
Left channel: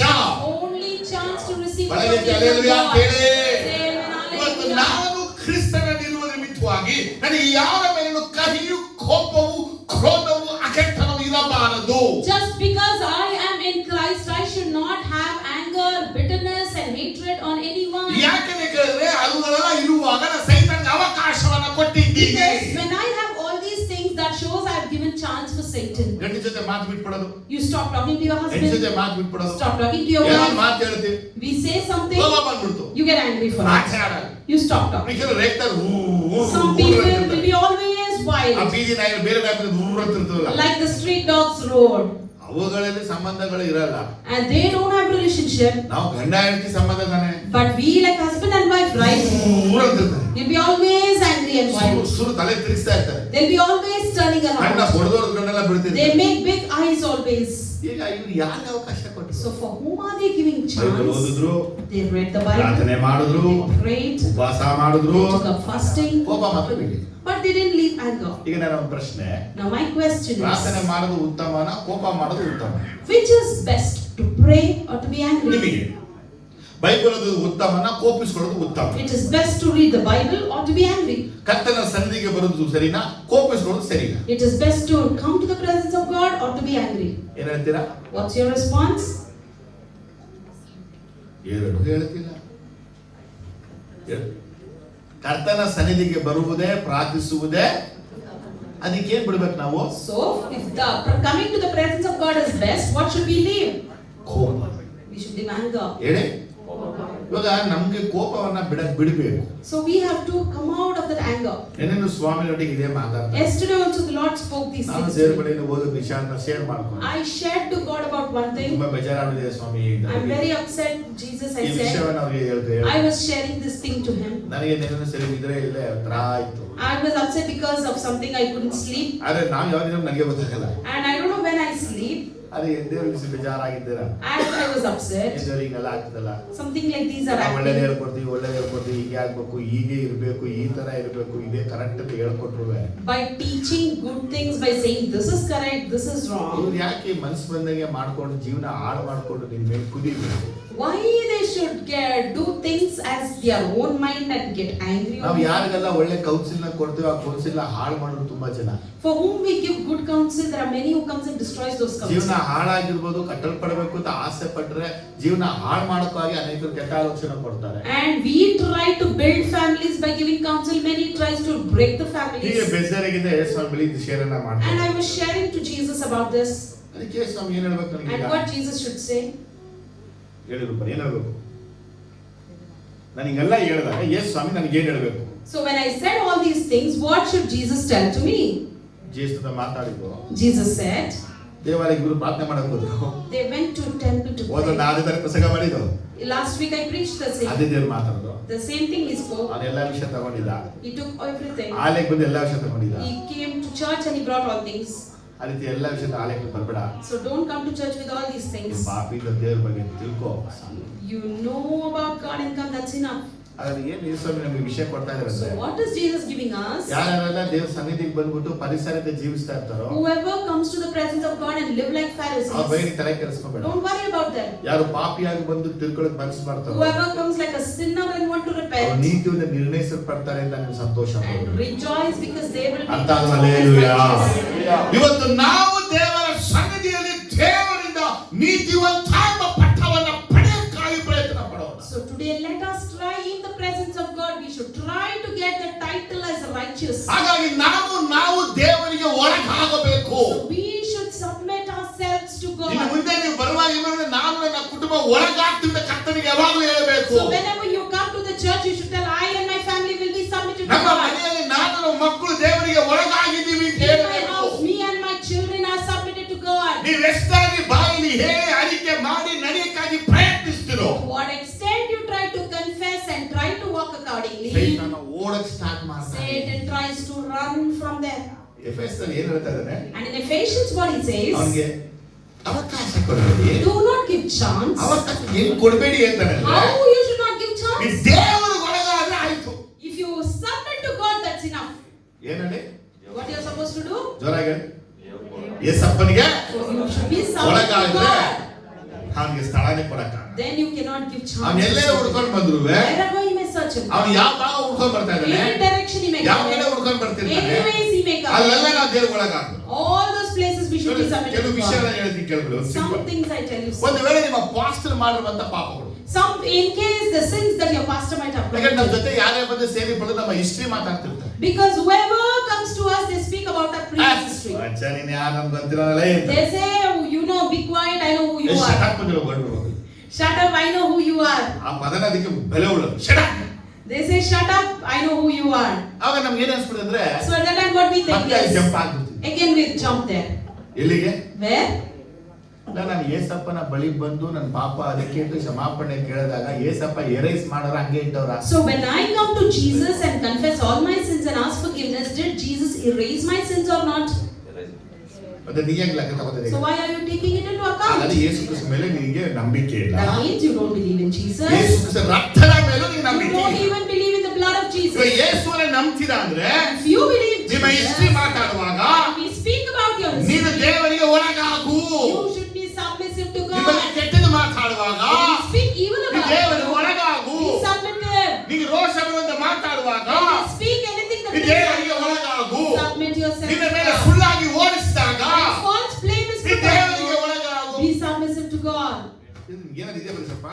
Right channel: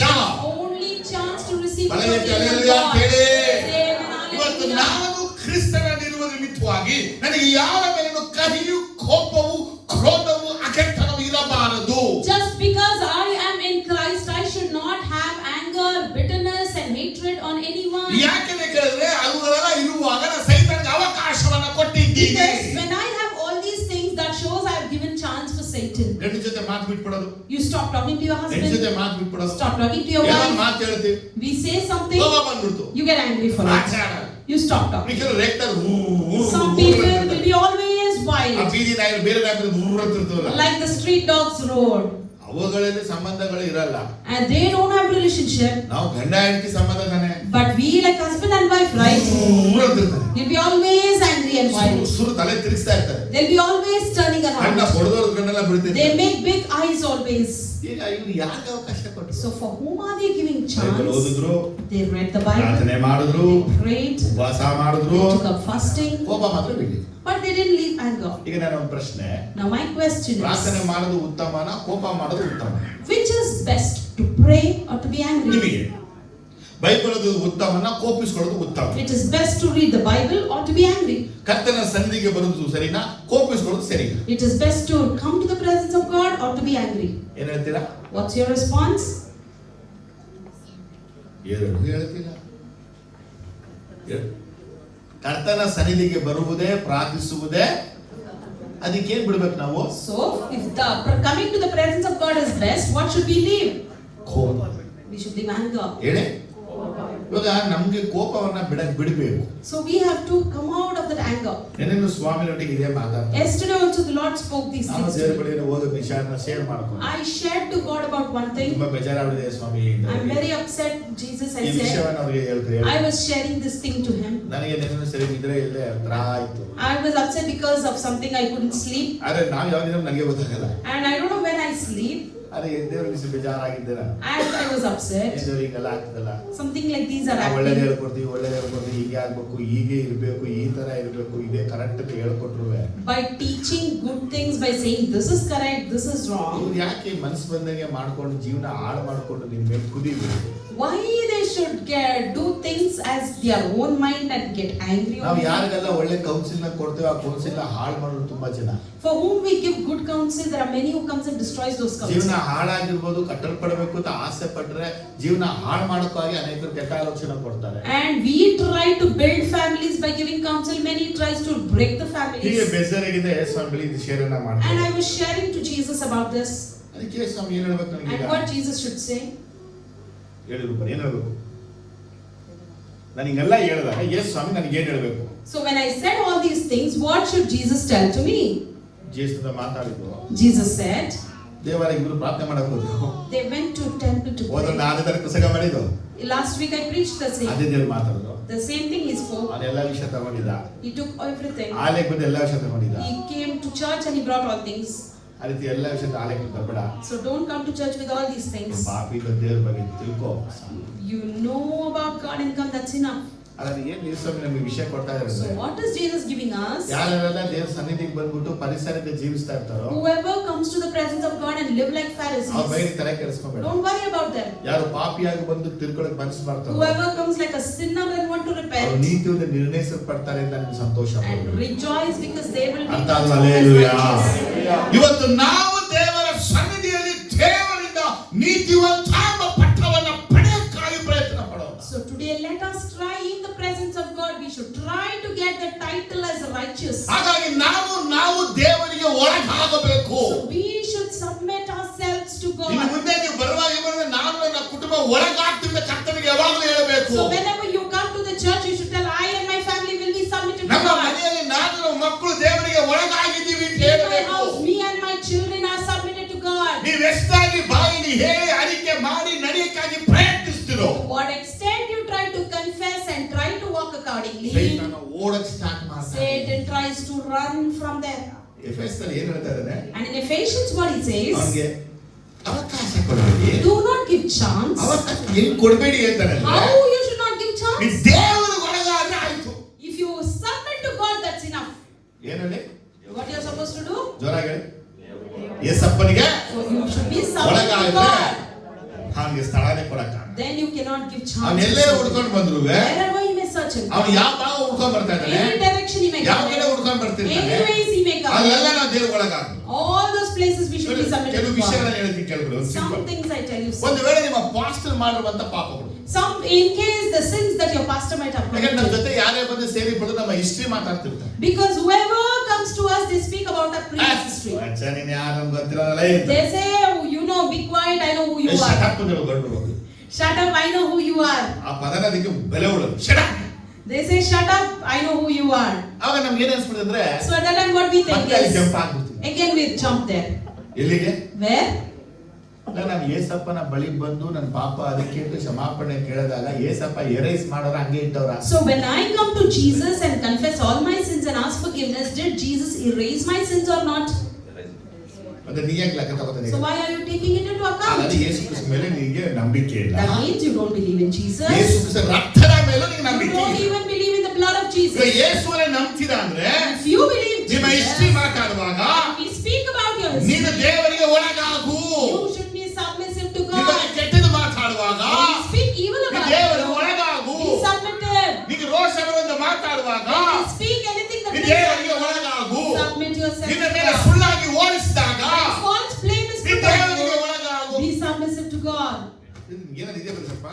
Only chance to receive ಬಲಗೈ protein from ಹಲ್ಲೆಲೂಯಾ God. ಅಂತ ಹೇಳಿ. Amen, ಇವತ್ತು hallelujah. ನಾನು ಕ್ರಿಸ್ತನಲ್ಲಿರುವ ನಿಮಿತ್ತವಾಗಿ ನನಗೆ ಯಾರ ಮೇಲೂ ಕಹಿಯು, ಕೋಪವು, ಕ್ರೋಧವು, ಅಗೆತನವು ಇರಬಾರದು. Just because I am in Christ, I should not have anger, bitterness and hatred on anyone. ಯಾಕೆ ಕೇಳಿದ್ರೆ ಅವುಗಳೆಲ್ಲ ಇರುವಾಗ ನಾನು ಸೈತಾನನಿಗೆ ಅವಕಾಶವನ್ನ ಕೊಟ್ಟಿದ್ದೀನಿ. Because when I have all these things, that shows I have given chance for Satan. ಗಂಡ ಜೊತೆ ಮಾತು ಬಿಟ್ಬಿಡೋದು. You stop talking to your ಹೆಂಡ ಜೊತೆ husband. ಮಾತು ಬಿಟ್ಬಿಡೋದು. Stop talking to your ಏನೋ wife. ಮಾತು ಹೇಳ್ತೀವಿ. We say something, ಕೋಪ ಬಂದ್ಬಿಡ್ತು. you get angry for it. ಆಚಾರ. You stop talking. ಕೆಲವರು ರೇಗ್ತಾರೆ. Some people will be always ಆ wild, ಬೀದಿ ನಾಯಿ ಬೇರೆ ನಾಯಿ ದೂರ ಇರ್ತದಲ್ಲ. like the street dogs roar, ಅವುಗಳಲ್ಲಿ ಸಂಬಂಧಗಳು ಇರಲ್ಲ. and they don't have relationship. ನಾವು ಗಂಡ ಹೆಂಡತಿ ಸಂಬಂಧ ತಾನೆ. But we like husband and wife, right? ಅಂತಿರ್ತಾರೆ. We'll be always angry and violent. ಸುರು ತಲೆ ತಿರುಗಿಸ್ತಾ ಇರ್ತಾರೆ. They'll be always turning ಕಣ್ಣ around. ಹೊಡೆದೋಡ್ ಕಣ್ಣೆಲ್ಲ They ಬಿಡ್ತಿರ್ತಾರೆ. make big eyes always. ಈಗ ಇವ್ರು ಯಾಕೆ ಅವಕಾಶ ಕೊಟ್ಟರು? So for whom are they giving Bible chance? ಓದಿದ್ರು, They read the Bible, ಪ್ರಾರ್ಥನೆ ಮಾಡಿದ್ರು, they prayed, ಉಪವಾಸ ಮಾಡಿದ್ರು, they took up fasting, ಕೋಪ ಮಾತ್ರ ಬಿಟ್ಟಿದ್ರು. but they didn't leave anger. ಈಗ ನನ್ನ ಒಂದು ಪ್ರಶ್ನೆ, Now my question ಪ್ರಾರ್ಥನೆ is, ಮಾಡೋದು ಉತ್ತಮನ, ಕೋಪ ಮಾಡೋದು ಉತ್ತಮ? which is best, to pray or to be angry? ನಿಮಗೆ ಬೈಬಲ್ ಓದೋದು ಉತ್ತಮನ, ಕೋಪಿಸ್ಕೊಳ್ಳೋದು ಉತ್ತಮ? It is best to read the Bible or to be angry. ಕರ್ತನ ಸನ್ನಿಧಿಗೆ ಬರೋದು ಸರಿನಾ, ಕೋಪಿಸ್ಕೊಳ್ಳೋದು ಸರಿನಾ? It is best to come to the presence of God or to be angry. ಏನ್ ಹೇಳ್ತೀರಾ? What's your response? ಎರಡು ಹೇಳ್ತಿಲ್ಲ. ಕರ್ತನ ಸನ್ನಿಧಿಗೆ ಬರುವುದೇ, ಪ್ರಾರ್ಥಿಸುವುದೇ, ಅದಕ್ಕೇನ್ ಬಿಡ್ಬೇಕು ನಾವು? So, if the coming to the presence of God is best, what should we leave? ಕೋಪ. We should leave anger. ಹೇಳಿ. ಇವಾಗ ನಮ್ಗೆ ಕೋಪವನ್ನ ಬಿಡಬೇಕು. So we have to come out of that anger. ಏನೇನು ಸ್ವಾಮಿಯೊಟ್ಟಿಗೆ ಇದೇ ಮಾತಾಡ್ತಾರೆ. Yesterday also the Lord spoke these ನಾನು things. ದೇವರ ಬಳಿಯಲ್ಲಿ ಓದೋ ವಿಚಾರನ ಶೇರ್ ಮಾಡ್ಕೊಂಡು I shared to God about one thing. ತುಂಬಾ ಬೇಜಾರಾಗಿದೆ ಸ್ವಾಮಿ. I'm very upset, Jesus, ಈ I said. ವಿಷಯವನ್ನು ಅವ್ರಿಗೆ ಹೇಳ್ತೇವೆ. I was sharing this thing to him. ನನಗೆ ನೆನಪು ಸರಿ ಇದ್ರೆ ಇಲ್ಲೇ ಹತ್ರ ಆಯ್ತು. I was upset because of something I couldn't sleep. ಆದ್ರೆ ನಾವು ಯಾವ ದಿನ ನನಗೆ ಗೊತ್ತಾಗಲ್ಲ. And I don't know when I sleep. ಅದೇ ದೇವರಿಗೆ ಬೇಜಾರಾಗಿದ್ದೀರಾ? And I was upset. ದೇವರಿಗೆ ಹಿಂಗೆಲ್ಲ ಆಗ್ತದಲ್ಲ. Something like these are ಒಳ್ಳೇದು happening. ಹೇಳ್ಕೊಡ್ತೀವಿ, ಹೀಗೆ ಆಗ್ಬೇಕು, ಹೀಗೆ ಇರ್ಬೇಕು, ಈ ತರ ಇರ್ಬೇಕು, ಇದೇ ಕರೆಕ್ಟ್ ಅಂತ ಹೇಳ್ಕೊಟ್ರು By teaching good things, by saying this is correct, this is wrong. ಇವ್ರು ಯಾಕೆ ಮನಸ್ಸು ಬಂದಂಗೆ ಮಾಡ್ಕೊಂಡು ಜೀವನ ಹಾಳು ಮಾಡ್ಕೊಂಡು ನಿನ್ ಮೇಲೆ ಕುದಿಬೇಕು? Why they should do things as their own mind and get angry? ನಾವು ಯಾರಿಗೆಲ್ಲ ಒಳ್ಳೆ ಕೌನ್ಸಿಲ್ ನ ಕೊಡ್ತೇವೆ, ಆ ಕೌನ್ಸಿಲ್ ಹಾಳು ಮಾಡೋದು ತುಂಬಾ ಜನ. For whom we give good counsel, there are many who comes and destroys those ಜೀವನ counsel. ಹಾಳಾಗಿರ್ಬೋದು, ಕಟ್ಟಲ್ಪಡಬೇಕು ಅಂತ ಆಸೆ ಪಟ್ರೆ ಜೀವನ ಹಾಳು ಮಾಡೋಕ್ಕಾಗಿ ಅನೇಕರು ಕೆಟ್ಟ ಆಲೋಚನೆ ಕೊಡ್ತಾರೆ. And we try to build families by giving counsel. Many tries to break the ಹೀಗೆ families. ಬೇಜಾರಾಗಿದೆ ಸ್ವಾಮಿ ಇದು ಶೇರನ್ನ And ಮಾಡ್ತಾರೆ. I was sharing to Jesus about this. ಅದಕ್ಕೆ ಸ್ವಾಮಿ ಏನ್ ಹೇಳ್ಬೇಕು ನನಗೆ? And what Jesus should say? ಹೇಳಿದ್ರು ಏನ್ ಹೇಳ್ಬೇಕು? ನಾನು ಹಿಂಗೆಲ್ಲ ಹೇಳಿದಾಗ ಎಸ್ ಸ್ವಾಮಿ ನನಗೆ ಏನ್ ಹೇಳ್ಬೇಕು? So when I said all these things, what should Jesus tell to me? ಜೇಸುದ ಮಾತಾಡಿದ್ರು. Jesus said, ದೇವಾಲಯ ಇಬ್ರು ಪ್ರಾರ್ಥನೆ ಮಾಡಕ್ ಹೋದ್ರು. they went to temple to ಹೋದ pray. ಅದೇ ತರ ಪ್ರಸಂಗ ಮಾಡಿದ್ರು. Last week I preached the ಅದೇ same. ದೇವ್ರು ಮಾತಾಡಿದ್ರು. The same thing he spoke. ಅವನೆಲ್ಲ ವಿಷಯ ತಗೊಂಡಿದ್ದ. He took everything. ಆಲೆಗೆ ಬಂದು ಎಲ್ಲ ವಿಷಯ ತಗೊಂಡಿದ್ದ. He came to church and he brought all things. ಆ ರೀತಿ ಎಲ್ಲ ವಿಷಯದ ಆಲೆಗೆ ಬರ್ಬೇಡ. So don't come to church with all these things. ಪಾಪಿ ಇಲ್ಲ ದೇವ್ರ ಬಗ್ಗೆ ತಿಳ್ಕೋ. You know about God and come, that's enough. ಹಾಗಾದ್ರೆ ಏನ್ ಯೇಸುಸ್ವಾಮಿ ನಮಗೆ ವಿಷಯ ಕೊಡ್ತಾ ಇದ್ದಾರೆ So ಅಂದ್ರೆ, what is Jesus giving us? ಯಾರೆಲ್ಲ ದೇವ್ರ ಸನ್ನಿಧಿಗೆ ಬಂದ್ಬಿಟ್ಟು ಪರಿಸರತೆ ಜೀವಿಸ್ತಾ ಇರ್ತಾರೋ Whoever comes to the presence of God and live like ಅವ್ರ ಬಗ್ಗೆ Pharisees, ತಲೆ ಕೆಡಿಸ್ಕೋಬೇಡ. don't worry about them. ಯಾರು ಪಾಪಿಯಾಗಿ ಬಂದು ತಿಳ್ಕೊಳಕ್ ಮನಸ್ಸು ಮಾಡ್ತಾರೋ Whoever comes like a sinner and want to ಅವ್ರು repent ನೀತಿಯಿಂದ ನಿರ್ಣಯಿಸಲ್ಪಡ್ತಾರೆ ಅಂತ ನಿಮ್ಗೆ ಸಂತೋಷ and ಪಡ್ಬೇಕು. rejoice because they will be ಅರ್ಥ counted ಆದ್ಮೇಲೆ as ಹಲ್ಲೆಲೂಯಾ. righteous. ಇವತ್ತು ನಾವು ದೇವರ ಸನ್ನಿಧಿಯಲ್ಲಿ ದೇವರಿಂದ ನೀತಿವಂತ ಎಂಬ ಪಟ್ಟವನ್ನು ಪಡೆಯಕ್ಕಾಗಿ ಪ್ರಯತ್ನ ಪಡೋಣ. So today let us try in the presence of God. We should try to get the title as righteous. ಹಾಗಾಗಿ ನಾವು ದೇವರಿಗೆ ಒಳಗಾಗಬೇಕು. So we should submit ourselves to ಇನ್ನು God. ಮುಂದೆ ನೀವು ಬರುವಾಗ ನಾನು ನನ್ನ ಕುಟುಂಬ ಒಳಗಾಗ್ತಿದ್ದ ಕರ್ತನಿಗೆ ಯಾವಾಗಲೂ ಹೇಳಬೇಕು. So whenever you come to the church, you should tell, I and my family will be submitted to ನಮ್ಮ God. ಮನೆಯಲ್ಲಿ ನಾನು ನಮ್ಮ ಮಕ್ಕಳು ದೇವರಿಗೆ ಒಳಗಾಗಿದ್ದೀವಿ ಅಂತ In my ಹೇಳಬೇಕು. house, me and my children are submitted to God. ನೀವು ಎಷ್ಟಾಗಿ ಬಾಯಿಲಿ ಹೇಳಿ ಅರಿಕೆ ಮಾಡಿ ನಡೆಯಕ್ಕಾಗಿ ಪ್ರಯತ್ನಿಸ್ತಿರೋ To what extent you try to confess and try to walk accordingly, ಸೈತಾನ ಓಡಕ್ ಸ್ಟಾರ್ಟ್ ಮಾಡ್ತಾನೆ. Satan tries to run from there. ಎಫೆಸದಲ್ಲಿ ಏನು ಹೇಳ್ತಾ ಇದ್ದಾನೆ? And in Ephesians what he says, ಅವನಿಗೆ ಅವಕಾಶ ಕೊಡಬೇಡಿ. do not give chance. ಅವಕಾಶ ಏನು ಕೊಡಬೇಡಿ ಅಂತಾನೆ. How you should not give ಈ chance? ದೇವರಿಗೆ ಒಳಗಾದ್ರೆ ಆಯ್ತು. If you submit to God, that's enough. ಏನಂడి? What you are supposed to do? ಜೋರಾಗಿ ಯೇಸಪ್ಪನಿಗೆ You should be submitted to ಒಳಗಾದ್ರೆ God. ಅವನಿಗೆ ಸ್ಥಳನೇ ಕೊಡಕ. Then you cannot give ಅವನೆಲ್ಲೇ chance. ಹುಡ್ಕೊಂಡು ಬಂದ್ರು Wherever he may search him. ಅವನು ಯಾವ ಭಾಗ ಹುಡ್ಕೊಂಡು ಬರ್ತಾ ಇದ್ದಾನೆ, Any direction he may ಯಾವ go. ಕಡೆ ಹುಡ್ಕೊಂಡು ಬರ್ತಿರ್ತಾನೆ, Any ways he may come. ಅಲ್ಲೆಲ್ಲ ನಾವು ದೇವ್ರ ಒಳಗಾಗ್ಬೇಕು. All those places we should be submitted ಕೆಲವು to ವಿಷಯ God. ನಾನು ಹೇಳ್ತೀನಿ ಕೇಳ್ಬಿಡು. Some things I tell you. ಒಂದು ವೇಳೆ ನಿಮ್ಮ ಪಾಸ್ಟರ್ ಮಾಡಿರುವಂತ ಪಾಪಗಳು, Some in case the sins that your pastor might have ಯಾಕಂದ್ರೆ ನಮ್ಮ committed. ಜೊತೆ ಯಾರೇ ಬಂದು ಸೇರಿ ಬಿಡು ನಮ್ಮ ಹಿಸ್ಟ್ರಿ ಮಾತಾಡ್ತಿರ್ತಾರೆ. Because whoever comes to us, they speak about our previous history. ಅಚ್ಚ ನೀನು ಯಾರು ನಮ್ಗೆ ಗೊತ್ತಿರೋನಲ್ಲ ಅಂತ. They say, oh, you know, be quiet, I know who you shut are. Up ಬಂದಿರೋ ಗಂಡು. Shut up, I know who you are. ಆ ಪದನ ಅದಕ್ಕೆ ಬೆಲೆ ಉಳೋದು. Shut up. They say, shut up, I know who you are. ಆವಾಗ ನಮ್ಗೆ ಏನ್ ಅನ್ಸ್ಬಿಡುತ್ತೆ? So at that time what we think ಮತ್ತೆ ಅಲ್ಲಿ is, ಜಂಪ್ ಆಗ್ಬಿಡ್ತೀವಿ. again we jump there. ಎಲ್ಲಿಗೆ? Where? ನಾನು ಏಸಪ್ಪನ ಬಳಿ ಬಂದು ನನ್ನ ಪಾಪ ಅದಕ್ಕೆ ಅಂತ ಕ್ಷಮಾಪಣೆ ಕೇಳಿದಾಗ ಏಸಪ್ಪ ಎರೈಸ್ ಮಾಡೋರ ಹಂಗೆ ಇಟ್ಟವ್ರ. So when I come to Jesus and confess all my sins and ask forgiveness, did Jesus erase my sins or not? ಮತ್ತೆ ನೀ ಹೆಂಗ್ ಲೆಕ್ಕ ತಗೋತಿದ್ದೀಯ? So why are you taking it into account? ಅದು ಯೇಸು ಕ್ರಿಸ್ತ ಮೇಲೆ ನಿನಗೆ ನಂಬಿಕೆ ಇಲ್ಲ. That means you don't believe in Jesus. Yesu ಕ್ರಿಸ್ತ ರಕ್ತದ ಮೇಲೆ ನಿನಗೆ You ನಂಬಿಕೆ don't ಇಲ್ಲ. even believe in the blood of Jesus. ಈಗ ಯೇಸುವನ್ನ ನಂಬ್ತಿದ ಅಂದ್ರೆ If you believe ನಿಮ್ಮ Jesus, ಹಿಸ್ಟ್ರಿ ಮಾತಾಡುವಾಗ we speak about your ನೀನು history. ದೇವರಿಗೆ ಒಳಗಾಗು. You should be submissive to ನಿಮ್ಮ God. ಕೆಟ್ಟದ್ದು ಮಾತಾಡುವಾಗ We speak evil ನೀನು about ದೇವರಿಗೆ God. ಒಳಗಾಗು. Be submissive. ನೀನು ರೋಷ ಬರುವಂತ ಮಾತಾಡುವಾಗ When you speak anything that ನೀನು ದೇವರಿಗೆ ಒಳಗಾಗು. submit yourself ನಿನ್ನ to ಮೇಲೆ God. ಸುಳ್ಳಾಗಿ ಓಡಿಸಿದಾಗ False blame is ನೀನು put on ದೇವರಿಗೆ you. ಒಳಗಾಗು. Be submissive to God. ಏನಿದೆ ಬರಸಪ್ಪ?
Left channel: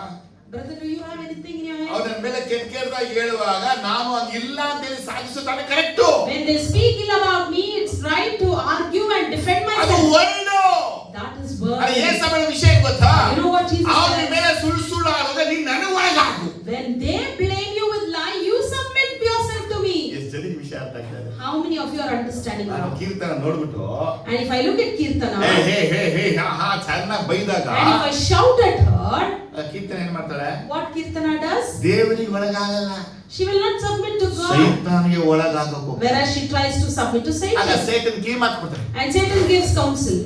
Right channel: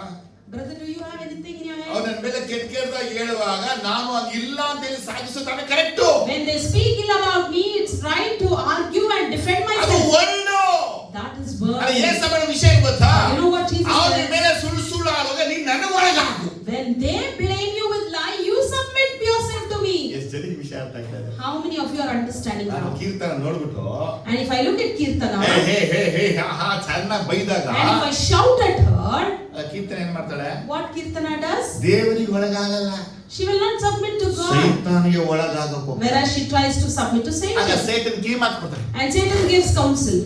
Brother, do you have anything in your hand? ಅವನ ಮೇಲೆ ಕೆಟ್ಟದಾಗಿ ಹೇಳುವಾಗ ನಾನು ಹಂಗಿಲ್ಲ ಅಂತೇಳಿ ಸಾಧಿಸುತ್ತಾನೆ correct. When they speak ill about me, it's right to argue and defend ಅದು myself. ಒಳ್ಳು. That is ಅರೆ word. ಏಸಪ್ಪನ ವಿಷಯ ಗೊತ್ತಾ? You know what Jesus ಅವನ says? ಮೇಲೆ ಸುಳ್ಳು ಆಗುವಾಗ ನೀನು ನನ್ನ ಒಳಗಾಗು. When they blame you with lie, you submit yourself to me. ಎಷ್ಟು ಜನಕ್ಕೆ ವಿಷಯ ಅರ್ಥ ಆಗ್ತಾ ಇದೆ? How many of you are understanding ನಾನು now? ಕೀರ್ತನ ನೋಡ್ಬಿಟ್ಟು And if I look at Kirtana, ಹೇ ಹೇ ಹೇ ಹೇ ಹಾ ಹಾ ಚೆನ್ನಾಗಿ ಬೈದಾಗ and if I shout at her, ಆ ಕೀರ್ತನ ಏನ್ ಮಾಡ್ತಾಳೆ? what Kirtana does? ದೇವರಿಗೆ ಒಳಗಾಗಲ್ಲ, She will not submit to God. ಸೈತಾನಿಗೆ ಒಳಗಾಗಬೇಕು. Whereas she tries to submit to ಆಗ Satan. ಸೈತನ್ ಕೀ ಮಾತು ಕೊಡ್ತಾರೆ. And Satan gives counsel.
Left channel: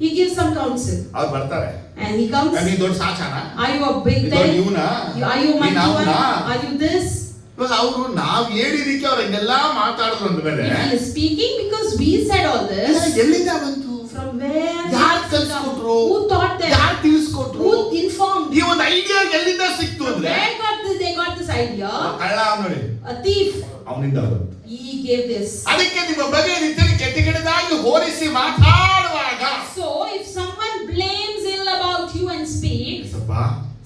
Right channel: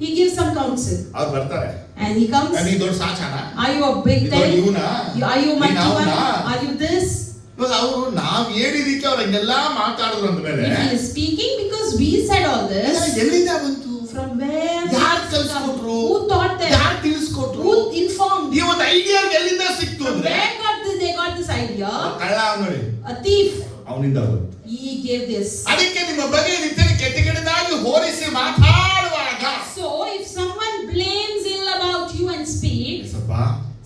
He gives some counsel. ಅವ್ರು ಬರ್ತಾರೆ. And he comes. ನೀ ದೊಡ್ಡ ಸಾಚಾನ? Are you a big ನೀ ದೊಡ್ಡ thing? ಇವನ? Are you my ನೀನ್ one? ಅವ್ನ? Are you this? ಇವಾಗ ಅವರು ನಾವ್ ಹೇಳಿದಕ್ಕೆ ಅವ್ರು ಹಿಂಗೆಲ್ಲ ಮಾತಾಡಿದ್ರು ಅಂದ್ಮೇಲೆ If he is speaking because we said all this, ಎಲ್ಲಿಂದ ಬಂತು? from where? ಯಾರು ಕಲ್ಸ್ಕೊಟ್ರು? Who taught them? ಯಾರು ತಿಳಿಸ್ಕೊಟ್ರು? Who informed? ಈ ಒಂದು ಐಡಿಯಾ ಎಲ್ಲಿಂದ ಸಿಕ್ತು From ಅಂದ್ರೆ where they got this idea? ಕಳ್ಳ ನೋಡಿ A thief. ಅವನಿಂದ He gave this. ಅದಕ್ಕೆ ನಿಮ್ಮ ಬಗ್ಗೆ ರೀತಿಯಲ್ಲಿ ಕೆಟ್ಟಗಿಡದಾಗಿ ಹೋಲಿಸಿ ಮಾತಾಡುವಾಗ So if someone blames ill about you and speaks, ಸ್ವಲ್ಪ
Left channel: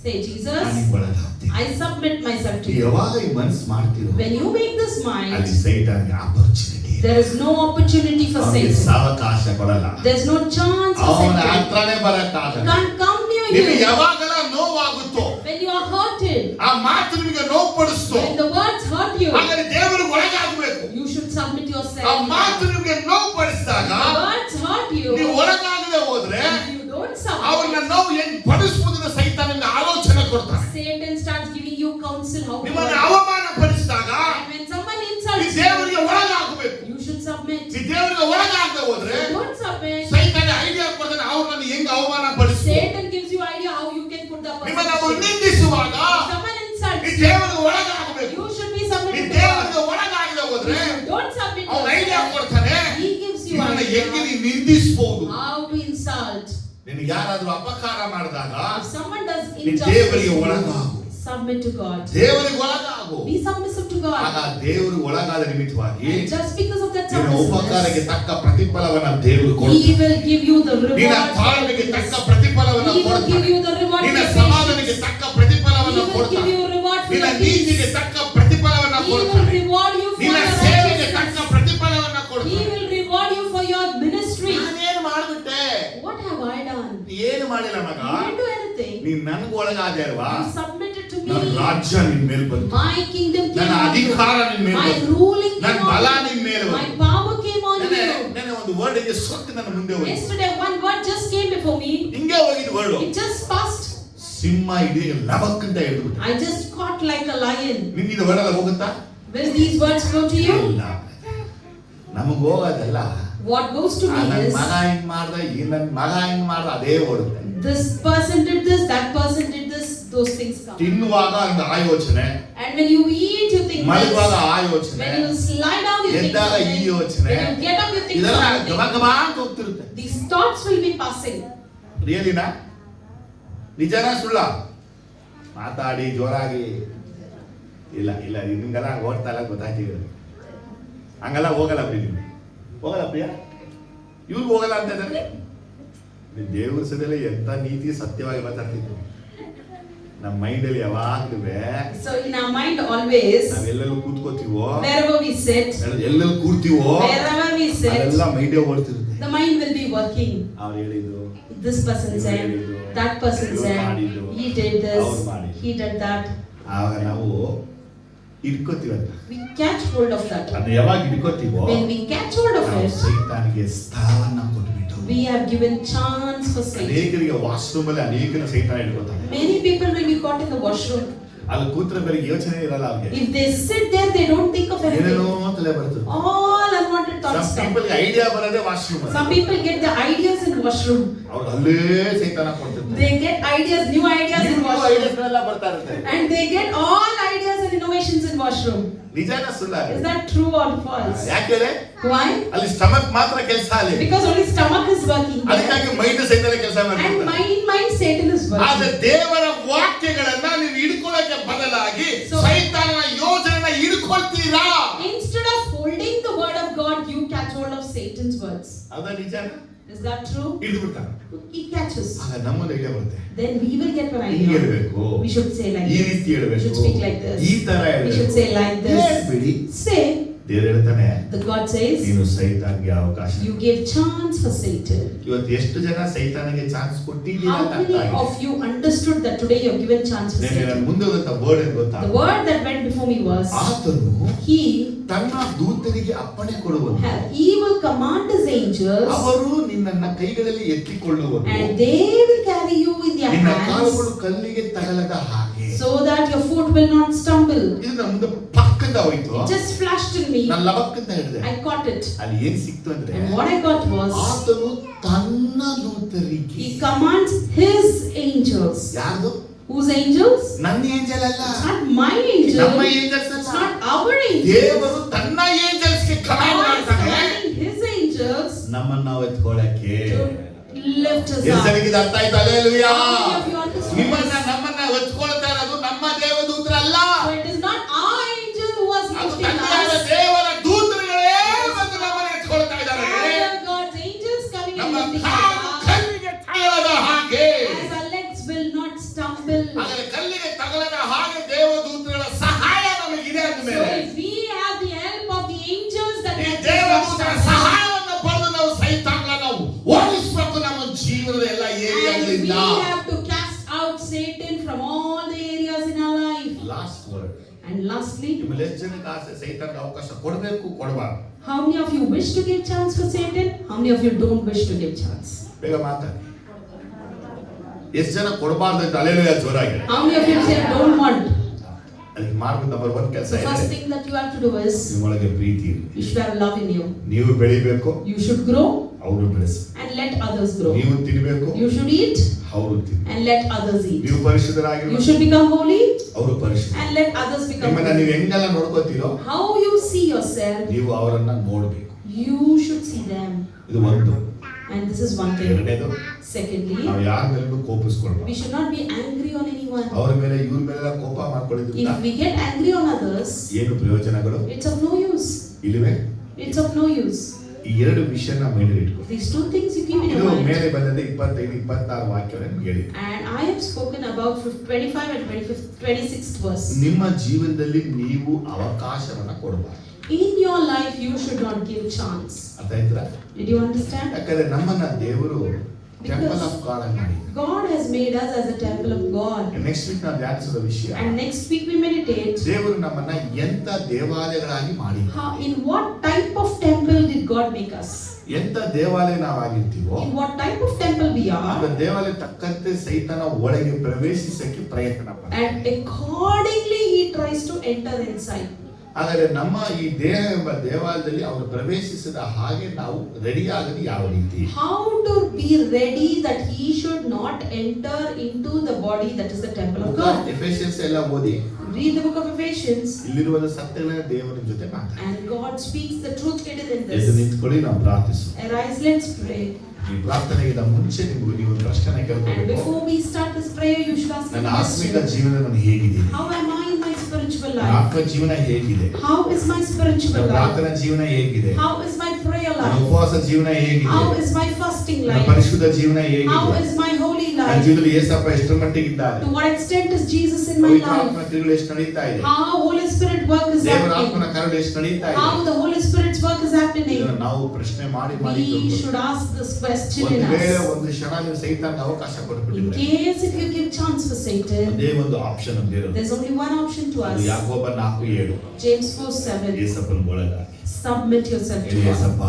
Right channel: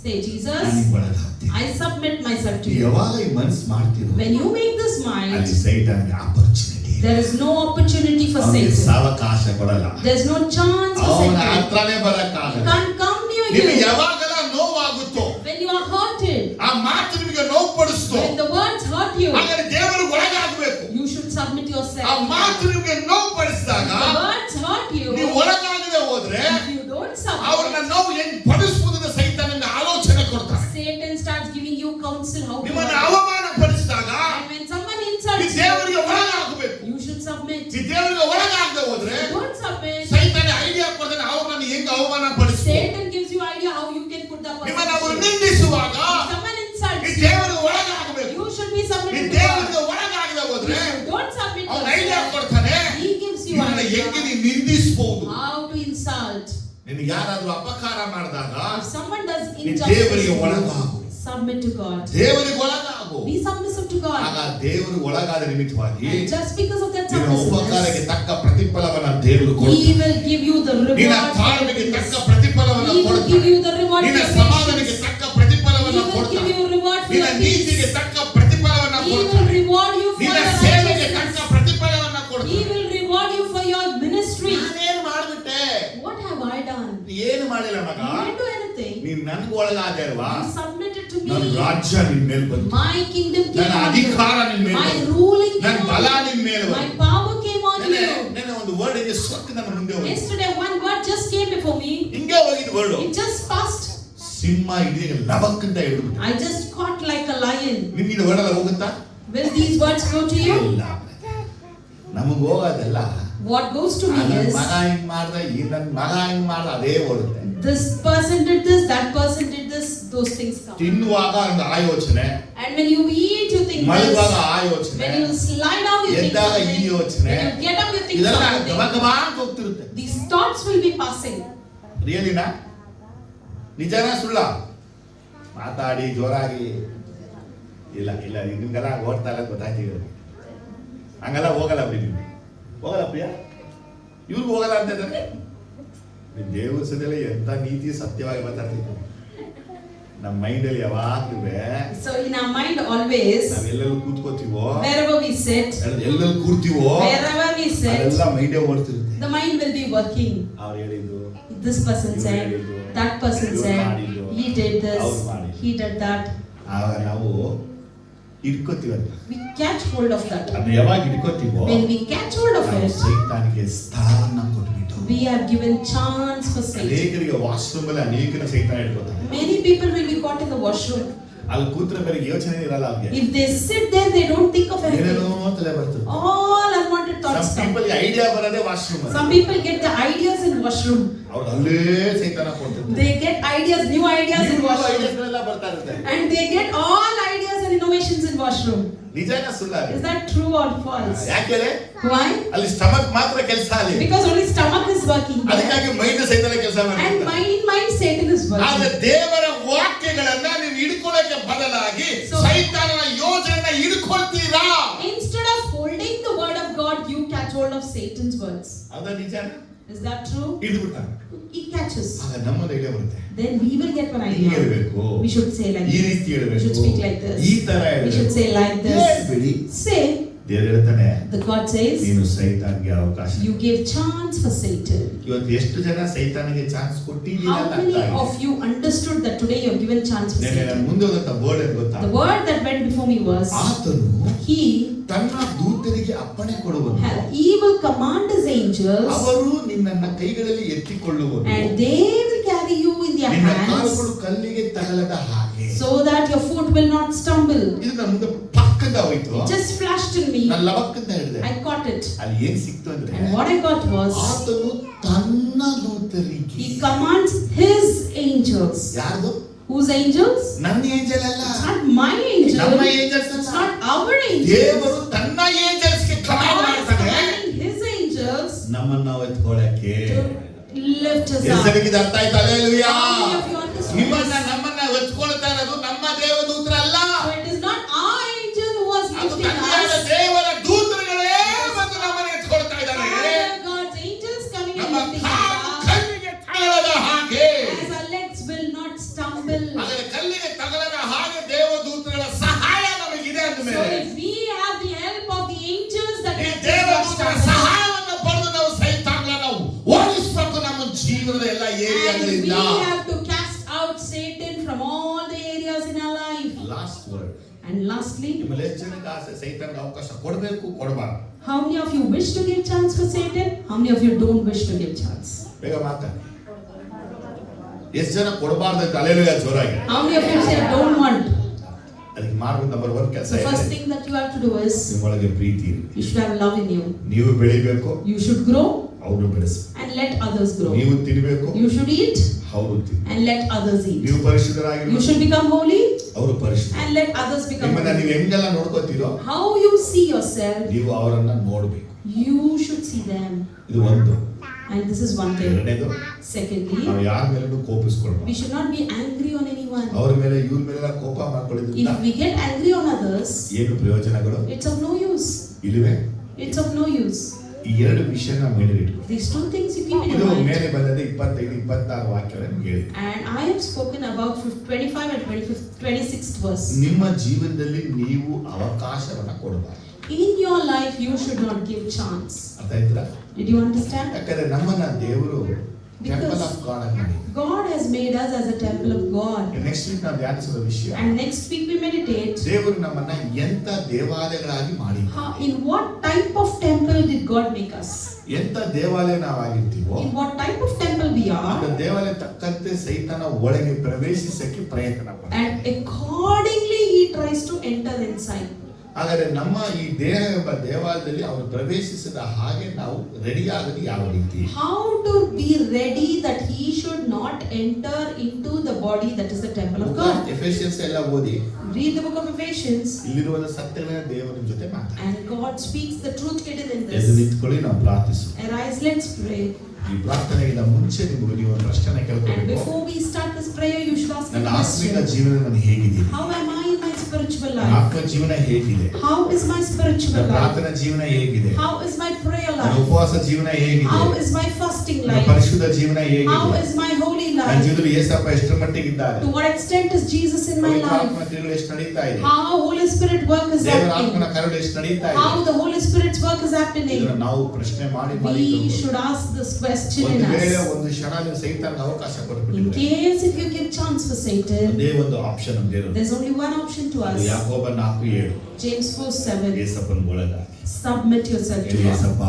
say, Jesus, ನನಗೆ ಒಳಗಾಗ್ತೀನಿ. I submit myself to you. ಯಾವಾಗ ಈ ಮನಸ್ಸು ಮಾಡ್ತೀರೋ When you make this ಅಲ್ಲಿ mind, ಸೈತಾನ್ಗೆ opportunity, there is no opportunity for ಅವನಿಗೆ Satan. ಸಾವಕಾಶ ಕೊಡಲ್ಲ. There's no chance for ಅವನ Satan. ಹತ್ರನೇ ಬರಕ್ಕಾಗಲ್ಲ. Can't come near ನಿಮಗೆ you. ಯಾವಾಗಲ ನೋವಾಗುತ್ತೋ, When you are hurted, ಆ ಮಾತು ನಿಮಗೆ ನೋವು ಪಡಿಸ್ತೋ, when the words hurt you, ಹಾಗಾದ್ರೆ ದೇವರಿಗೆ ಒಳಗಾಗಬೇಕು. you should submit ಆ yourself. ಮಾತು ನಿಮಗೆ ನೋವು ಪಡಿಸಿದಾಗ The words hurt you. ನೀವು ಒಳಗಾಗದೆ ಹೋದ್ರೆ If you don't ಅವ್ರನ್ನ submit, ನೋವು ಹೆಂಗ್ ಪಡಿಸುವುದನ್ನ ಸೈತಾನನಿಗೆ ಆಲೋಚನೆ ಕೊಡ್ತಾನೆ. Satan starts giving you counsel how to ನಿಮ್ಮನ್ನು do it. ಅವಮಾನ ಪಡಿಸಿದಾಗ And when someone ಈ insults you, ದೇವರಿಗೆ ಒಳಗಾಗಬೇಕು. you should submit. ಈ ದೇವರಿಗೆ ಒಳಗಾಗದೆ ಹೋದ್ರೆ Don't submit. ಸೈತಾನ ಐಡಿಯಾ ಕೊಡ್ತಾನೆ ಅವ್ರನ್ನ ಹೆಂಗ್ ಅವಮಾನ ಪಡಿಸ್ತು. Satan gives you idea how you can put the ನಿಮ್ಮನ್ನ ಅವರು person. ನಿಂದಿಸುವಾಗ If someone ಈ insults you, ದೇವರಿಗೆ ಒಳಗಾಗಬೇಕು. you should be ಈ submitted to ದೇವರಿಗೆ God. ಒಳಗಾಗದೆ ಹೋದ್ರೆ Don't submit ಅವ್ನ ಐಡಿಯಾ yourself. ಕೊಡ್ತಾನೆ He gives you ಇವನ್ನ idea ಹೆಂಗೆ ನೀನು ನಿಂದಿಸಬಹುದು. how to insult. ನಿನಗೆ ಯಾರಾದ್ರೂ ಅಪಕಾರ ಮಾಡಿದಾಗ If someone does ನೀನು ದೇವರಿಗೆ injustice, ಒಳಗಾಗು. submit to God. ದೇವರಿಗೆ ಒಳಗಾಗು. Be submissive to ಆಗ God. ದೇವರು ಒಳಗಾದ ನಿಮಿತ್ತವಾಗಿ Just because of that ನಿನ್ನ ಉಪಕಾರಕ್ಕೆ submissiveness, ತಕ್ಕ ಪ್ರತಿಫಲವನ್ನ ದೇವರು ಕೊಡ್ತಾನೆ. He will give you the ನಿನ್ನ reward. ತಾಳ್ಮೆಗೆ ತಕ್ಕ ಪ್ರತಿಫಲವನ್ನ He will give ಕೊಡ್ತಾನೆ. you the reward. ನಿನ್ನ for ಸಮಾಧಾನಕ್ಕೆ patience. ತಕ್ಕ ಪ್ರತಿಫಲವನ್ನ He will give ಕೊಡ್ತಾನೆ. you reward for ನಿನ್ನ your ನೀತಿಗೆ peace. ತಕ್ಕ ಪ್ರತಿಫಲವನ್ನ He will ಕೊಡ್ತಾನೆ. reward you for ನಿನ್ನ your ಸೇವೆಗೆ ತಕ್ಕ righteousness. ಪ್ರತಿಫಲವನ್ನ He ಕೊಡ್ತಾನೆ. will reward you for your ministry. ನಾನೇನು ಮಾಡ್ಬಿಟ್ಟೆ? What have I done? ಏನು ಮಾಡಿಲ್ಲ ಮಗ. I didn't do anything. ನೀನ್ ನನ್ಗೆ ಒಳಗಾದೆ ಅಲ್ವಾ? You submitted to ನನ್ನ me. ರಾಜ್ಯ ನಿನ್ ಮೇಲೆ ಬಂತು. My kingdom came ನನ್ನ on you. ಅಧಿಕಾರ ನಿನ್ ಮೇಲೆ My ಬಂತು. ruling ನನ್ನ came ಬಲ on ನಿನ್ you. ಮೇಲೆ My ಬಂತು. power came on you. ನೆನೆ ಒಂದು ವರ್ಡ್ಗೆ ಸೊತ್ತು ನನ್ನ ಮುಂದೆ ಹೋಗಿ Yesterday one word just came before me. ಹಿಂಗೆ ಹೋಗಿದ್ ವರ್ಡ್ It just passed. ಸಿಂಹ ಇಡೀ ಲಬಕ್ಕಂತ ಹಿಡಿದ್ಬಿಟ್ಟು. I just caught like a lion. ನಿನ್ಗಿದು ವರ್ಡ್ ಹೋಗುತ್ತಾ? Will these words go to you? ಇಲ್ಲ. ನಮಗ್ ಹೋಗೋದೆಲ್ಲ What goes to ನನ್ನ me is ಮಗ ಹಿಂಗ್ ಮಾಡ್ದ, ಈ ನನ್ನ ಮಗ ಹಿಂಗ್ ಮಾಡ್ದ, ಅದೇ ಓಡುತ್ತೆ. this person did this, that person did this, those things come. ತಿನ್ನುವಾಗ ಒಂದು ಆ ಯೋಚನೆ, And when you eat, you think ಮಲಗುವಾಗ this. ಆ ಯೋಚನೆ, When you lie down, you think ಎದ್ದಾಗ ಈ something. ಯೋಚನೆ, When you get up, you think ಇದೆಲ್ಲ something. ಗಬಗಬಾ ಅಂತ ಹೋಗ್ತಿರುತ್ತೆ. These thoughts will be passing. ರಿಯಲಿನಾ? ನಿಜನಾ ಸುಳ್ಳ? ಮಾತಾಡಿ ಜೋರಾಗಿ ಇಲ್ಲ ಇಲ್ಲ ನಿಮ್ಗೆಲ್ಲ ಓಡ್ತಾ ಇಲ್ಲ ಗೊತ್ತಾಗ್ತಿದ್ರು. ಹಂಗೆಲ್ಲ ಹೋಗಲ್ಲ ಪ್ರಿಯ, ಹೋಗಲ್ಲ ಪ್ರಿಯ, ಇವ್ರಿಗೆ ಹೋಗಲ್ಲ ಅಂತ ಇದ್ದಾರೆ. ದೇವ್ರ ಸದೆಲ್ಲ ಎಂತ ನೀತಿ ಸತ್ಯವಾಗಿ ಮಾತಾಡ್ತಿದ್ವಿ. ನಮ್ಮ ಮೈಂಡಲ್ಲಿ ಯಾವಾಗ್ಲೂ So in our mind always, ನಾವೆಲ್ಲರೂ ಕೂತ್ಕೋತೀವೋ, wherever we sit, ಎಲ್ಲರೂ ಕೂರ್ತೀವೋ, wherever we sit, ಅದೆಲ್ಲ ಮೈಂಡೇ ಓಡ್ತಿರುತ್ತೆ. the mind will be working. ಅವ್ರು ಹೇಳಿದ್ರು, This person said, that person said, he did this, he did that. ಆಗ ನಾವು ಹಿಡ್ಕೋತೀವಲ್ಲ, we catch hold of that. ಅದನ್ನ ಯಾವಾಗ ಹಿಡ್ಕೋತೀವೋ When we catch hold of ನಾವು it, ಸೈತಾನಿಗೆ ಸ್ಥಳವನ್ನ ಕೊಟ್ಬಿಟ್ಟು, we are given chance for Satan. ಅನೇಕರಿಗೆ ವಾಶ್ರೂಮ್ ಅಲ್ಲಿ ಅನೇಕನ ಸೈತಾನ ಇಟ್ಕೋತಾನೆ. Many people will be caught in the washroom. ಅಲ್ಲಿ ಕೂತ್ರೆ ಬೇರೆ ಯೋಚನೆ ಇರಲ್ಲ ಅವ್ರಿಗೆ. If they sit there, they don't think of ಏನೇನೋ anything. ತಲೆ ಬರ್ತದೆ. All unwanted thoughts Some come. people idea ಬರೋದೇ ವಾಶ್ರೂಮ್ ಅಲ್ಲಿ. Some people get the ideas in washroom. ಅವ್ರು ಅಲ್ಲೇ ಸೈತಾನ ಕೊಡ್ತಿರ್ತಾರೆ. They get ideas, new ideas in washroom. Ideas ಎಲ್ಲ ಬರ್ತಾ ಇರುತ್ತೆ. And they get all ideas and innovations in washroom. ನಿಜಾನ ಸುಳ್ಳ? Is that true or false? ಯಾಕೆ? Why? ಅಲ್ಲಿ ಸ್ಟಮಕ್ ಮಾತ್ರ ಕೆಲಸ ಅಲ್ಲಿ. Because only stomach is working. ಅದಕ್ಕಾಗಿ ಮೈಂಡ್ ಸೈತಾನ ಕೆಲಸ And ಮಾಡ್ತಾರೆ. mind Satan is ಆದ್ರೆ working. ದೇವರ ವಾಕ್ಯಗಳನ್ನ ನೀವು ಹಿಡ್ಕೊಳ್ಳೋಕೆ ಬದಲಾಗಿ So- ಸೈತಾನನ ಯೋಜನೆನ ಹಿಡ್ಕೊಳ್ತೀರಾ? Instead of holding the word of God, you catch hold of Satan's words. ಅದು ನಿಜಾನ? Is that true? ಹಿಡಿದ್ಬಿಡ್ತಾನೆ. He catches. ಆಗ ನಮ್ಮೊಂದು ಐಡಿಯಾ ಬರುತ್ತೆ. Then we will get an ಹಿಂಗೆ idea. ಹೇಳ್ಬೇಕು, We should say like ಈ this. ರೀತಿ We ಹೇಳ್ಬೇಕು, should speak like this. ಈ ತರ We should say like this. ಹೇಳ್ಬೇಡಿ. Say, ದೇವರು ಹೇಳ್ತಾನೆ, the God says, ನೀನು ಸೈತಾನ್ಗೆ ಅವಕಾಶ. you give chance for Satan. ಇವತ್ತು ಎಷ್ಟು ಜನ ಸೈತಾನಿಗೆ ಚಾನ್ಸ್ ಕೊಟ್ಟಿದ್ದೀರಾ How ಅಂತ many ಅರ್ಥ of ಆಗಿದೆ. you understood that today you have given chance for ನಾನು Satan? ಮುಂದೆ ಹೋದಂತ ವರ್ಡ್ ಏನು ಗೊತ್ತಾ? The word that went before me was, ಆತನು he ತನ್ನ ದೂತರಿಗೆ ಅಪ್ಪಣೆ ಕೊಡುವನು, he will command his angels ಅವರು ನಿನ್ನನ್ನ ಕೈಗಳಲ್ಲಿ ಎತ್ತಿಕೊಳ್ಳುವರು, and they will carry you in their ನಿನ್ನ hands ಕಾಲುಗಳು ಕಲ್ಲಿಗೆ ತಗಲದ ಹಾಗೆ. so that your foot will not stumble. ಇದು ನನ್ನ ಮುಂದೆ ಪಕ್ಕದ ಹೋಯ್ತು. It just flashed in me. ನಾನು ಲವಕ್ಕಂತ ಹೇಳಿದೆ. I caught it. ಅಲ್ಲಿ ಏನ್ ಸಿಕ್ತು ಅಂದ್ರೆ, And what I got was, ಆತನು ತನ್ನ ದೂತರಿಗೆ. he commands his angels. ಯಾರ್ದು? Whose angels? ನನ್ನ ಏಂಜಲ್ ಅಲ್ಲ, It's not my angel. ನಮ್ಮ ಏಂಜಲ್ಸ್ It's ಅಲ್ಲ. not our angels. ದೇವರು ತನ್ನ ಏಂಜಲ್ಸ್ಗೆ ಕಮಾಂಡ್ God is ಮಾಡ್ತಾನೆ commanding his angels ನಮ್ಮನ್ನ ಎತ್ಕೊಳ್ಳಕ್ಕೆ. to lift us up. ಹೆಸರಿಗೆ ಅರ್ಥ ಆಯ್ತು? Hallelujah. How many of you understand? ನಿಮ್ಮನ್ನ ನಮ್ಮನ್ನ ಎತ್ಕೊಳ್ತಾ ಇರೋದು ನಮ್ಮ ದೇವದೂತರಲ್ಲ, It is not our angel who was ಅದು lifting ತಂದೆಯಾದ us. ದೇವರ ದೂತರುಗಳೇ ಬಂದು ನಮ್ಮನ್ನ ಎತ್ಕೊಳ್ತಾ ಇದ್ದಾರೆ. Rather, God's angels coming ನಮ್ಮ and lifting call us up. ಕಲ್ಲಿಗೆ ತಗಲದ ಹಾಗೆ. As our legs will not stumble. ಆದರೆ ಕಲ್ಲಿಗೆ ತಗಲದ ಹಾಗೆ ದೇವದೂತರುಗಳ ಸಹಾಯ ನಮಗಿದೆ ಅಂದ So ಮೇಲೆ, if we have the help of the angels that ಈ can ದೇವದೂತರ stumble, ಸಹಾಯವನ್ನು ಪಡೆದು ನಾವು ಸೈತಾನನ ಓಡಿಸಬೇಕು ನಮ್ಮ ಜೀವನದ ಎಲ್ಲ and we ಏರಿಯಾಗಳಿಂದ. have to cast out Satan from all the areas in our life. Last word. And lastly, ನಿಮ್ಮಲ್ಲಿ ಎಷ್ಟು ಜನಕ್ಕೆ ಆಸೆ ಸೈತಾನ್ಗೆ ಅವಕಾಶ ಕೊಡಬೇಕು, ಕೊಡಬಾರ್ದು? how many of you wish to give chance for Satan? How many of you don't wish to give chance? ಬೇಗ ಮಾತಾಡಿ. ಎಷ್ಟು ಜನ ಕೊಡಬಾರ್ದು ಅಂತ ಹಲ್ಲೆಲೂಯಾ ಜೋರಾಗಿ. How many of you say don't want? ಅದಕ್ಕೆ ಮಾರ್ಗ ನಂಬರ್ 1 ಕೆಲಸ The first ಇದೆ. thing that you have to do is, ನಿಮ್ಮೊಳಗೆ ಪ್ರೀತಿ ಇರಲಿ. you should have love in you. ನೀವು ಬೆಳಿಬೇಕು, You should grow ಅವರು ಬೆಳೆಸ. and let others grow. ನೀವು ತಿನ್ನಬೇಕು, You should eat ಅವರು ತಿನ್ನ. and let others eat. ನೀವು You ಪರಿಶುದ್ಧರಾಗಿರಬೇಕು, should become holy ಅವರು ಪರಿಶುದ್ಧ. and let others become ನಿಮ್ಮನ್ನ holy. ನೀವು ಹೆಂಗೆಲ್ಲ ನೋಡ್ಕೋತೀರೋ How you see yourself, ನೀವು ಅವರನ್ನ ನೋಡ್ಬೇಕು. you should see them. ಇದು ಒಂದು. And this is one thing. ಎರಡನೇದು, Secondly, ನಾವು ಯಾರ ಮೇಲೂ ಕೋಪಿಸ್ಕೊಳ್ಬಾರ್ದು. we should not be angry on anyone. ಅವ್ರ ಮೇಲೆ ಇವ್ರ ಮೇಲೆ ಕೋಪ ಮಾಡ್ಕೊಳ್ಳೋದ್ರಿಂದ If we get angry on others, ಏನು ಪ್ರಯೋಜನಗಳು it's of no use. ಇಲ್ಲವೇ? It's of no use. ಈ ಎರಡು ವಿಷಯನ ಮೈಂಡ್ ಇಟ್ಕೊ. These two things you keep in ಇದು your mind. ಮೇಲೆ ಬಂದದ್ದು 25 26 ವಾಕ್ಯಗಳನ್ನು ಹೇಳಿ. And I have spoken about 25 and 26th verse. ನಿಮ್ಮ ಜೀವನದಲ್ಲಿ ನೀವು ಅವಕಾಶವನ್ನ ಕೊಡಬಾರ್ದು. In your life, you should not give chance. ಅರ್ಥ ಆಯ್ತಾ? Did you understand? ಯಾಕಂದ್ರೆ ನಮ್ಮನ್ನ ದೇವರು ಟೆಂಪಲ್ ಆಫ್ ಗಾಡ್ ಅಂತ ಮಾಡಿ. God has made us as a temple of God. Next week ನಾವು ಧ್ಯಾನಿಸುವ ವಿಷಯ, And next week we meditate. ದೇವರು ನಮ್ಮನ್ನ ಎಂತ ದೇವಾಲಯಗಳಾಗಿ ಮಾಡಿ. In what type of temple did God make us? ಎಂತ ದೇವಾಲಯ ನಾವಾಗಿರ್ತೀವೋ In what type of temple we ಆ are? ದೇವಾಲಯ ತಕ್ಕಂತೆ ಸೈತಾನ ಒಳಗೆ ಪ್ರವೇಶಿಸಕ್ಕೆ ಪ್ರಯತ್ನ ಪಡ್ತಾನೆ. And accordingly he tries to enter inside. ಆದರೆ ನಮ್ಮ ಈ ದೇಹ ಎಂಬ ದೇವಾಲಯದಲ್ಲಿ ಅವರು ಪ್ರವೇಶಿಸಿದ ಹಾಗೆ ನಾವು ರೆಡಿ ಆಗದು ಯಾವ ರೀತಿ? How to be ready that he should not enter into the body that is the temple of God? Ephesians ಎಲ್ಲ ಓದಿ Read the book of Ephesians. ಇಲ್ಲಿರುವ ಸತ್ಯಗಳನ್ನ ದೇವರ ಜೊತೆ ಮಾತಾಡಿ. And God speaks the truth hidden in ಎದ್ದು this. ನಿಂತ್ಕೊಳ್ಳಿ, ನಾವು ಪ್ರಾರ್ಥಿಸು. Arise, let's pray. ಈ ಪ್ರಾರ್ಥನೆಗಿಂತ ಮುಂಚೆ ನಿಮಗೆ ನೀವು ಒಂದು ಪ್ರಶ್ನೆ And ಕೇಳಬೇಕು. before we start this prayer, you should ask ನನ್ನ a ಆತ್ಮಿಕ question. ಜೀವನವನ್ನು ಹೇಗಿದೆ? How am I in my spiritual ನನ್ನ life? ಆತ್ಮ ಜೀವನ ಹೇಗಿದೆ? How is my spiritual ನನ್ನ life? ಪ್ರಾರ್ಥನಾ ಜೀವನ ಹೇಗಿದೆ? How is my prayer ನನ್ನ life? ಉಪವಾಸ ಜೀವನ ಹೇಗಿದೆ? How is my fasting ನನ್ನ life? ಪರಿಶುದ್ಧ ಜೀವನ How ಹೇಗಿದೆ? is my holy ನನ್ನ life? ಜೀವನದಲ್ಲಿ ಯೇಸಪ್ಪ ಎಷ್ಟರ ಮಟ್ಟಿಗೆ ಇದ್ದಾರೆ, To what extent is Jesus in my ಪವಿತ್ರ life? ಆತ್ಮನ ಕ್ರಿಯೆಗಳು ಎಷ್ಟು ನಡೀತಾ ಇದೆ, How Holy Spirit work is ದೇವರ happening? ಆತ್ಮನ ಕಾರ್ಯಗಳು ಎಷ್ಟು ನಡೀತಾ ಇದೆ, How the Holy Spirit's work is happening? ಇದನ್ನ ನಾವು ಪ್ರಶ್ನೆ ಮಾಡಿ We ತಿಳ್ಕೊಬೇಕು. should ask this question ಒಂದು in ವೇಳೆ us. ಒಂದು ಕ್ಷಣ ನೀವು ಸೈತಾನ್ಗೆ ಅವಕಾಶ In ಕೊಟ್ಬಿಟ್ಟಿದ್ರೆ, case if you give chance for Satan, ಅದೇ ಒಂದು ಆಪ್ಷನ್ ನಮ್ದು ಇರೋದು. there's only one option to ಅದು us. ಯಾಕೋಬ 4:7 James 4:7. ಯೇಸಪ್ಪನ ಒಳಗ Submit yourself to ಹೇಳಿ, God. ಯೇಸಪ್ಪ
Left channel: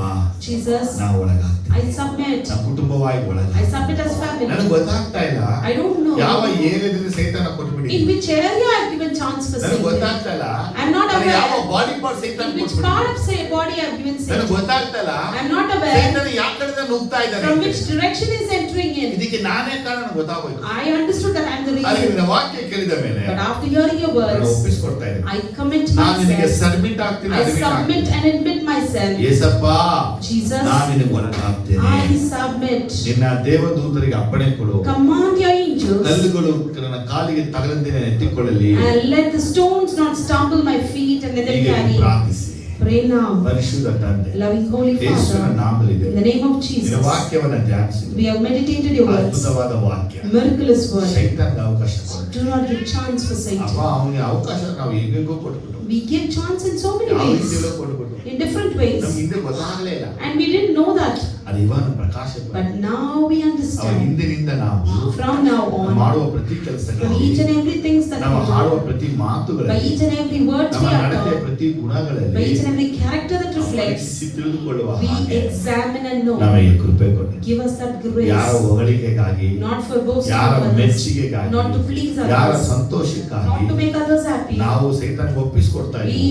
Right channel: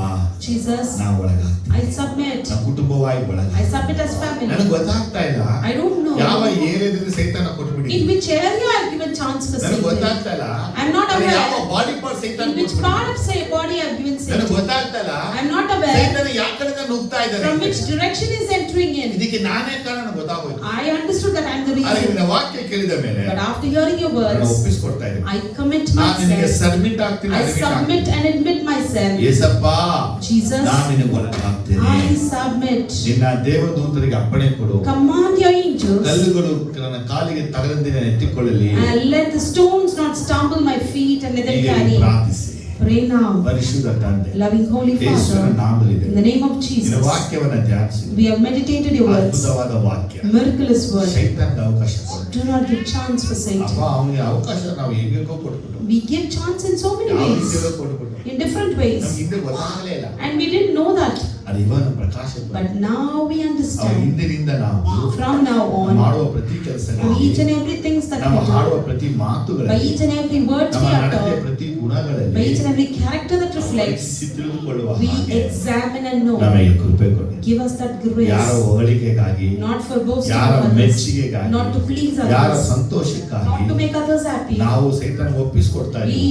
Jesus, ನಾನು ಒಳಗಾಗ್ತೀನಿ, I submit. ನನ್ನ ಕುಟುಂಬವಾಗಿ ಒಳಗ. I submit as family. ನನಗೆ ಗೊತ್ತಾಗ್ತಾ ಇಲ್ಲ I don't know ಯಾವ ಏರಿಯಾದಲ್ಲಿ ಸೈತಾನ ಕೊಟ್ಬಿಡಿ, in which area I've given chance for ನನಗೆ Satan. ಗೊತ್ತಾಗ್ತಾ ಇಲ್ಲ I'm not ಅದು aware. ಯಾವ ಬಾಡಿ ಪಾರ್ಟ್ ಸೈತಾನ In which ಕೊಟ್ಬಿಡಿ, part of say body I've given ನನಗೆ Satan. ಗೊತ್ತಾಗ್ತಾ ಇಲ್ಲ I'm not aware ಸೈತಾನ ಯಾವ ಕಡೆಯಿಂದ ನುಗ್ತಾ ಇದ್ದಾನೆ, from which direction is entering in. ಇದಕ್ಕೆ ನಾನೇ ಕಾರಣ ನನಗೆ ಗೊತ್ತಾಗೋಯ್ತು. I understood that I'm the ಆದರೆ reason. ನಿನ್ನ ವಾಕ್ಯ ಕೇಳಿದ ಮೇಲೆ But after hearing your ನಾನು words, ಒಪ್ಪಿಸ್ಕೊಡ್ತಾ ಇದ್ದೀನಿ, I commit ನಾನು ನಿನಗೆ myself. ಸಬ್ಮಿಟ್ ಆಗ್ತೀನಿ, I admit submit ಆಗ್ತೀನಿ. and admit myself. ಯೇಸಪ್ಪ Jesus, ನಾನು ನಿನಗೆ ಒಳಗಾಗ್ತೇನೆ, I submit. ನಿನ್ನ ದೇವದೂತರಿಗೆ ಅಪ್ಪಣೆ ಕೊಡು, Command your angels ಕಲ್ಲುಗಳು ನನ್ನ ಕಾಲಿಗೆ ತಗಲಂದಿನ ಎತ್ತಿಕೊಳ್ಳಲಿ, and let the stones not stumble my feet and let them ಹೀಗೆ carry. ಪ್ರಾರ್ಥಿಸಿ. Pray now. ಪರಿಶುದ್ಧ ತಂದೆ, Loving Holy ಯೇಸುವಿನ Father, ನಾಮದಲ್ಲಿ in the name of ನಿನ್ನ Jesus, ವಾಕ್ಯವನ್ನು ಧ್ಯಾನಿಸಿ, we have meditated your words. ಅದ್ಭುತವಾದ ವಾಕ್ಯ, Miraculous word. ಸೈತಾನ್ಗೆ ಅವಕಾಶ ಕೊಡು. Do not give chance for ಅಪ್ಪ Satan. ಅವನಿಗೆ ಅವಕಾಶ ನಾವು ಹೇಗೋ ಕೊಟ್ಬಿಟ್ಟು, We give chance in so many ಯಾವ ways, ರೀತಿಯಲ್ಲೂ ಕೊಟ್ಬಿಟ್ಟು in different ways, ನಮ್ಗೆ ಹಿಂದೆ ಗೊತ್ತಾಗಲೇ ಇಲ್ಲ. and we didn't know that. ಅದು ಇವಾಗ ಪ್ರಕಾಶ But now we ಅವ understand. ಹಿಂದಿನಿಂದ ನಾವು From now ನಾವು on, ಮಾಡುವ ಪ್ರತಿ for ಕೆಲಸಗಳಲ್ಲಿ, each and every things that ನಮ್ಮ we do, ಹಾಡುವ ಪ್ರತಿ by ಮಾತುಗಳಲ್ಲಿ, each and every word we ನಮ್ಮ ನಡತೆಯ utter, ಪ್ರತಿ by ಗುಣಗಳಲ್ಲಿ each and every character that ನಾವು reflects, ಪರೀಕ್ಷಿಸಿ ತಿಳಿದುಕೊಳ್ಳುವ we ಹಾಗೆ examine and know. ನಮಗೆ ಕೃಪೆ ಕೊಡಿ. Give us that ಯಾರ grace, ಹೊಗಳಿಕೆಗಾಗಿ, not for boasting ಯಾರ of others, ಮೆಚ್ಚುಗೆಗಾಗಿ, not to please ಯಾರ others, ಸಂತೋಷಕ್ಕಾಗಿ not to make others happy. ನಾವು ಸೈತಾನ್ಗೆ ಒಪ್ಪಿಸ್ಕೊಡ್ತಾ ಇದ್ದೀವಿ.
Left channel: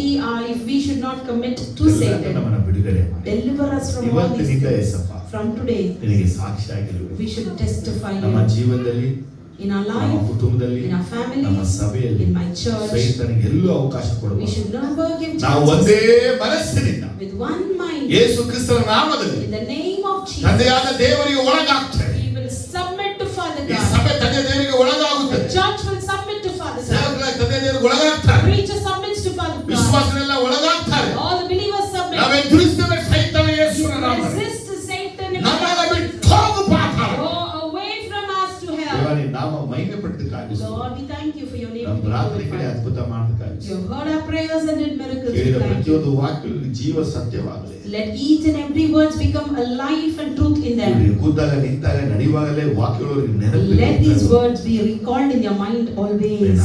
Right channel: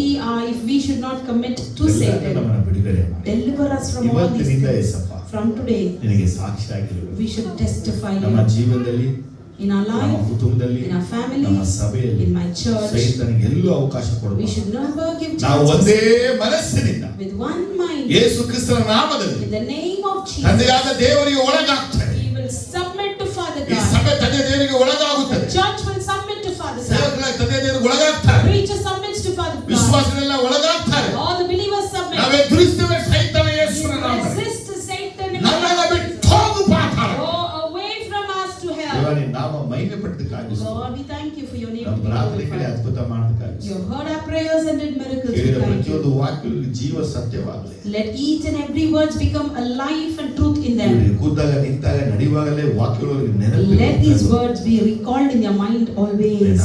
If we should not commit to ಎಲ್ಲದಕ್ಕೂ Satan, ನಮ್ಮನ್ನ ಬಿಡುಗಡೆ ಮಾಡಿ. deliver us from all these ಇವತ್ತಿನಿಂದ things. ಯೇಸಪ್ಪ From today, ನಿನಗೆ ಸಾಕ್ಷಿಯಾಗಿರುವೆ. we should testify ನಮ್ಮ you ಜೀವನದಲ್ಲಿ, in our ನಮ್ಮ life, ಕುಟುಂಬದಲ್ಲಿ, in our ನಮ್ಮ families, ಸಭೆಯಲ್ಲಿ in my church. ಸೈತಾನ್ಗೆ ಎಲ್ಲೂ ಅವಕಾಶ We ಕೊಡಬಾರದು. should never give ನಾವು chances. ಒಂದೇ ಮನಸ್ಸಿನಿಂದ With one mind, ಯೇಸು ಕ್ರಿಸ್ತನ ನಾಮದಲ್ಲಿ in the name of Jesus, ತಂದೆಯಾದ ದೇವರಿಗೆ ಒಳಗಾಗ್ತಾರೆ. we will submit to Father ಈ God. ಸಭೆ ತಂದೆ ದೇವರಿಗೆ The ಒಳಗಾಗುತ್ತದೆ. church will submit to Father God. ಸೇವಕರ ತಂದೆ ದೇವರಿಗೆ ಒಳಗಾಗ್ತಾರೆ. Preacher submits to Father God. ವಿಶ್ವಾಸಗಳೆಲ್ಲ ಒಳಗಾಗ್ತಾರೆ. All the believers submit. ನಾವೇ ದುರಿಸ್ತೇವೆ ಸೈತಾನ ಯೇಸುವಿನ ನಾಮದಲ್ಲಿ. Resist Satan and ನಮ್ಮನ್ನ ಬಿಟ್ಟು ಹೋಗು ಪಾತಾಳ. go away from us to hell. ದೇವರೇ ನಾಮ ಮಹಿಮೆ ಪಟ್ಟಿದ್ದಕ್ಕಾಗಿ Lord, we thank you for your name. ನಮ್ಮ to be ಪ್ರಾರ್ಥನೆಗಳೇ glorified. ಅದ್ಭುತ ಮಾಡುತ್ತಾರೆ. You have heard our prayers and did miracles. We ಕೇಳಿದ thank you. ಪ್ರತಿಯೊಂದು ವಾಕ್ಯದಲ್ಲಿ ಜೀವ ಸತ್ಯವಾಗಲಿ. Let each and every words become a life and truth in them. ಇವ್ರು ಕೂತಾಗ ನಿಂತಾಗ ನಡೆಯುವಾಗಲೇ ವಾಕ್ಯಗಳು Let ನೆನಪು. these words be recalled in your mind always.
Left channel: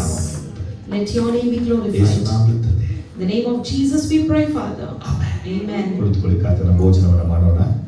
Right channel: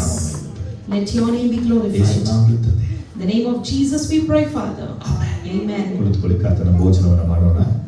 Let your name be glorified. In the name of Jesus we pray, Father. Amen. ಕುಳಿತುಕೊಳ್ಳಿ, ಕರ್ತನ ಭೋಜನವನ್ನು ಮಾಡೋಣ.